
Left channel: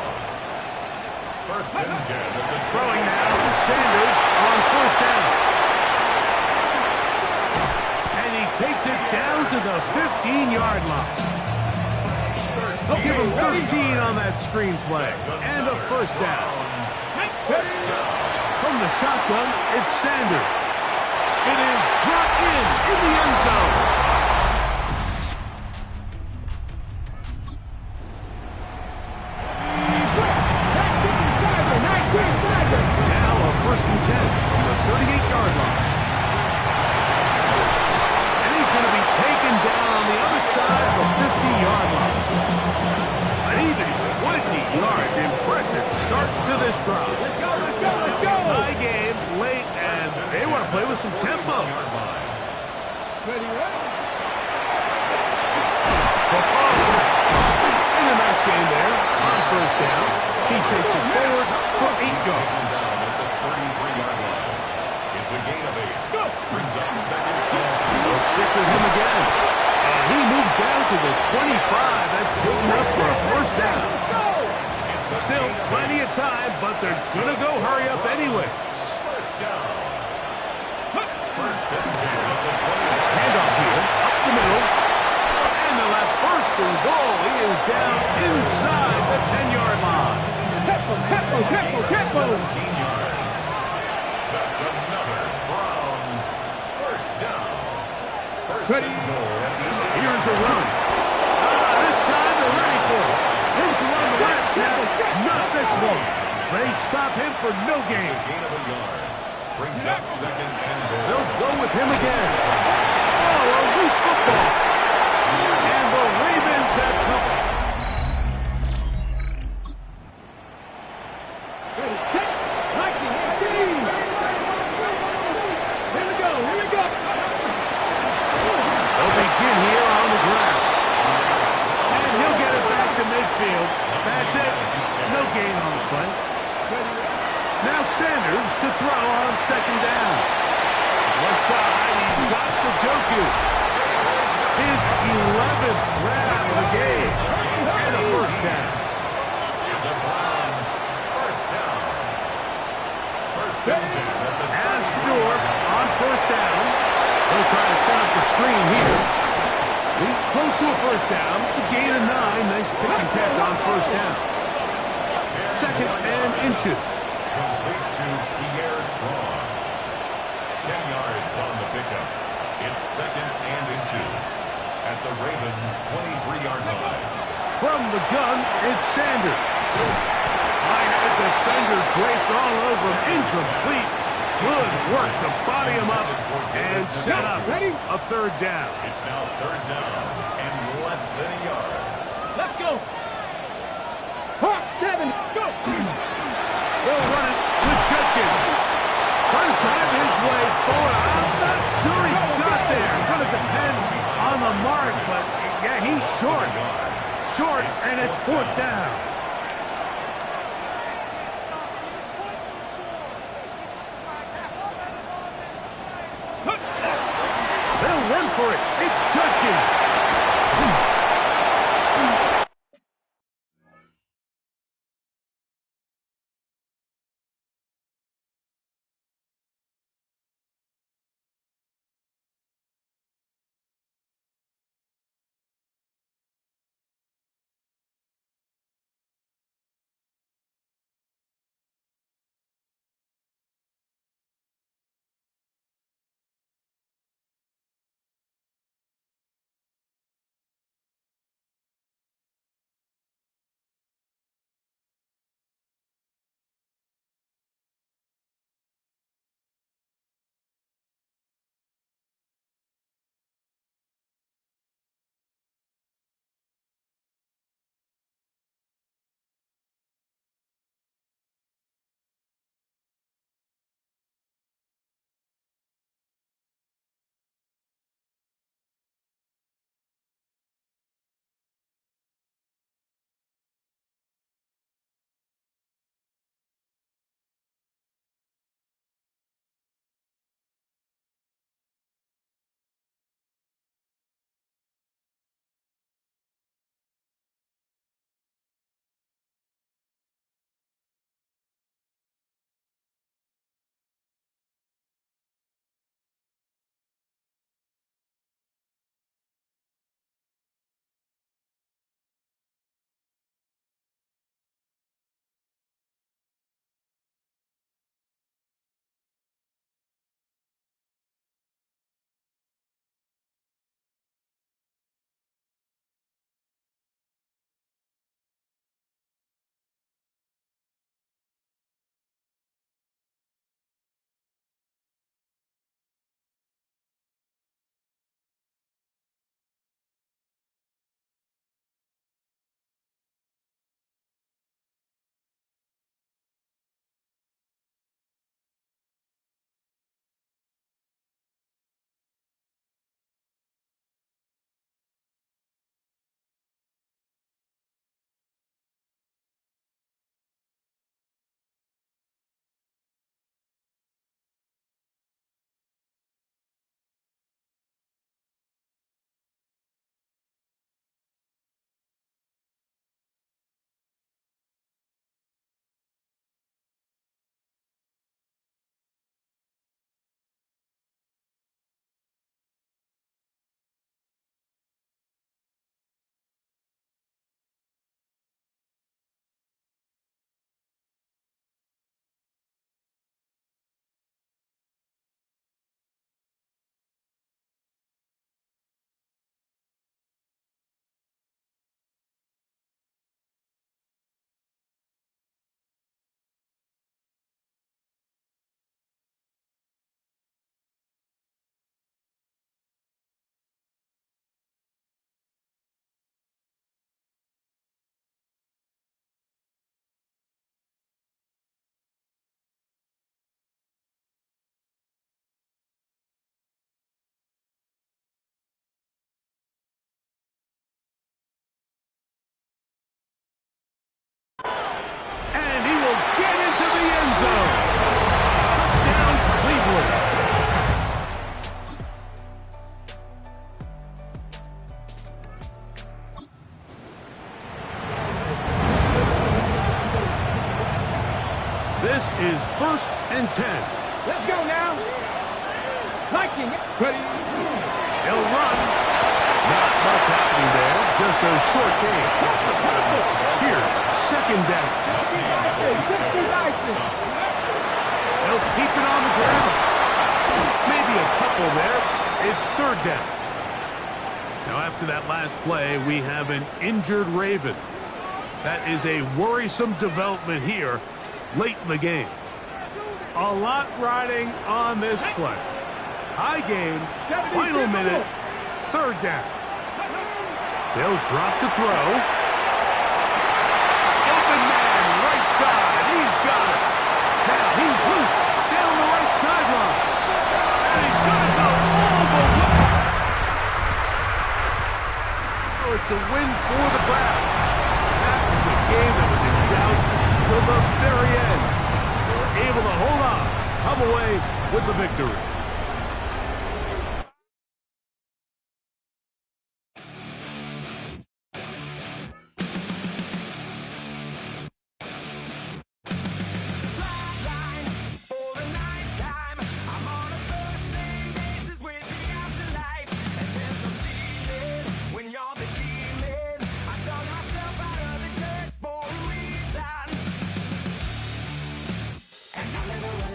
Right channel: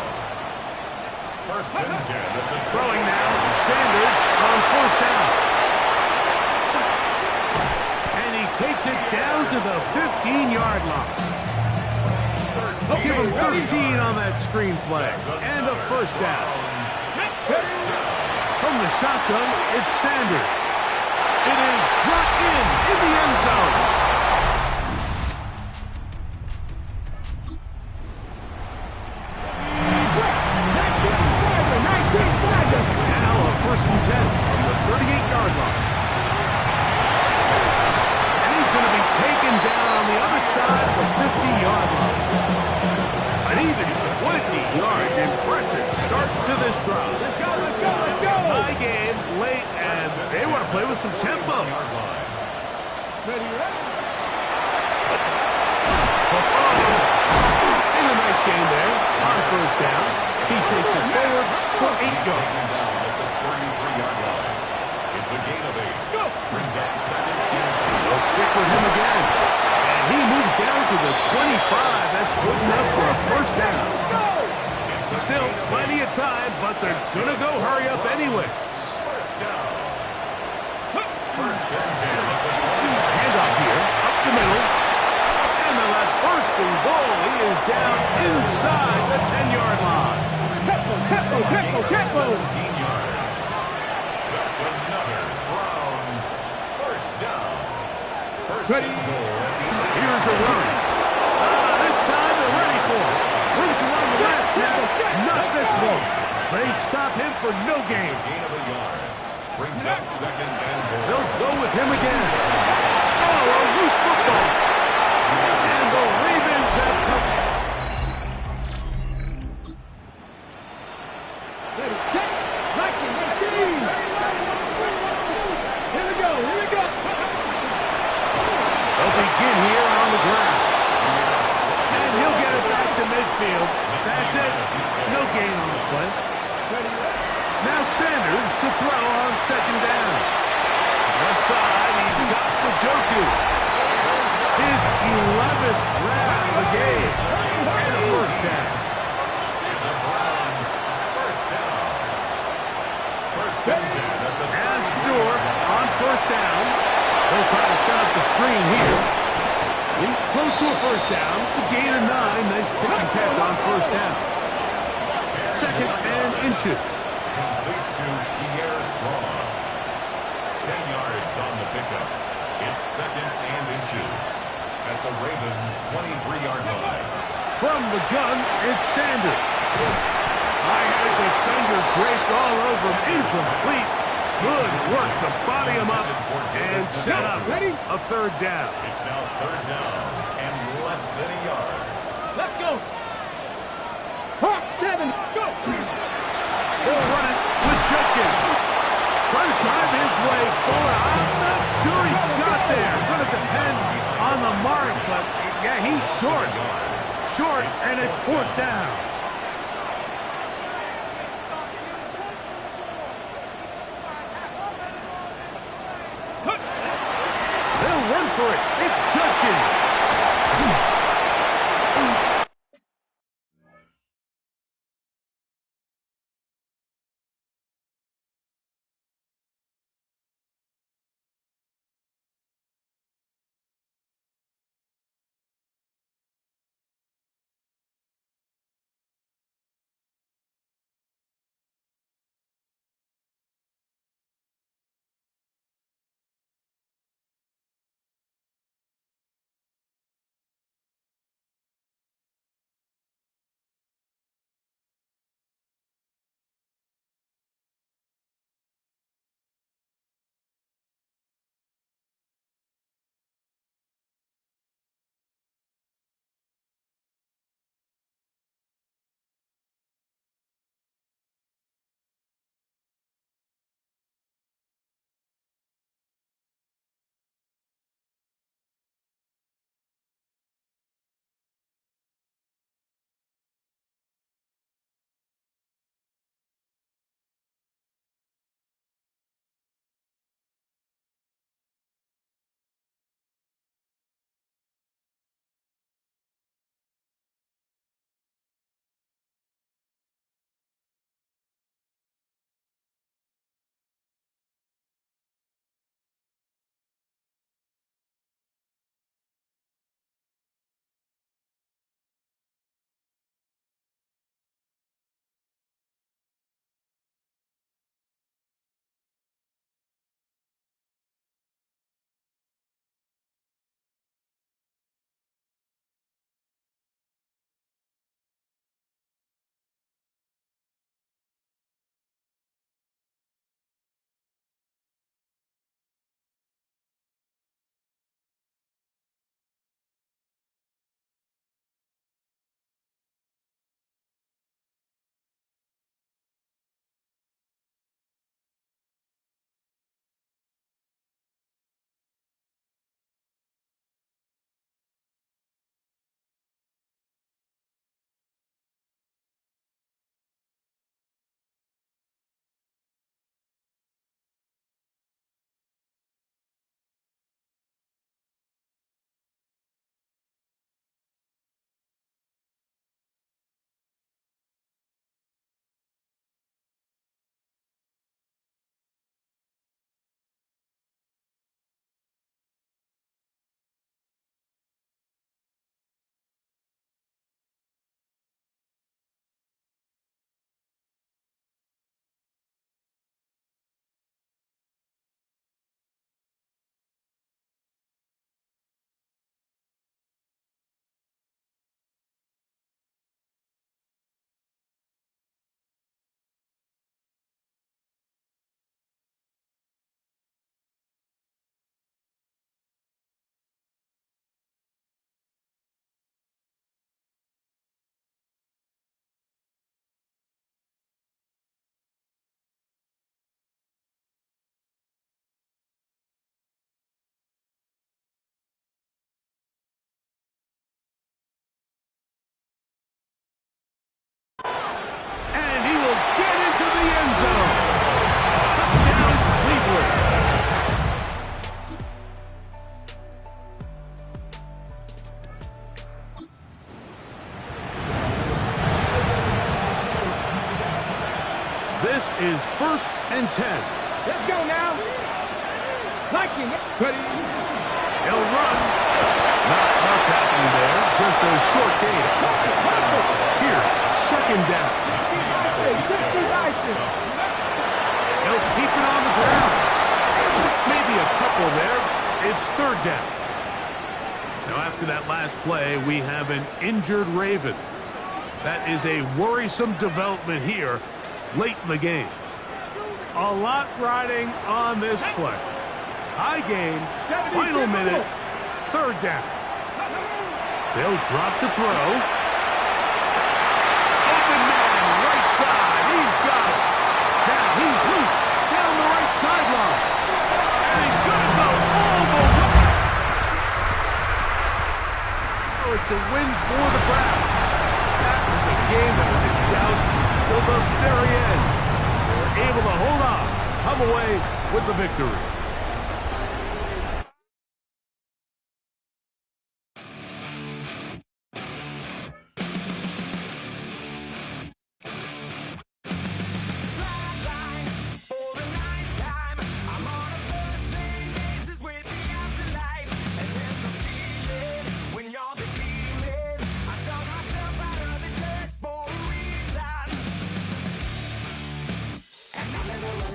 1st and 10 at the Throwing now, Sanders on 1st down. And he takes it down to the 15-yard line. They'll give him 13 on that screen play. And a 1st down. From the shotgun, it's Sanders. It is brought in the end zone. Now a 1st and 10 from the 38-yard line. And he's going to be taken down on the other side of the 50-yard line. An even 20 yards. Impressive start to this drive. Let's go, let's go, let's go. Tie game late, and they want to play with some tempo. Ready, ready. In a nice game there on 1st down. He takes it forward for 8 yards. Down at the 33-yard line. It's a gain of 8. Brings up 2nd and 2. They'll stick with him again. And he moves down to the 25. That's good enough for a 1st down. Still plenty of time, but they're going to go hurry up anyways. 1st down. 1st and 10 at the 20-yard. Handoff here, up the middle. And they'll have 1st and goal. He is down inside the 10-yard line. Tempo. 17 yards. That's another Browns 1st down. 1st and goal at the Here's a run. This time they're ready for it. Room to run the last snap. Not this one. They stop him for no gain. It's a gain of a yard. Brings up 2nd and goal. They'll go with him again. Oh, a loose football. And the Ravens have come. Ready, set, Mikey, here we go. They'll begin here on the ground. And he'll get it back to midfield. That's it. No gain on the play. Now Sanders to throw on 2nd down. Left side, he's got Njoku. His 11th grab of the game. And a 1st down. And the Browns 1st down. 1st and 10 at the 30. As Stewart on 1st down. They'll try to set up the screen here. He's close to a 1st down. The gain of 9. Nice pitch and catch on 1st down. 2nd and inches. Complete to Pierre Strong. 10 yards on the pickup. It's 2nd and inches. at the Ravens' 23-yard line. From the gun, it's Sanders. I had a defender draped all over him. Incomplete. Good work to body him up and set up a third down. It's now third down and less than a yard. Let's go. Hawk 7, go. They'll run it with Judkins. Trying to drive his way forward. I'm not sure he got there. It's going to depend on the mark, but yeah, he's short. Short, and it's fourth down. They'll run for it. It's Judkins. And he will get into the end zone. Touchdown, Cleveland. This is 1st and 10. Let's go now. Liking it. Ready. He'll run. Not much happening there. Just a short game. Here's 2nd down. He'll keep it on the ground. Maybe a couple there. It's 3rd down. Now, after that last play, we have an injured Raven. That is a worrisome development here late in the game. A lot riding on this play. High game, final minute, third down. They'll drop to throw. Open man, right side. He's got it. Now he's loose down the right sideline. And he's going to go all the way. Oh, it's a win for the Browns. That was a game that was in doubt until the very end. They were able to hold on, come away with the victory.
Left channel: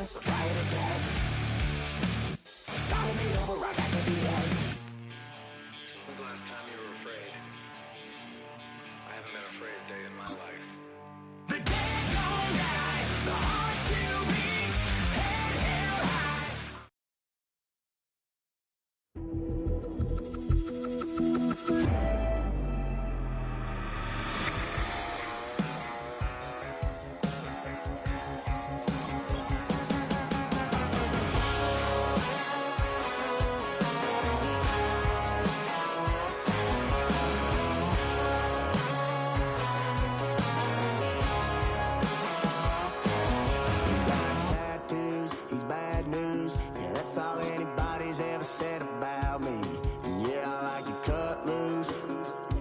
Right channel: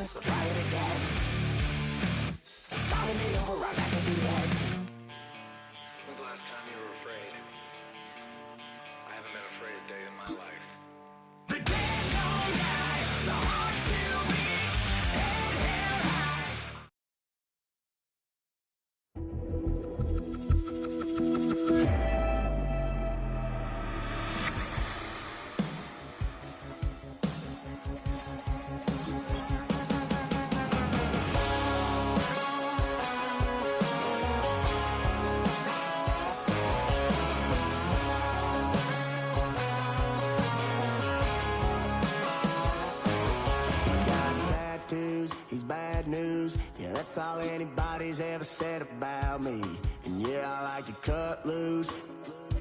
So try it again. Starting me over right back at the end. When's the last time you were afraid? I haven't been afraid a day in my life. The dead don't die, the heart still beats, head held high. That's all anybody's ever said about me. And yeah, I like to cut loose,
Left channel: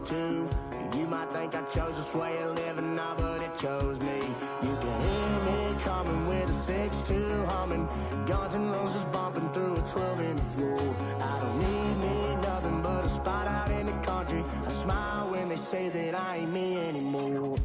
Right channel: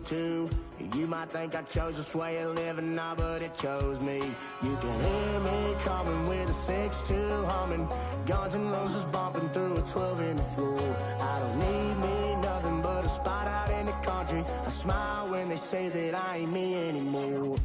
too. You might think I chose this way of living now, but it chose me. You can hear me coming with a 6-2 humming. Guns N' Roses bumping through a 12 in the floor. I don't need me nothing but a spot out in the country. I smile when they say that I ain't me anymore.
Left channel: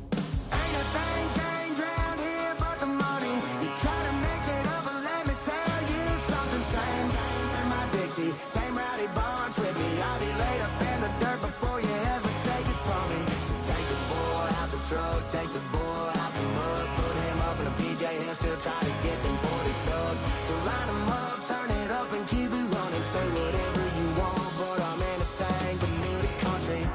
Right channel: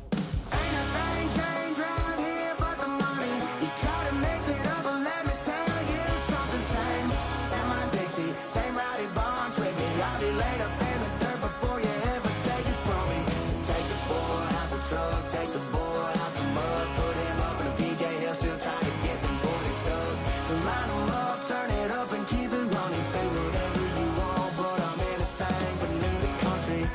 Ain't a thing changed around here but the money. You try to mix it up, but let me tell you something. Same in my Dixie, same rowdy bunch with me. I'll be laid up in the dirt before you ever take it from me. So take the boy out the truck, take the boy out the mud, put him up in a PJ, he'll still try to get them 40 stuck. So line him up, turn it up and keep it running. Say whatever you want, but I'm anything but new to country.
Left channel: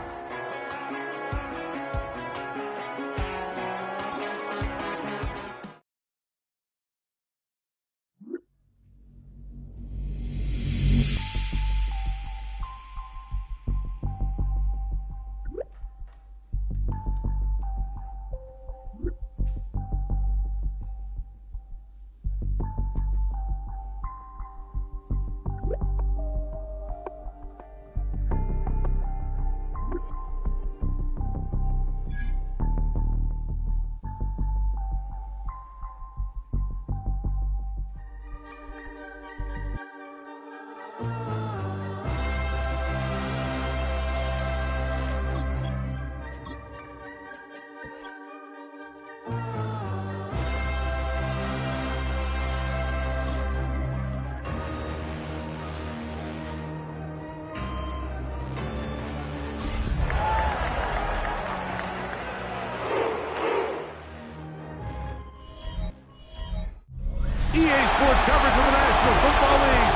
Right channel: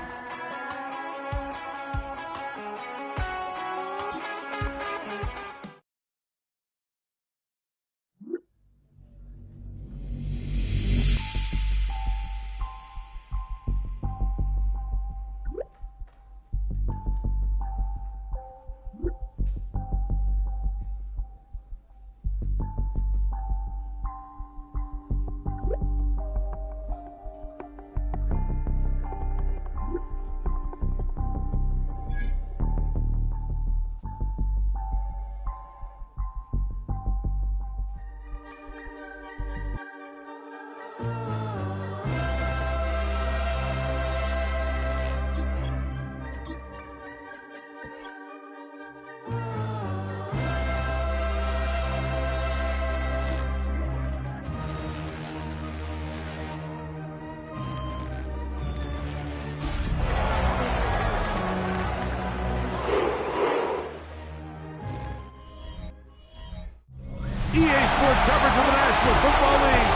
EA Sports coverage of the National Football League.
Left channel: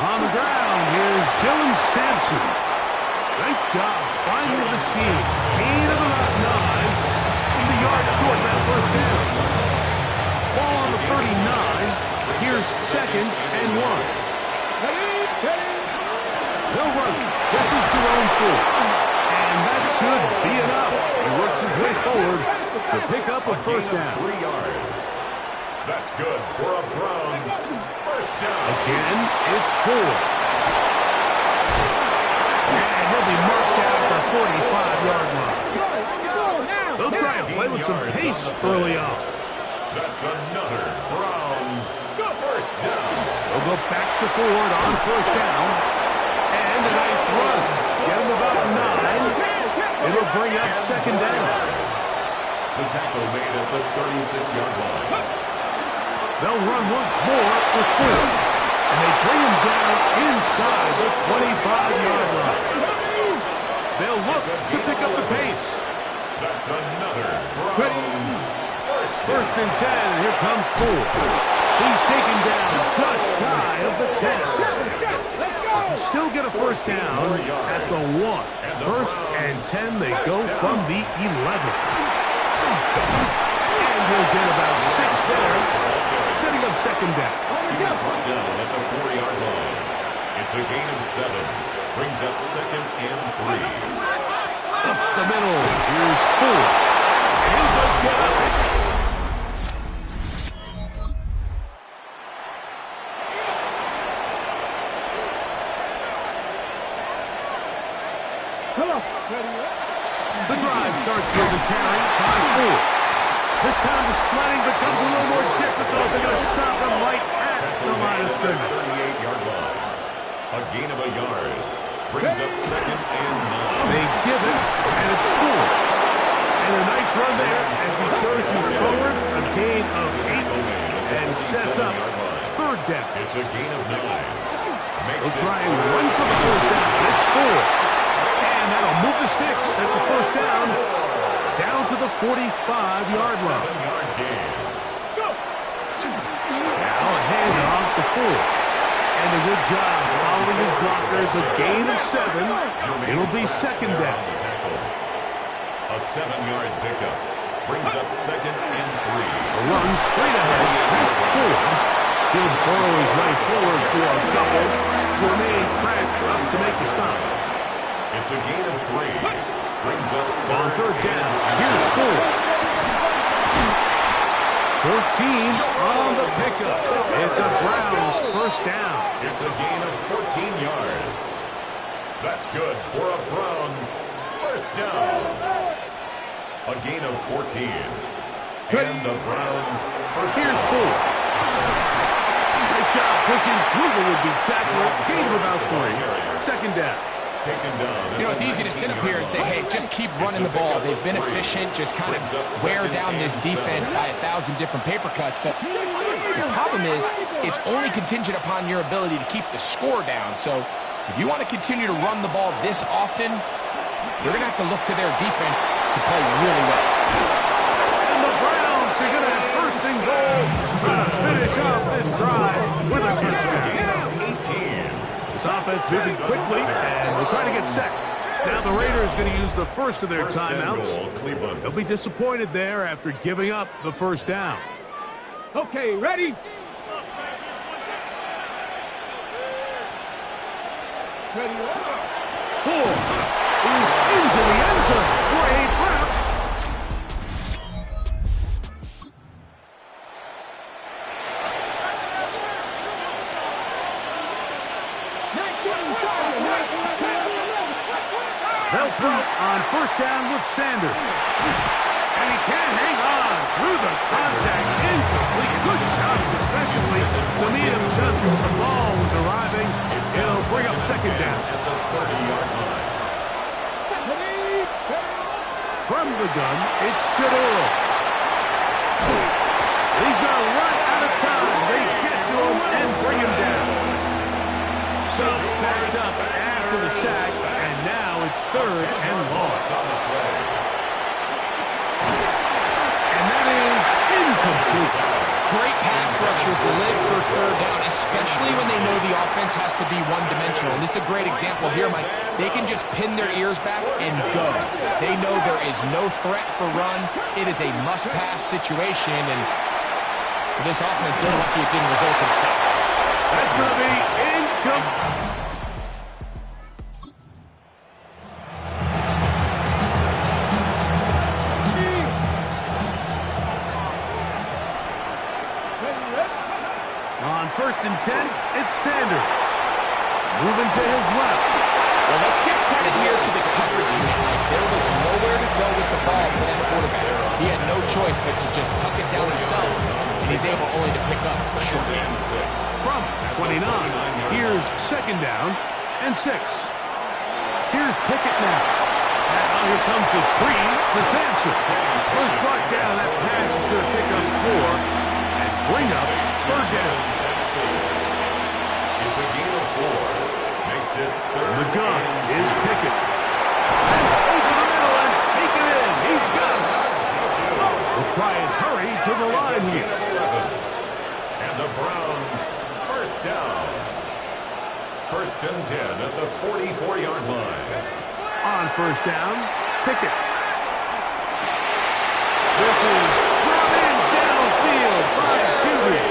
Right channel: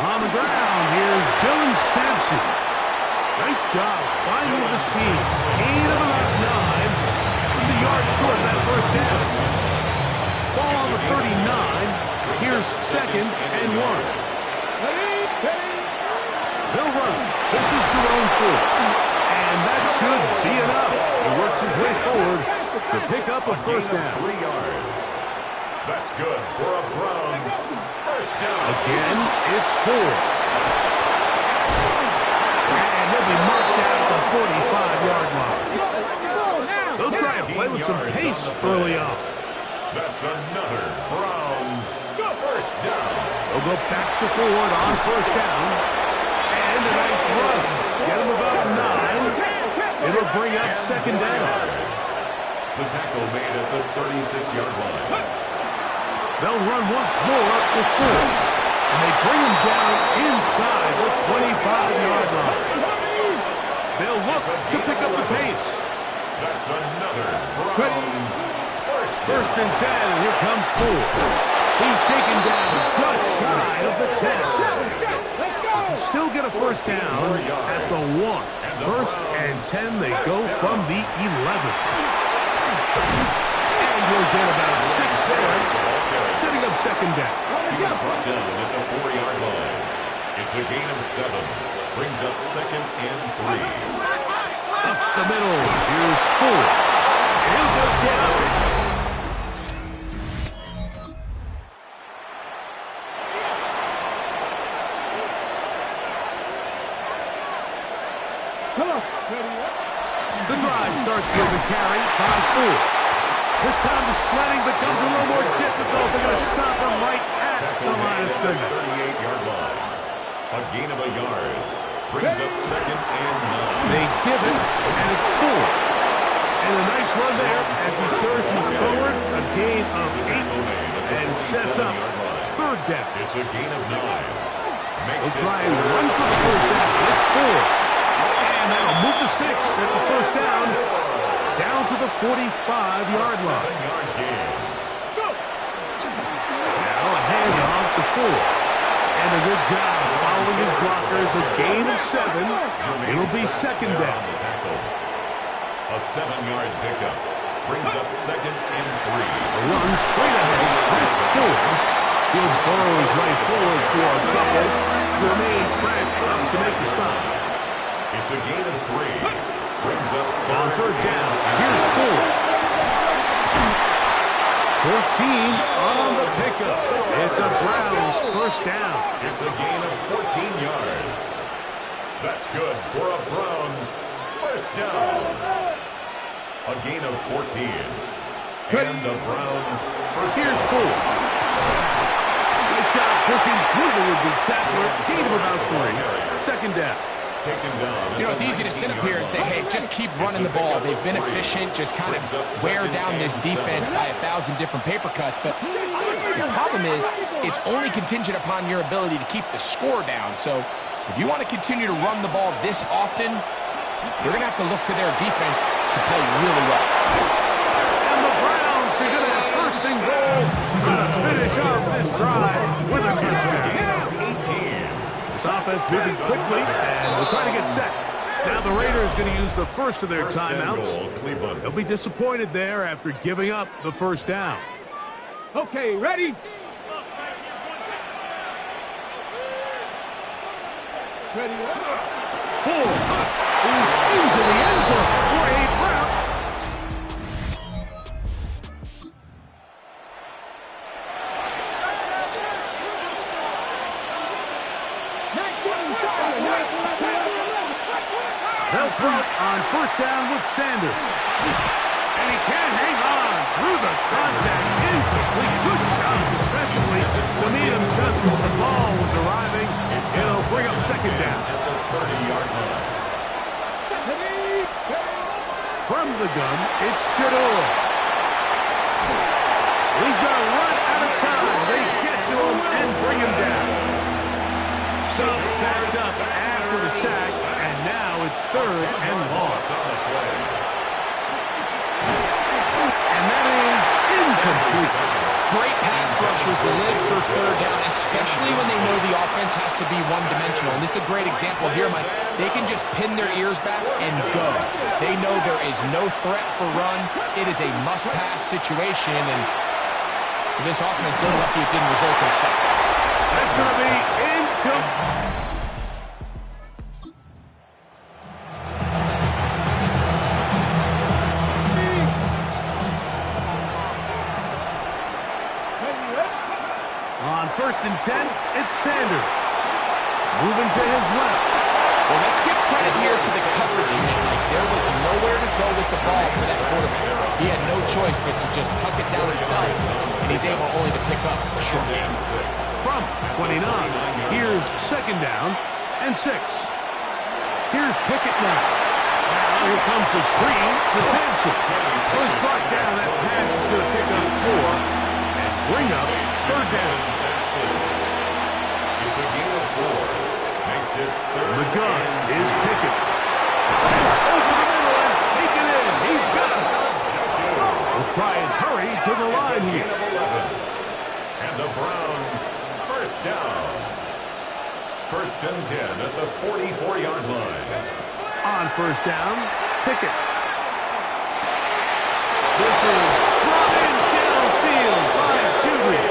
On the ground, here's Dylan Sampson. Nice job finding the seams. Gain of about 9. The yard short that first down. Ball on the 39. Here's 2nd and 1. They'll run. This is Jerome Ford. And that should be enough. He works his way forward to pick up a first down. 3 yards. That's good for a Browns first down. Again, it's 4. And he'll be marked out at the 45-yard line. They'll try and play with some pace early on. That's another Browns first down. They'll go back to Ford on first down. And a nice run. Get him about 9. It'll bring up second down. The tackle made at the 36-yard line. They'll run once more with Ford. And they bring him down inside the 25-yard line. They'll look to pick up the pace. That's another Browns first and 10, and here comes Ford. He's taken down just shy of the 10. Still get a first down at the 1. First and 10, they go from the 11. And he'll get about 6 there, setting up second down. He was brought down at the 4-yard line. It's a gain of 7. Brings up second and 3. Up the middle, here's Ford. And he'll just get up. The drive starts with a carry by Ford. This time the sledding becomes a little more difficult. They're going to stop him right at the line of scrimmage. 38-yard line. A gain of a yard. Brings up second and 9. They give it, and it's Ford. And a nice run there as he surges forward. A gain of 8 and sets up third down. It's a gain of 9. They'll try and run for the first down. It's Ford. And that'll move the sticks. That's a first down. Down to the 45-yard line. 7-yard gain. Now a handoff to Ford. And a good job following his blockers. A gain of 7. It'll be second down. A 7-yard pickup. Brings up second and 3. A run straight ahead. That's Ford. He'll burrow his way forward for a couple. Jermaine Pratt up to make the stop. It's a gain of 3. Brings up on third down. Here's Ford. 14 on the pickup. It's a Browns first down. It's a gain of 14 yards. That's good for a Browns first down. A gain of 14. And the Browns first down. Here's Ford. Nice job pushing through the would-be tackler. Gain of about 3. Second down. Taken down. You know, it's easy to sit up here and say, hey, just keep running the ball. They've been efficient. Just kind of wear down this defense by 1,000 different paper cuts. But the problem is it's only contingent upon your ability to keep the score down. So if you want to continue to run the ball this often, you're going to have to look to their defense to play really well. And the Browns are going to have first and goal to finish off this drive with a touchdown. 18. This offense moving quickly, and they'll try to get set. Now the Raiders going to use the first of their timeouts. They'll be disappointed there after giving up the first down. Okay, ready? Ready? Ford is into the end zone for a Brown. They'll throw on first down with Sanders. And he can't hang on through the contact. Incomplete. Good job defensively to meet him just as the ball was arriving. It'll bring up second down. At the 30-yard line. From the gun, it's Chillin. He's going to run out of time. They get to him and bring him down. So backed up after the sack, and now it's third and long. On the play. And that is incomplete. Great pass rushers live for third down, especially when they know the offense has to be one-dimensional. And this is a great example here, Mike. They can just pin their ears back and go. They know there is no threat for run. It is a must-pass situation, and for this offense, they're lucky it didn't result in a sack. That's going to be incomplete. On first and 10, it's Sanders. Moving to his left. Well, let's give credit here to the coverage unit. Like, there was nowhere to go with the ball for that quarterback. He had no choice but to just tuck it down himself, and he's able only to pick up a short gain. From 29, here's second down and 6. Here's Pickett now. Now here comes the screen to Sampson. Was brought down. That pass is going to pick up 4 and bring up third down. It's a gain of 4. Makes it third. The gun is Pickett. Over the middle and take it in. He's got it. We'll try and hurry to the line here. And the Browns first down. First and 10 at the 44-yard line. On first down, Pickett. This is brought in downfield by Judy.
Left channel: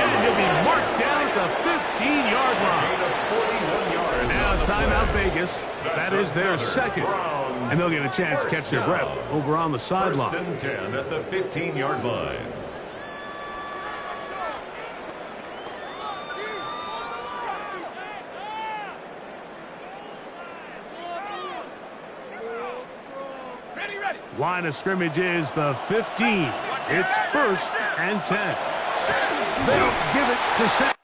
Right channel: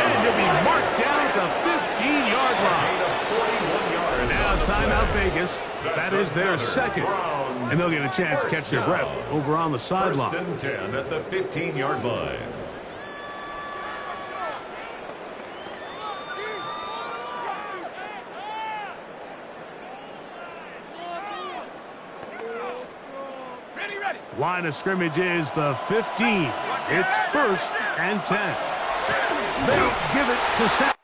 And he'll be marked down at the 15-yard line. Now timeout Vegas. That is their second. And they'll get a chance to catch their breath over on the sideline. First and 10 at the 15-yard line. Line of scrimmage is the 15. It's first and 10. They'll give it to Sam.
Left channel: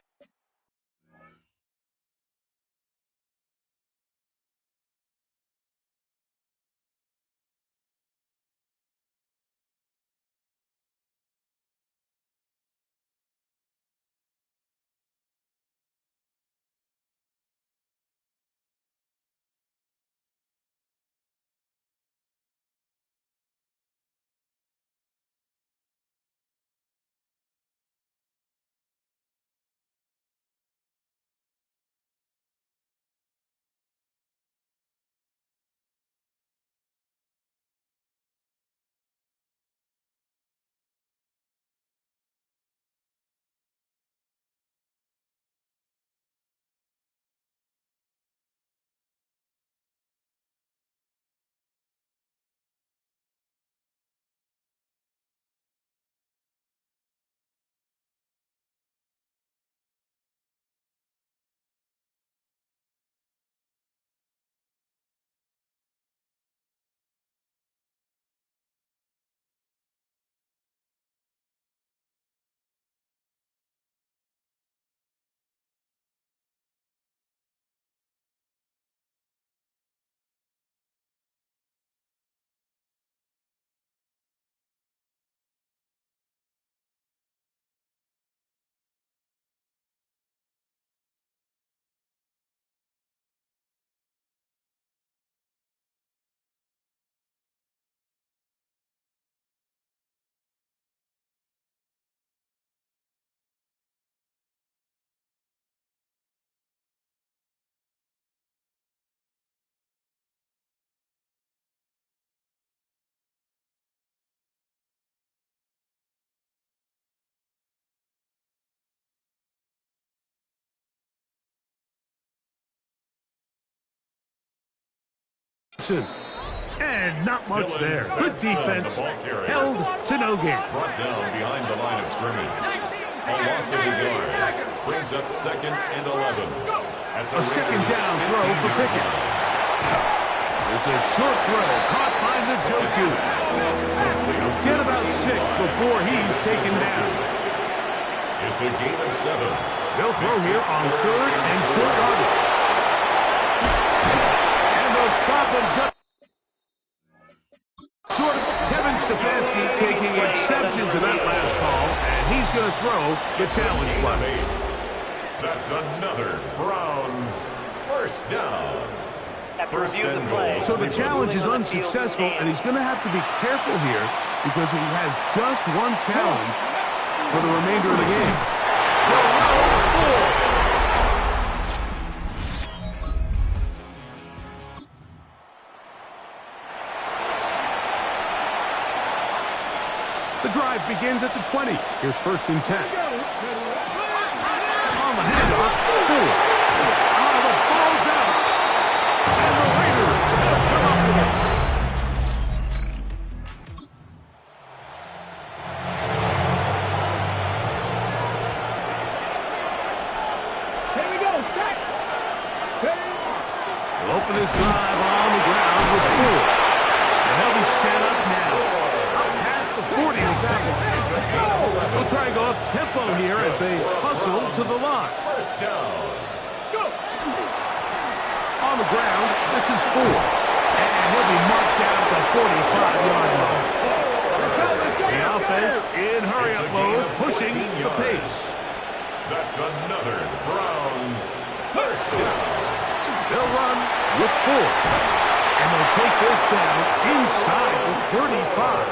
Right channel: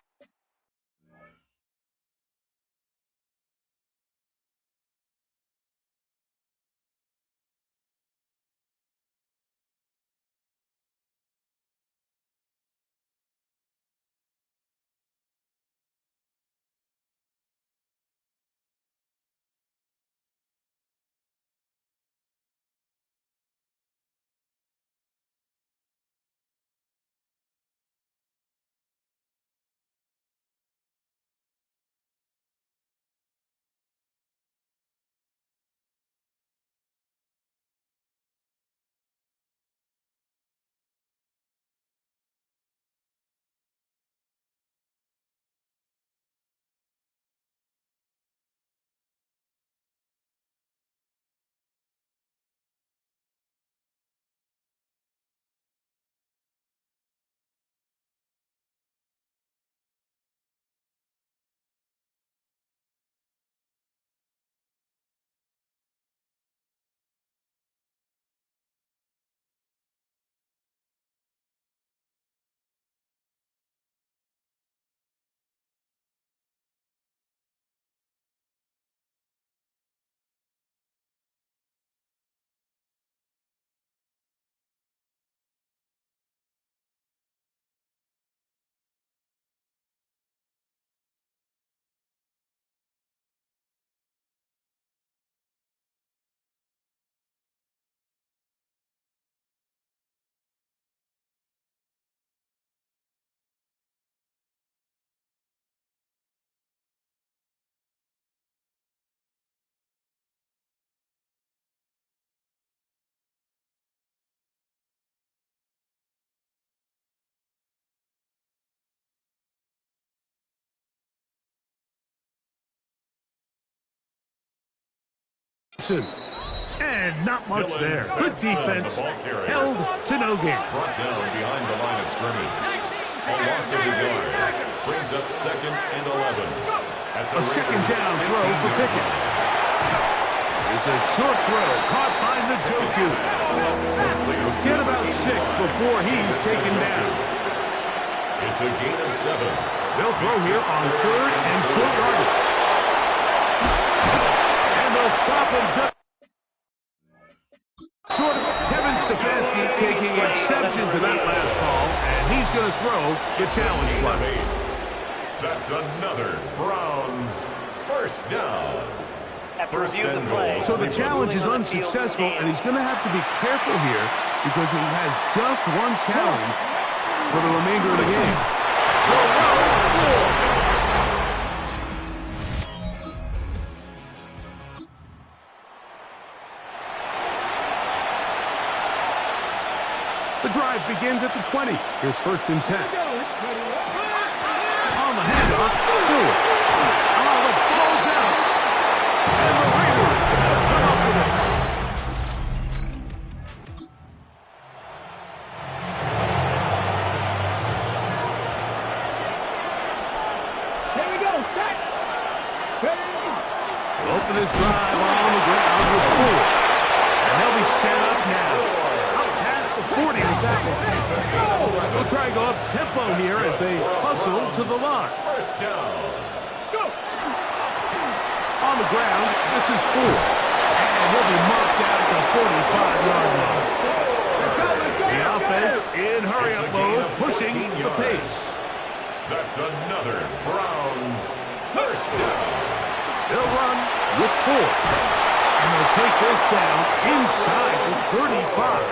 And not much there. Good defense. Held to no gain. Brought down behind the line of scrimmage. A loss of a yard. Brings up second and 11. A second down throw for Pickett. It's a short throw caught by the Njoku. He'll get about 6 before he's taken down. It's a gain of 7. They'll throw here on third and short yardage. And they'll stop him just short of Kevin Stefanski taking exception to that last call, and he's going to throw the challenge flag. That's another Browns first down. First and goal. So the challenge is unsuccessful, and he's going to have to be careful here because he has just one challenge for the remainder of the game. The drive begins at the 20. Here's first and 10. On the handoff. The ball's out. And the Raiders have come up with it. Here we go. Set. They'll open this drive on the ground with 4. And they'll be set up now. Up past the 40 with that one. They'll try and go up tempo here as they hustle to the line. First down. Go! On the ground, this is 4. And he'll be marked down at the 45-yard line. The offense in hurry-up mode, pushing the pace. That's another Browns first down. They'll run with 4. And they'll take this down inside the 35.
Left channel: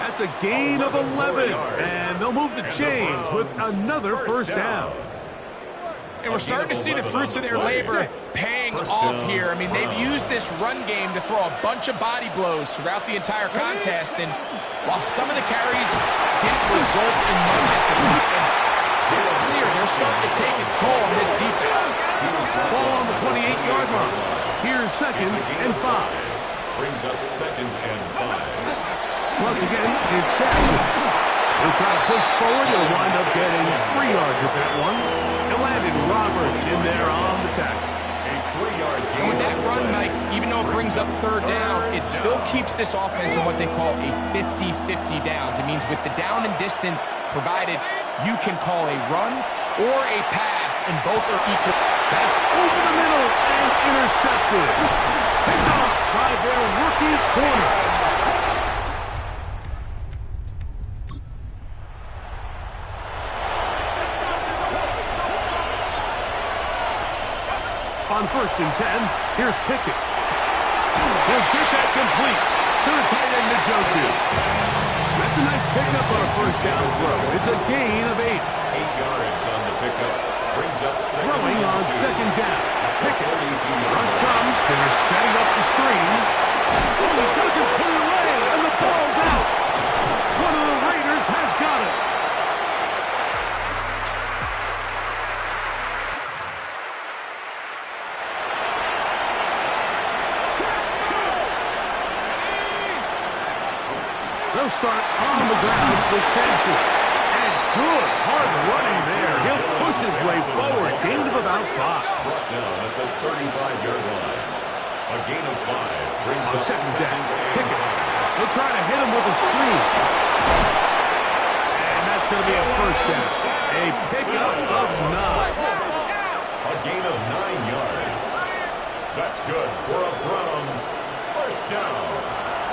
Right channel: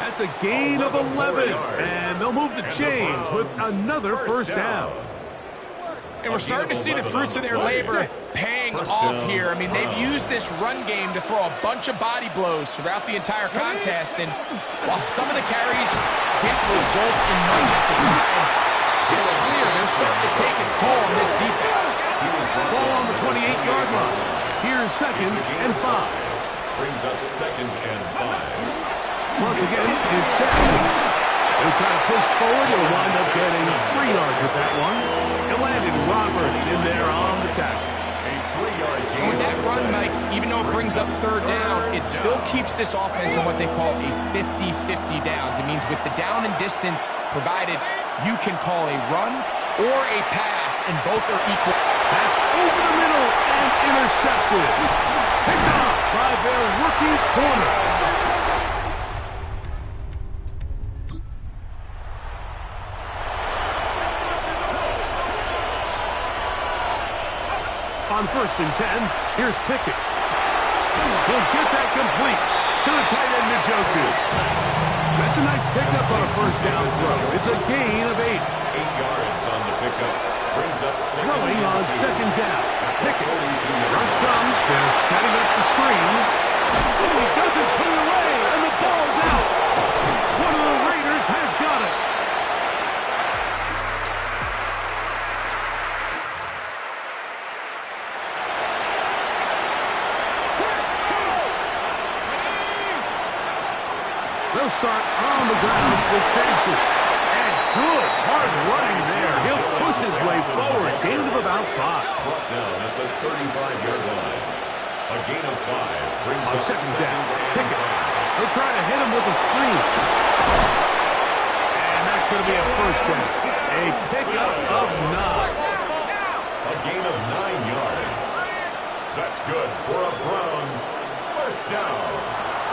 That's a gain of 11. And they'll move the chains with another first down. And we're starting to see the fruits of their labor paying off here. I mean, they've used this run game to throw a bunch of body blows throughout the entire contest. And while some of the carries didn't result in much at the time, it's clear they're starting to take its toll on this defense. Ball on the 28-yard line. Here's 2nd and 5. Brings up 2nd and 5. Once again, it's Saxon. He'll try to push forward. He'll wind up getting 3 yards with that one. It landed Roberts in there on the tackle. A 3-yard gain. And with that run, Mike, even though it brings up 3rd down, it still keeps this offense in what they call a 50-50 downs. It means with the down and distance provided, you can call a run or a pass, and both are equal. That's over the middle and intercepted. Picked off by their rookie corner. On 1st and 10, here's Pickett. He'll get that complete to the tight end, Njoku. That's a nice pickup on a first down throw. It's a gain of 8. 8 yards on the pickup. Brings up throwing on 2nd down. Pickett. Rush comes. They're setting up the screen. Oh, he doesn't put it away, and the ball's out. One of the Raiders has got it. They'll start on the ground with Sampson. And good hard running there. He'll push his way forward. Gain of about 5. Brought down at the 35-yard line. A gain of 5 brings on up 2nd down. Pickett. They'll try to hit him with a screen. And that's going to be a first down. A pickup of 9. A gain of 9 yards. That's good for a Browns first down.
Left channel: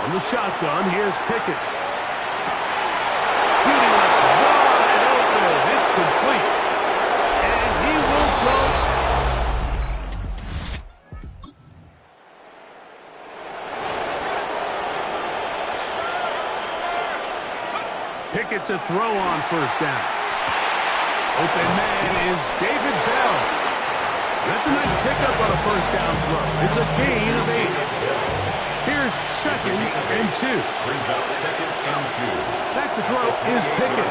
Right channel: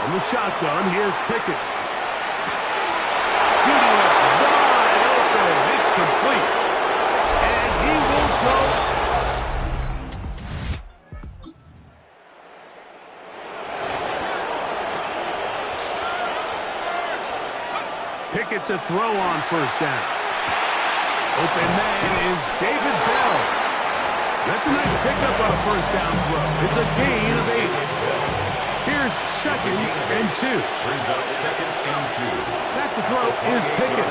From the shotgun, here's Pickett. Judy left wide open. It's complete. And he will go. Pickett to throw on first down. Open man is David Bell. That's a nice pickup on a first down throw. It's a gain of 8. Here's 2nd and 2. Brings up 2nd and 2. Back to throw is Pickett.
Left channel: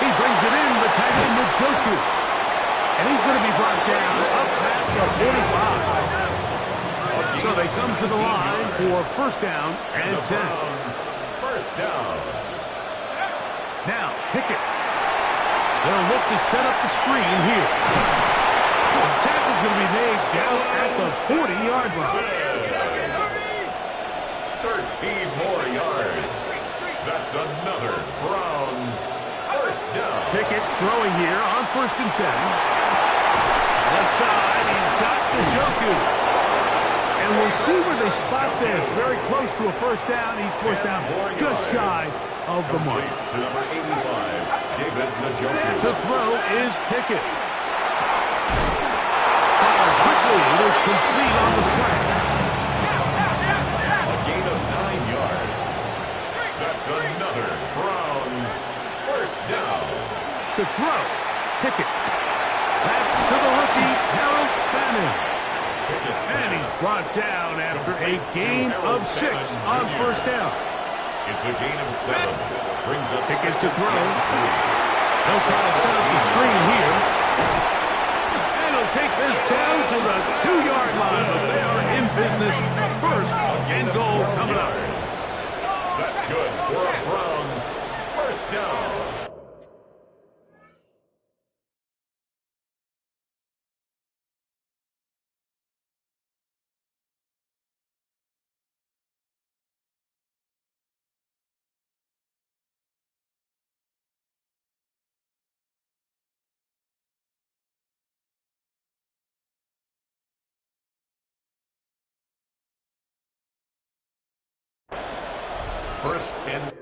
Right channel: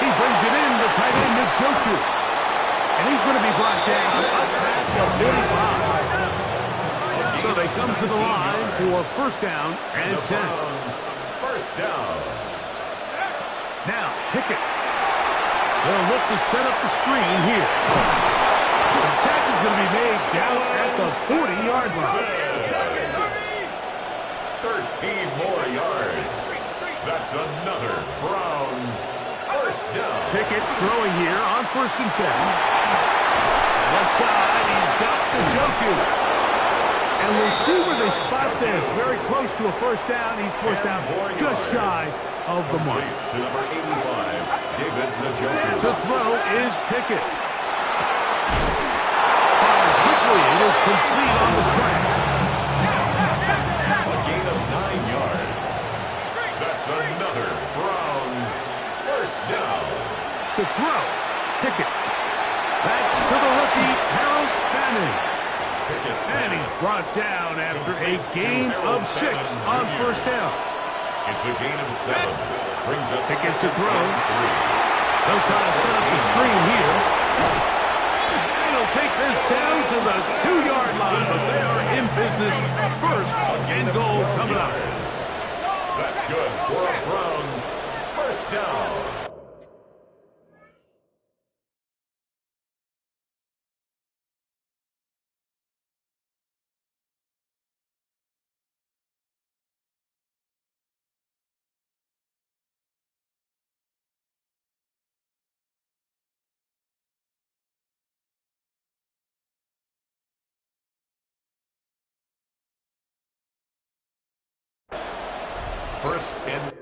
He brings it in, the tight end, Njoku. And he's going to be brought down up past the 45. So they come to the line for first down and 10. First down. Now, Pickett. They'll look to set up the screen here. The tackle's going to be made down at the 40-yard line. 13 more yards. That's another Browns first down. Pickett throwing here on 1st and 10. Left side, he's got Njoku. And we'll see where they spot this. Very close to a first down. He's forced out just shy of the mark. To number 85, David Njoku. To throw is Pickett. Fires quickly. It is complete on the slant. Gain of 9 yards. That's another Browns first down. To throw, Pickett. That's to the rookie, Harold Fannin. And he's brought down after a gain of 6 on first down. It's a gain of 7. Brings up Pickett to throw. 3. They'll try to set up the screen here. And he'll take this down to the 2-yard line, but they are in business. First and goal coming up. That's good for a Browns first down. First and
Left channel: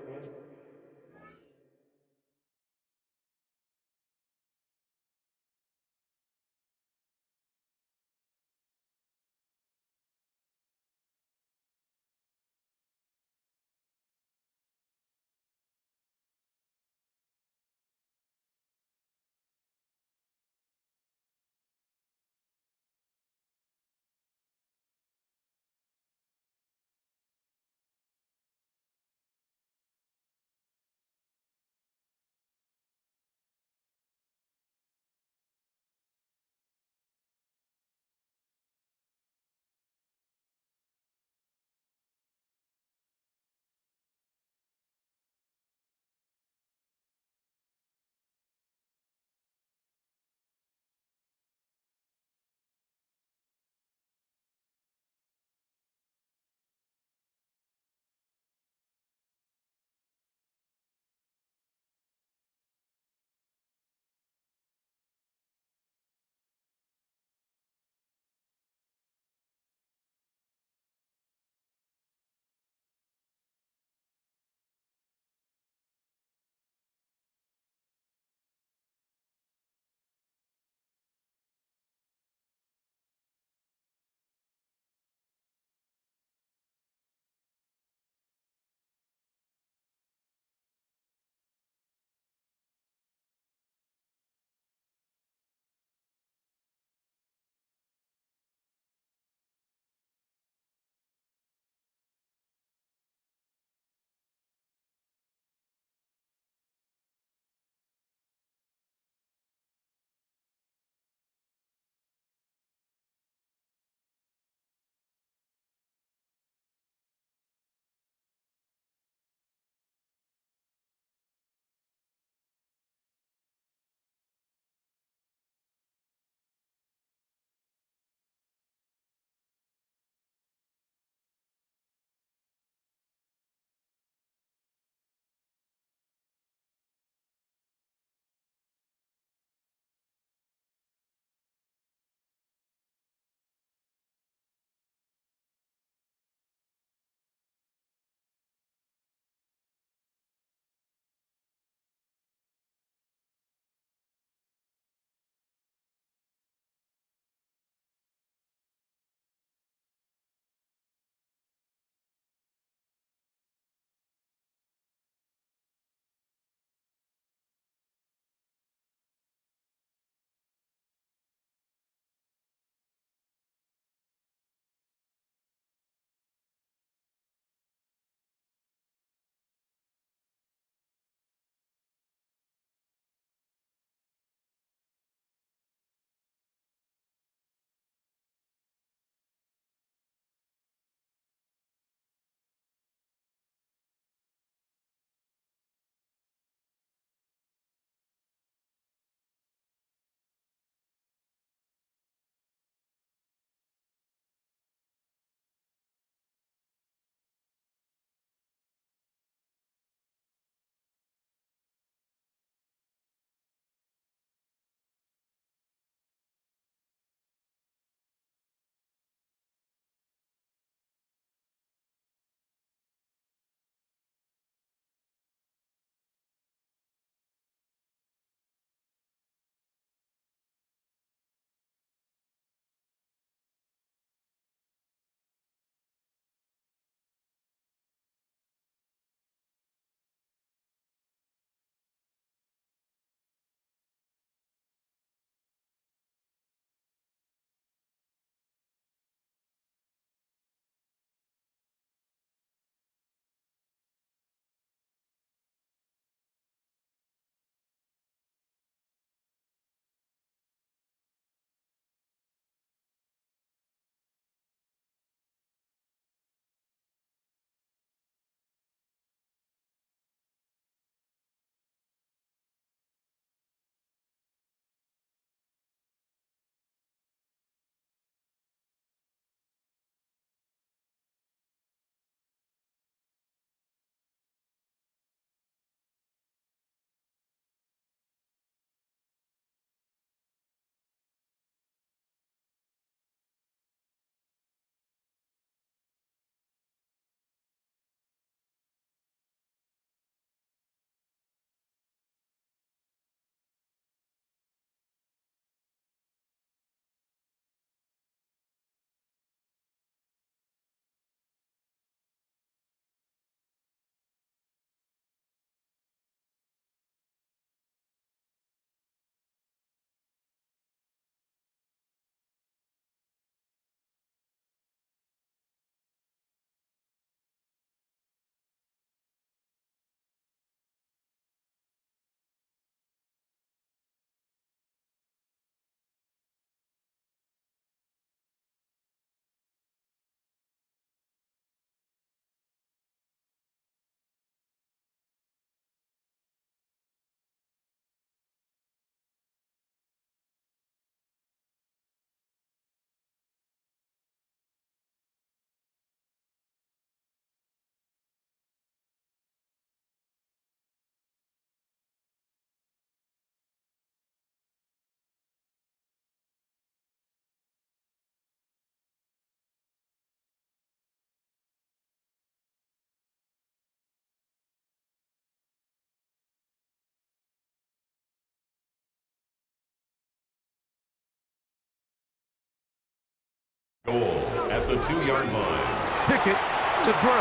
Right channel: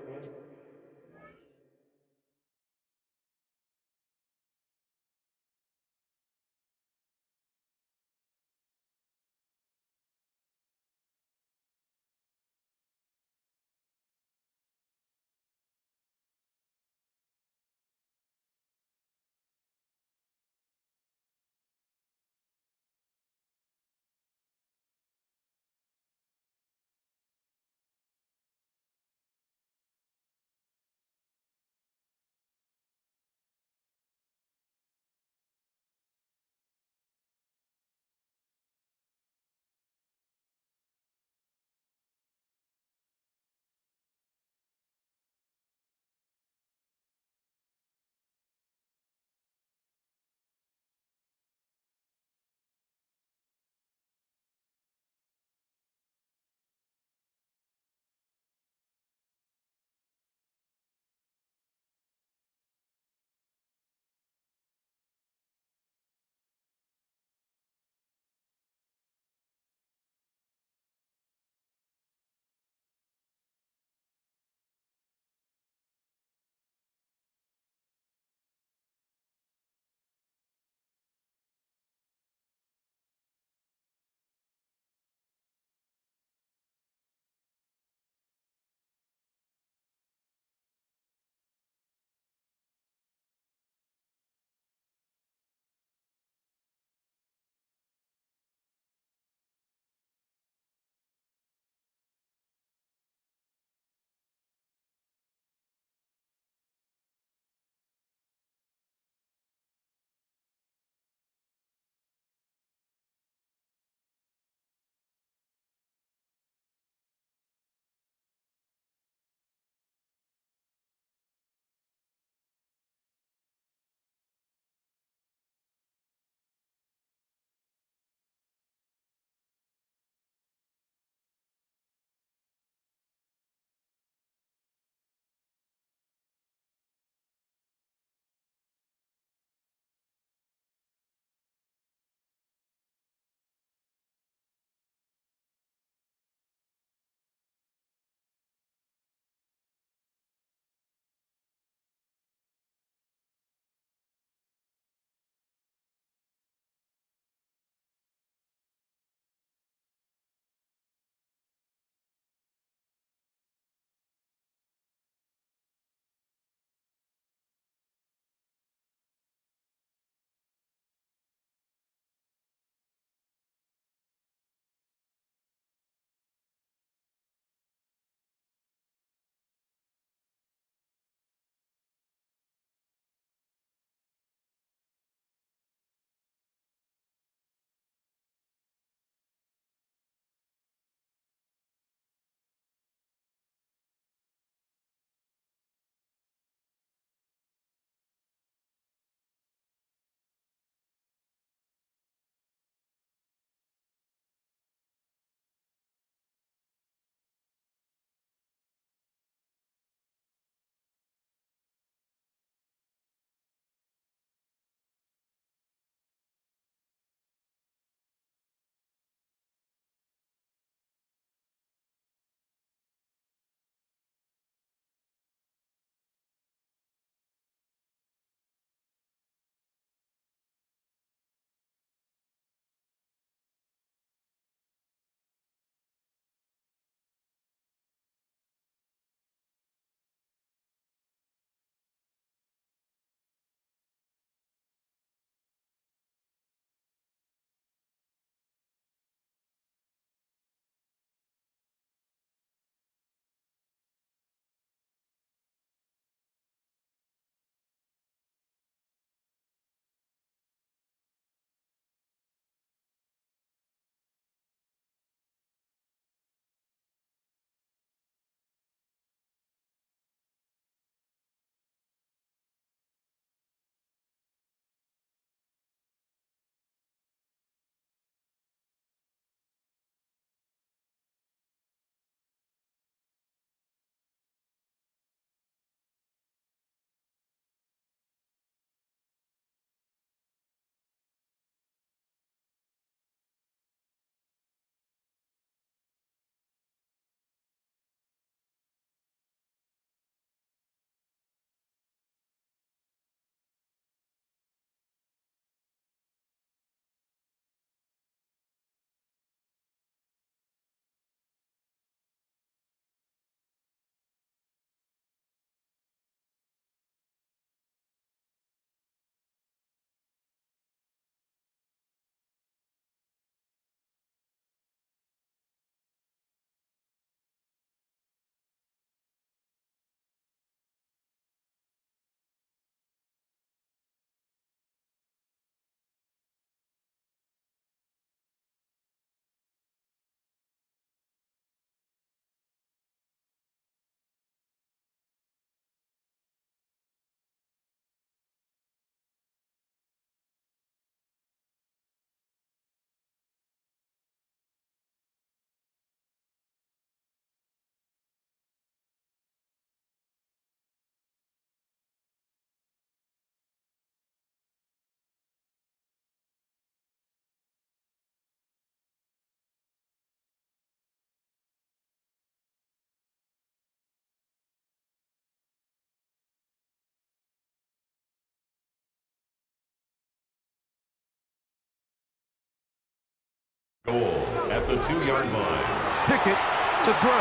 Goal at the 2-yard line. Pickett to throw.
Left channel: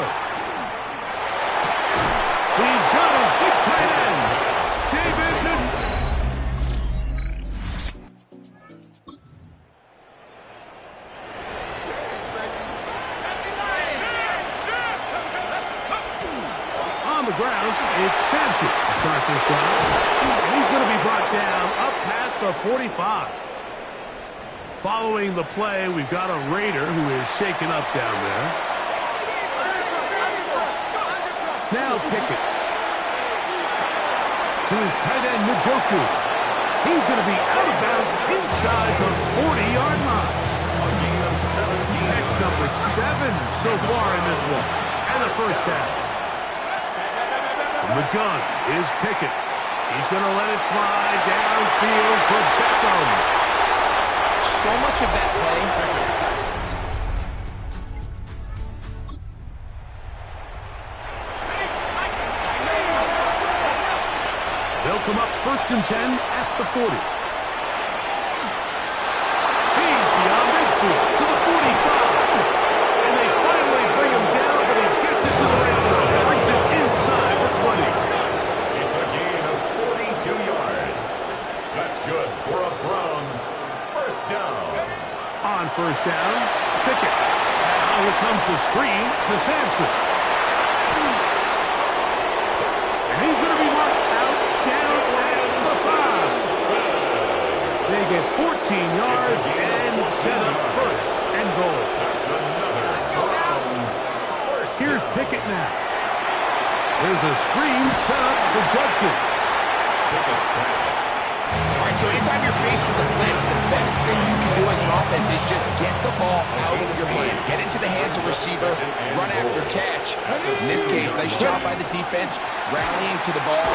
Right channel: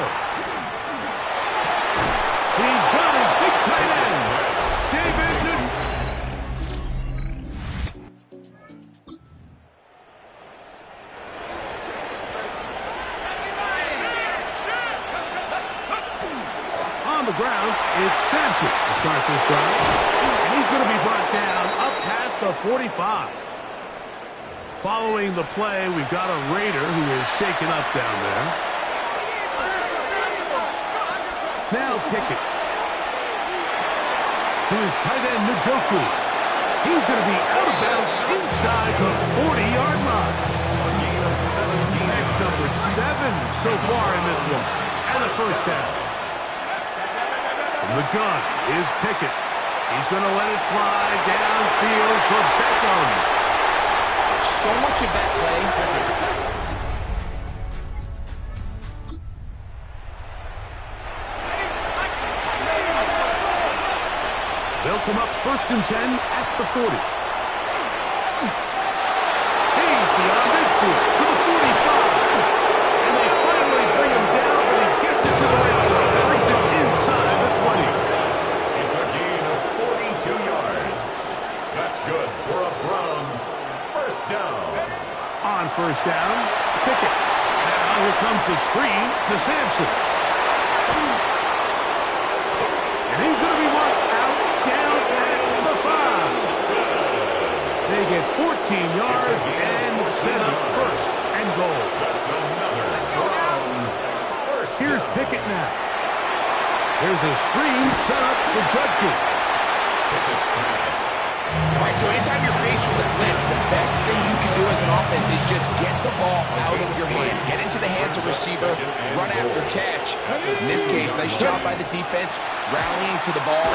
He's got his big tight end, David Newton. On the ground, it's Sampson to start this drive. And he's going to be brought down up past the 45. Following the play, we've got a Raider who is shaken up down there. Now Pickett. To his tight end, Njoku. He's going to be out of bounds inside the 40-yard line. A gain of 17. That's number 7 so far in this one. And a first down. From the gun is Pickett. He's going to let it fly downfield for Beckham. So much of that play. They'll come up 1st and 10 at the 40. He's beyond midfield to the 45. And they finally bring him down, but he gets it to the red zone. Brings it inside the 20. It's a gain of 42 yards. That's good for a Browns first down. On first down, Pickett. Now here comes the screen to Sampson. And he's going to be marked out down at the 5. They get 14 yards and set up first and goal. That's another Browns first Here's down. Pickett now. There's a screen set up for Judkins. Pickett's pass. All right, so anytime you're faced with a blitz, the best thing you can do as an offense is just get the ball out of your hand. Get into the hands of receiver, run after catch. In this case, nice job by the defense, rallying to the ball.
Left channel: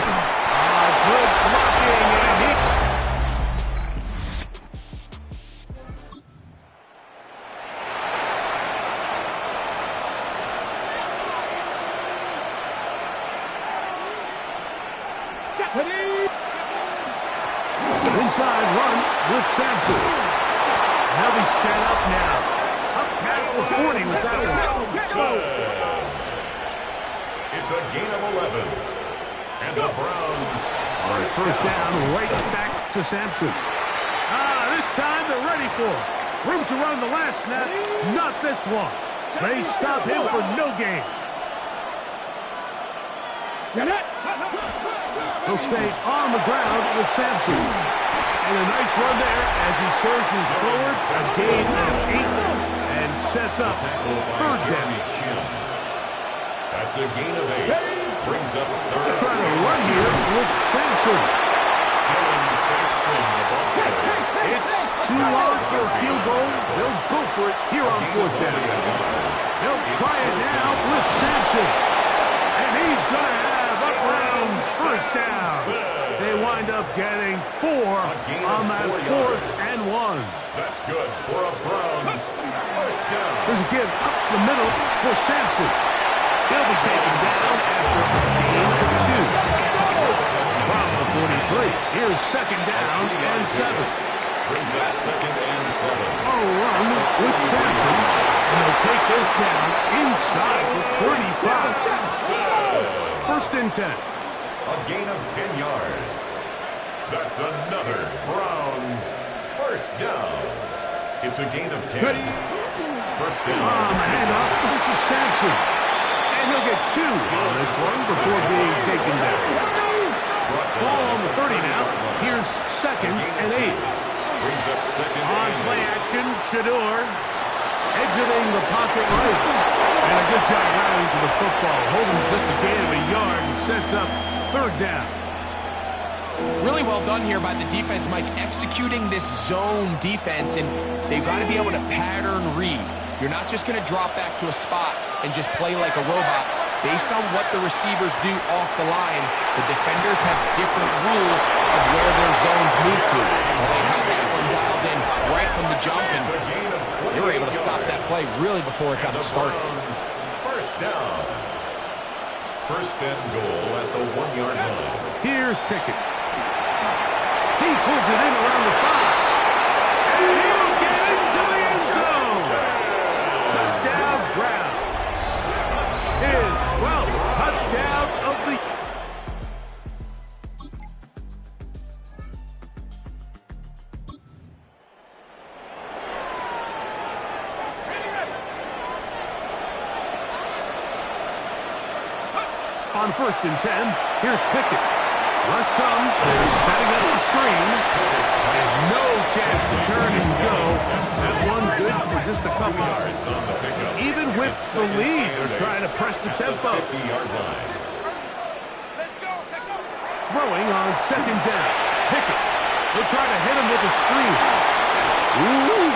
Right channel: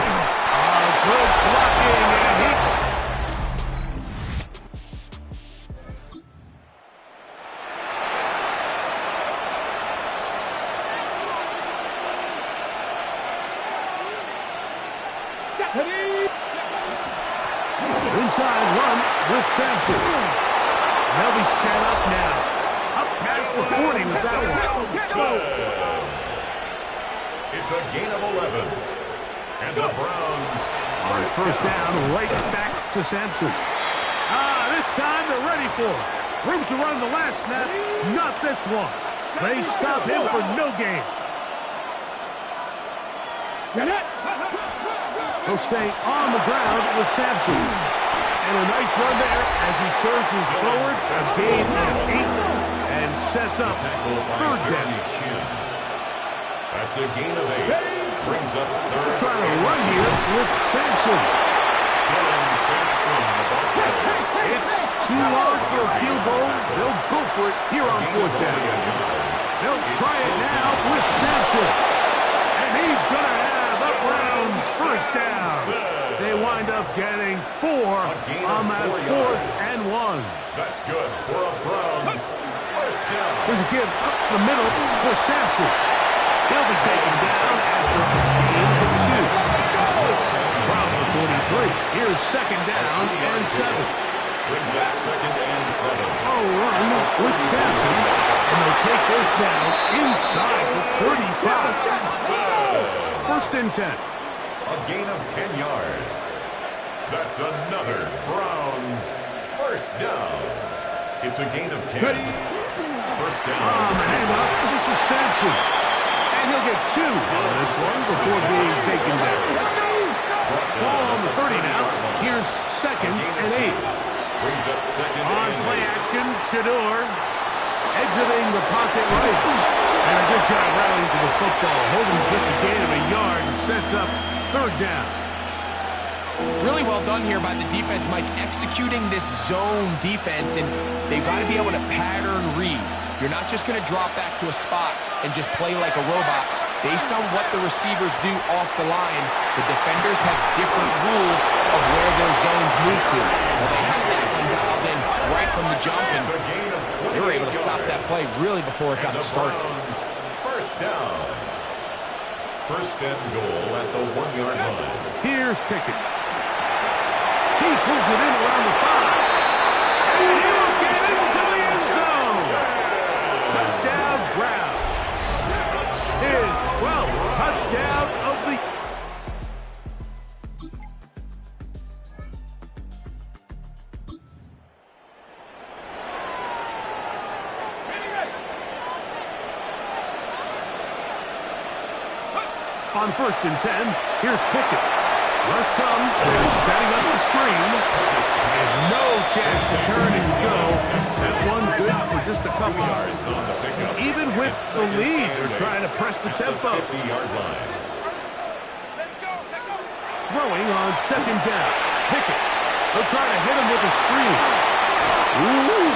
Good blocking, and he... Inside run with Sampson. And they'll be set up now. Up past the 40 with that one. It's a gain of 11. And the Browns on first down, right back to Sampson. This time they're ready for it. Room to run the last snap. Not this one. They stop him for no gain. He'll stay on the ground with Sampson. And a nice run there as he surges forward, a gain of 8, and sets up third down. That's a gain of 8. Brings up third. They're trying to run here with Sampson. Sampson, the ball player. It's too long for a field goal. They'll go for it here on fourth down. They'll try it now with Sampson. And he's going to have a Browns first down. They wind up getting 4 on that 4th and 1. That's good for a Browns first down. There's a give up the middle for Sampson. He'll be taken down after a gain of 2. From the 43, here's second down and 7. Brings up second and 7. A run with Sampson, and they'll take this down inside the 35. First and 10. A gain of 10 yards. That's another Browns first down. It's a gain of 10. First down. Handoff. This is Sampson. And he'll get 2 on this one before being taken down. Ball on the 30 now. Here's second and 8. Brings up second on and play 8. action, Shador exiting the pocket right. And a good job rallying to the football. Holding just a gain of a yard and sets up third down. Really well done here by the defense, Mike, executing this zone defense, and they've got to be able to pattern read. You're not just going to drop back to a spot and just play like a robot. Based on what the receivers do off the line, the defenders have different rules of where their zones move to. Well, they have that one dialed in right from the jump, and they were able to stop that play really before it got started. First down. First and goal at the 1-yard line. Here's Pickett. He pulls it in around the 5. And he'll get into the end zone. On 1st and 10, here's Pickett. Rush comes. They're setting up the screen. And no chance to turn and go. That one good for just a couple yards. Even with the lead, they're trying to press the tempo. Throwing on 2nd down. Pickett. They'll try to hit him with a screen. Ooh.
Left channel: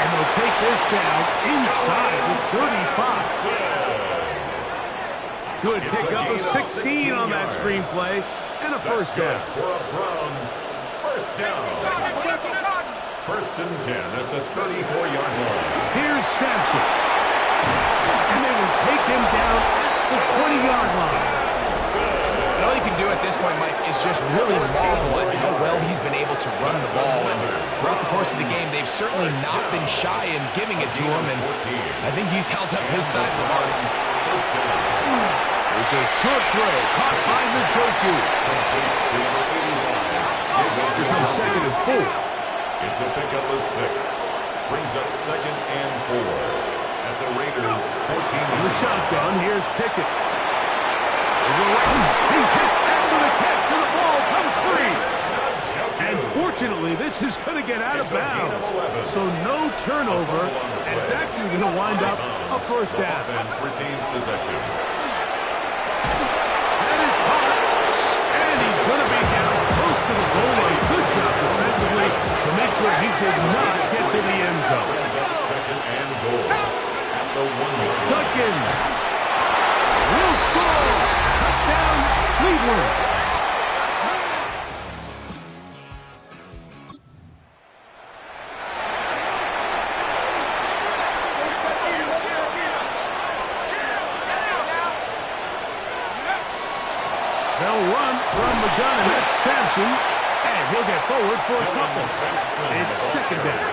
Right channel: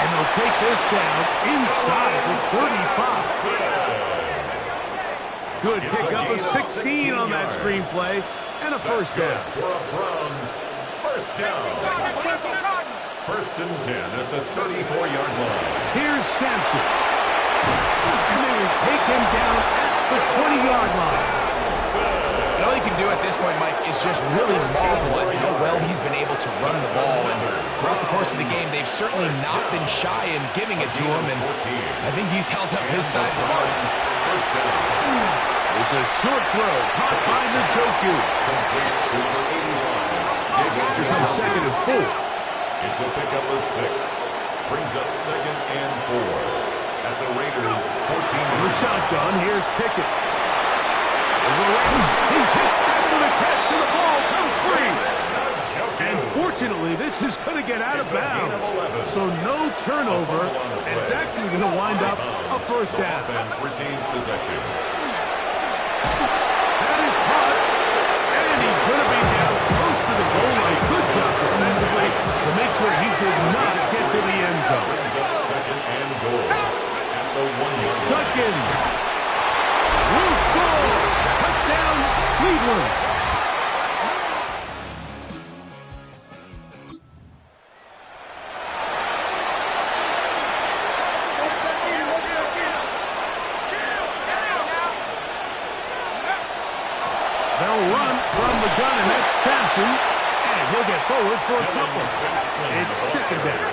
And they'll take this down inside the 35. Good pickup of 16 on that screen play. And a first down. For a Browns first down. 1st and 10 at the 34-yard line. Here's Sampson. And they will take him down at the 20-yard line. And all you can do at this point, Mike, is just really marvel at how well he's been able to run the ball. And throughout the course of the game, they've certainly not been shy in giving it to him. And I think he's held up his side of the bargain. First down. It's a short throw caught by Njoku. Here comes 2nd and 4. It's a pickup of 6. Brings up 2nd and 4 at the Raiders' 14. On the shotgun, here's Pickett. He's hit after the catch, and the ball comes free. And fortunately, this is going to get out of bounds. So no turnover, and it's actually going to wind up a first down. Retains possession. That is caught, and he's going to be down close to the goal line. Good job defensively to make sure he did not get to the end zone. Brings up 2nd and goal at the 1-yard line. Tutkin will score. Touchdown, Cleveland. They'll run from the gun, and that's Sampson. And he'll get forward for a couple. It's 2nd down.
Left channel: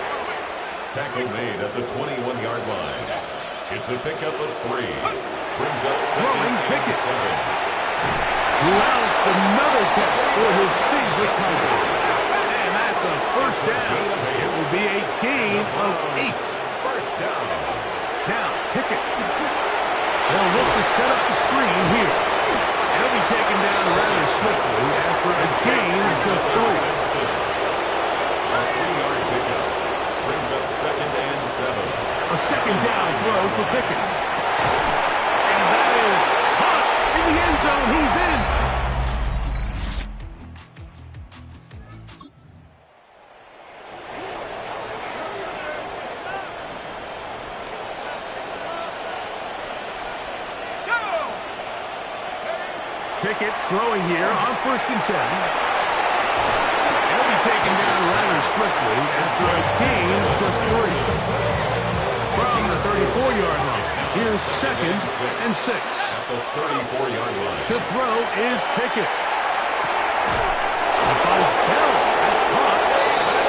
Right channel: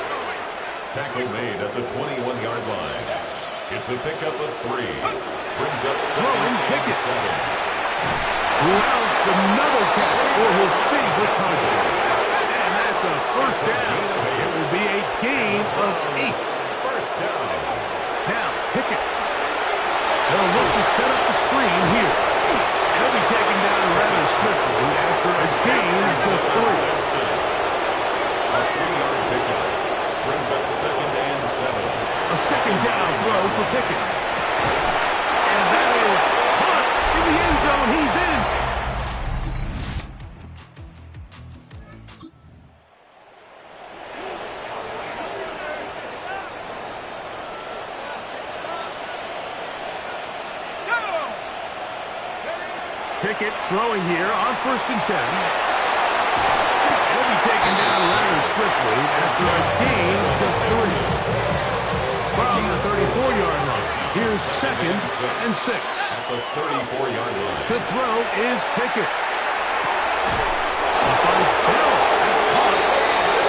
Tackle made at the 21-yard line. It's a pickup of 3. Brings up 2nd and 7. Rounds another catch for his favorite target. And that's a first down. It will be a gain of 8. First down. Now, Pickett. They'll look to set up the screen here. He'll be taken down rather swiftly after a gain of just 3. A 3-yard pickup. Brings up 2nd and 7. A 2nd down throw for Pickett. And that is caught in the end zone. He's in. Pickett throwing here on 1st and 10. He'll be taken down rather swiftly after a gain of just 3. From the 34-yard line, here's 2nd and 6. At the 34-yard line. To throw is Pickett. He finds Bell. That's caught.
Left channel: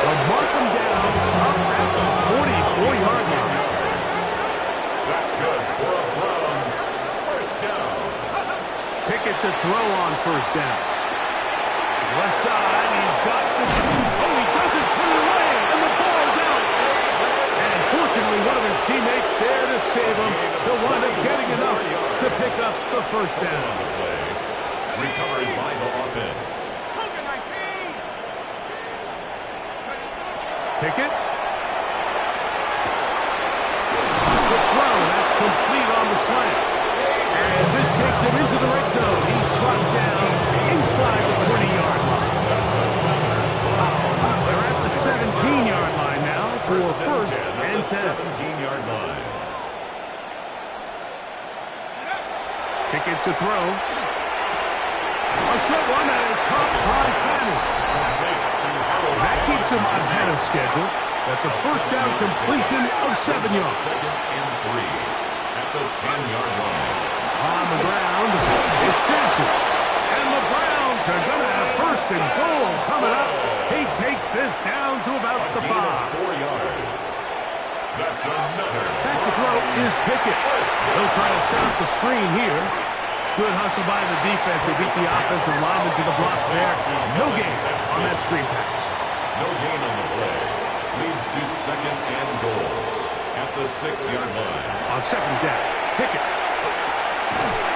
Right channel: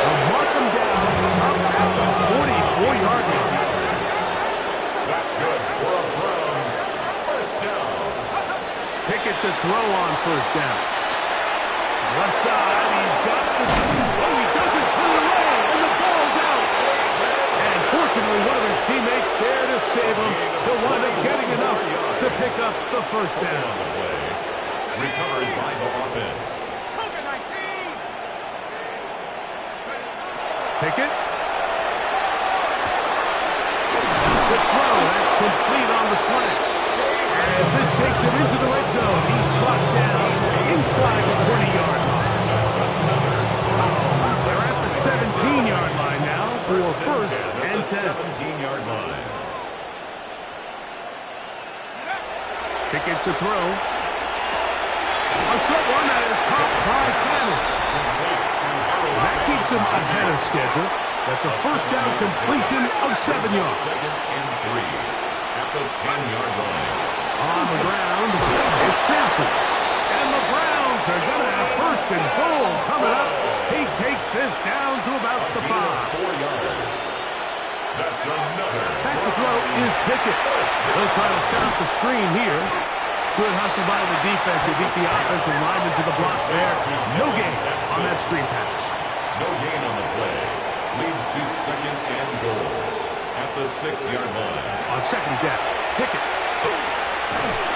They'll mark him down up at the 44-yard line. That's good for a Browns first down. Pickett to throw on 1st down. Left side, he's got the... Oh, he doesn't put it away, and the ball's out. And fortunately, one of his teammates there to save him. He'll wind up getting enough to pick up the first down. Recovered by the offense. Pickett. The throw, that's complete on the slant. And this takes him into the red zone. He's brought down inside the 20-yard line. They're at the 17-yard line now for 1st and 10. 17-yard line. Pickett to throw. A short one that is caught by Fanning. That keeps him ahead of schedule. That's a first down completion of 7 yards. 2nd and 3 at the 10-yard line. On the ground, it's Sampson. And the Browns are going to have 1st and goal coming up. He takes this down to about the 5. 4 yards. That's another. Back to throw is Pickett. They'll try to set up the screen here. Good hustle by the defense. They beat the offensive lineman to the blocks there. No gain on that screen pass. No gain on the play. Leads to 2nd and goal at the 6-yard line. On 2nd down, Pickett.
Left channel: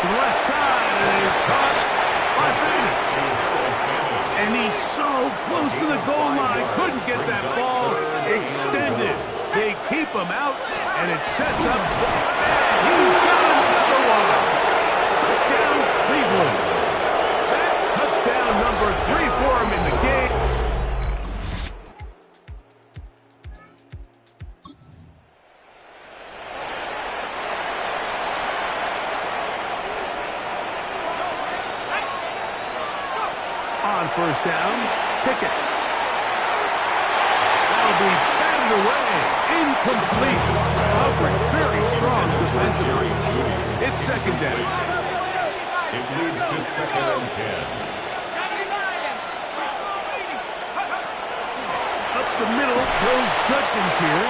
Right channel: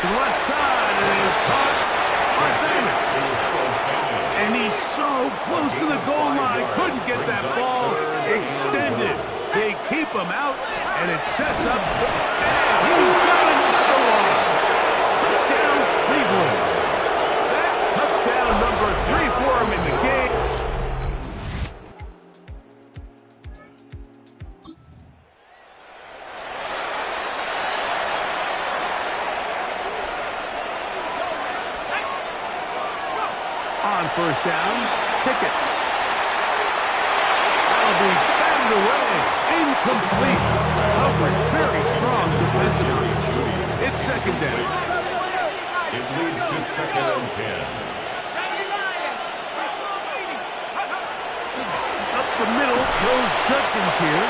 to the left side, and it is caught by Fannin. And he's so close to the goal line, couldn't get that ball extended. They keep him out, and it sets up, and he's got another one. Touchdown, Cleveland. That touchdown number 3 for him in the game. On first down, Pickett. That'll be batted away. Incomplete. Coverage very strong defensively. It's second down. It leads to 2nd and 10. Up the middle goes Judkins here.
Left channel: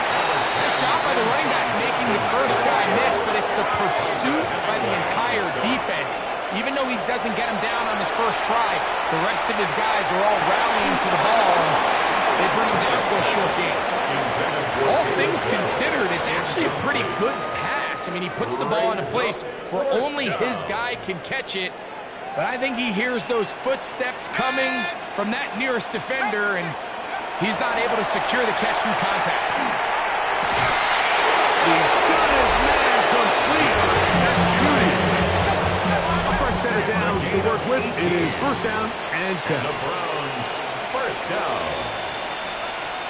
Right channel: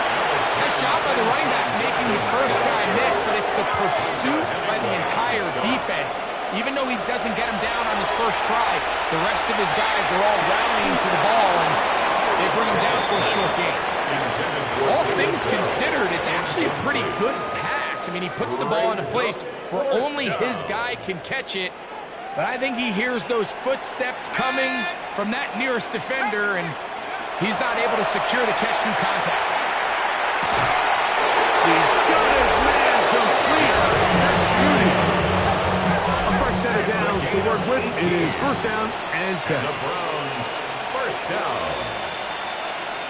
Nice job by the running back making the first guy miss, but it's the pursuit by the entire defense. Even though he doesn't get him down on his first try, the rest of his guys are all rallying to the ball, and they bring him down for a short gain. All things considered, it's actually a pretty good pass. I mean, he puts the ball in a place where only his guy can catch it, but I think he hears those footsteps coming from that nearest defender, and he's not able to secure the catch through contact. He's got his man complete. That's Judy. Set of downs to work with. It is first down and 10. And the Browns, first down.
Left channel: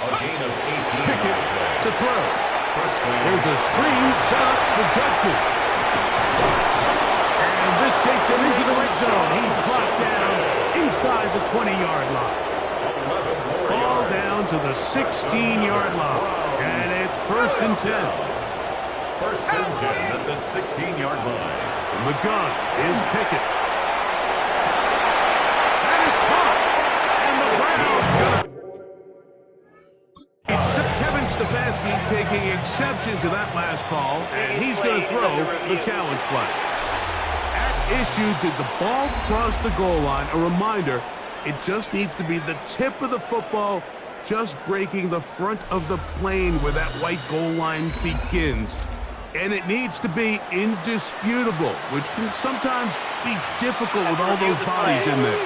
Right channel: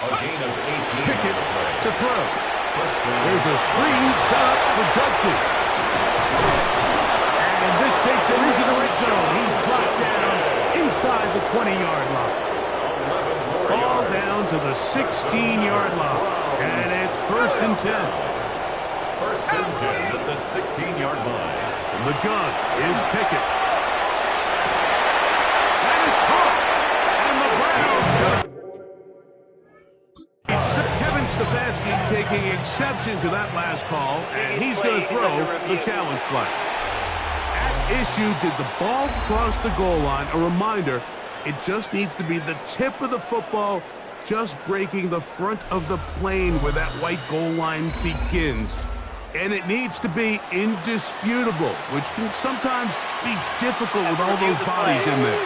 A gain of 18 Pickett on the play. to throw. First down. There's a screen set up for Judkins. And this takes him into the red zone. He's brought down inside the 20-yard line. Ball down to the 16-yard line. And it's first and 10. First and 10 at the 16-yard line. From the gun is Pickett. That is caught. And the Browns going to... Kevin Stefanski taking exception to that last call, and he's going to throw the challenge flag. At issue, did the ball cross the goal line? A reminder, it just needs to be the tip of the football just breaking the front of the plane where that white goal line begins. And it needs to be indisputable, which can sometimes be difficult with all those bodies in there.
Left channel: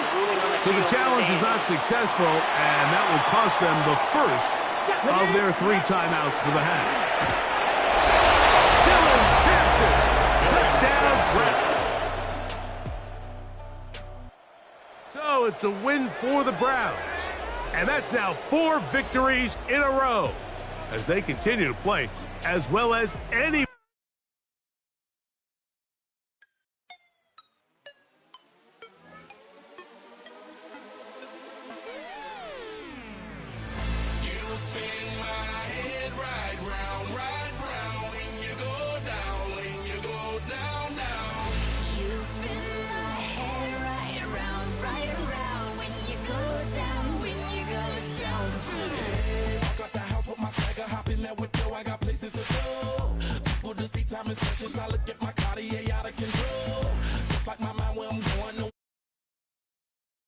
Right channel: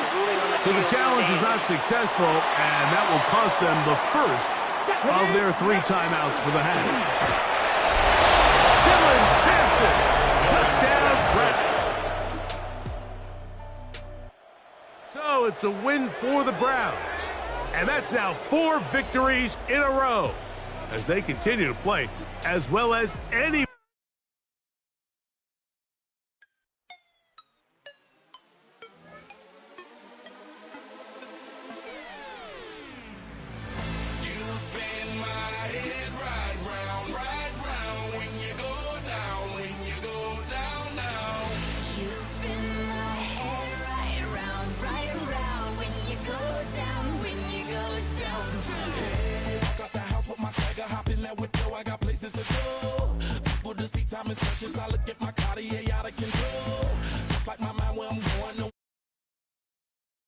So the challenge is not successful, and that will cost them the first of their 3 timeouts for the half. Dylan Sampson, touchdown, Browns. So it's a win for the Browns. And that's now 4 victories in a row as they continue to play as well as any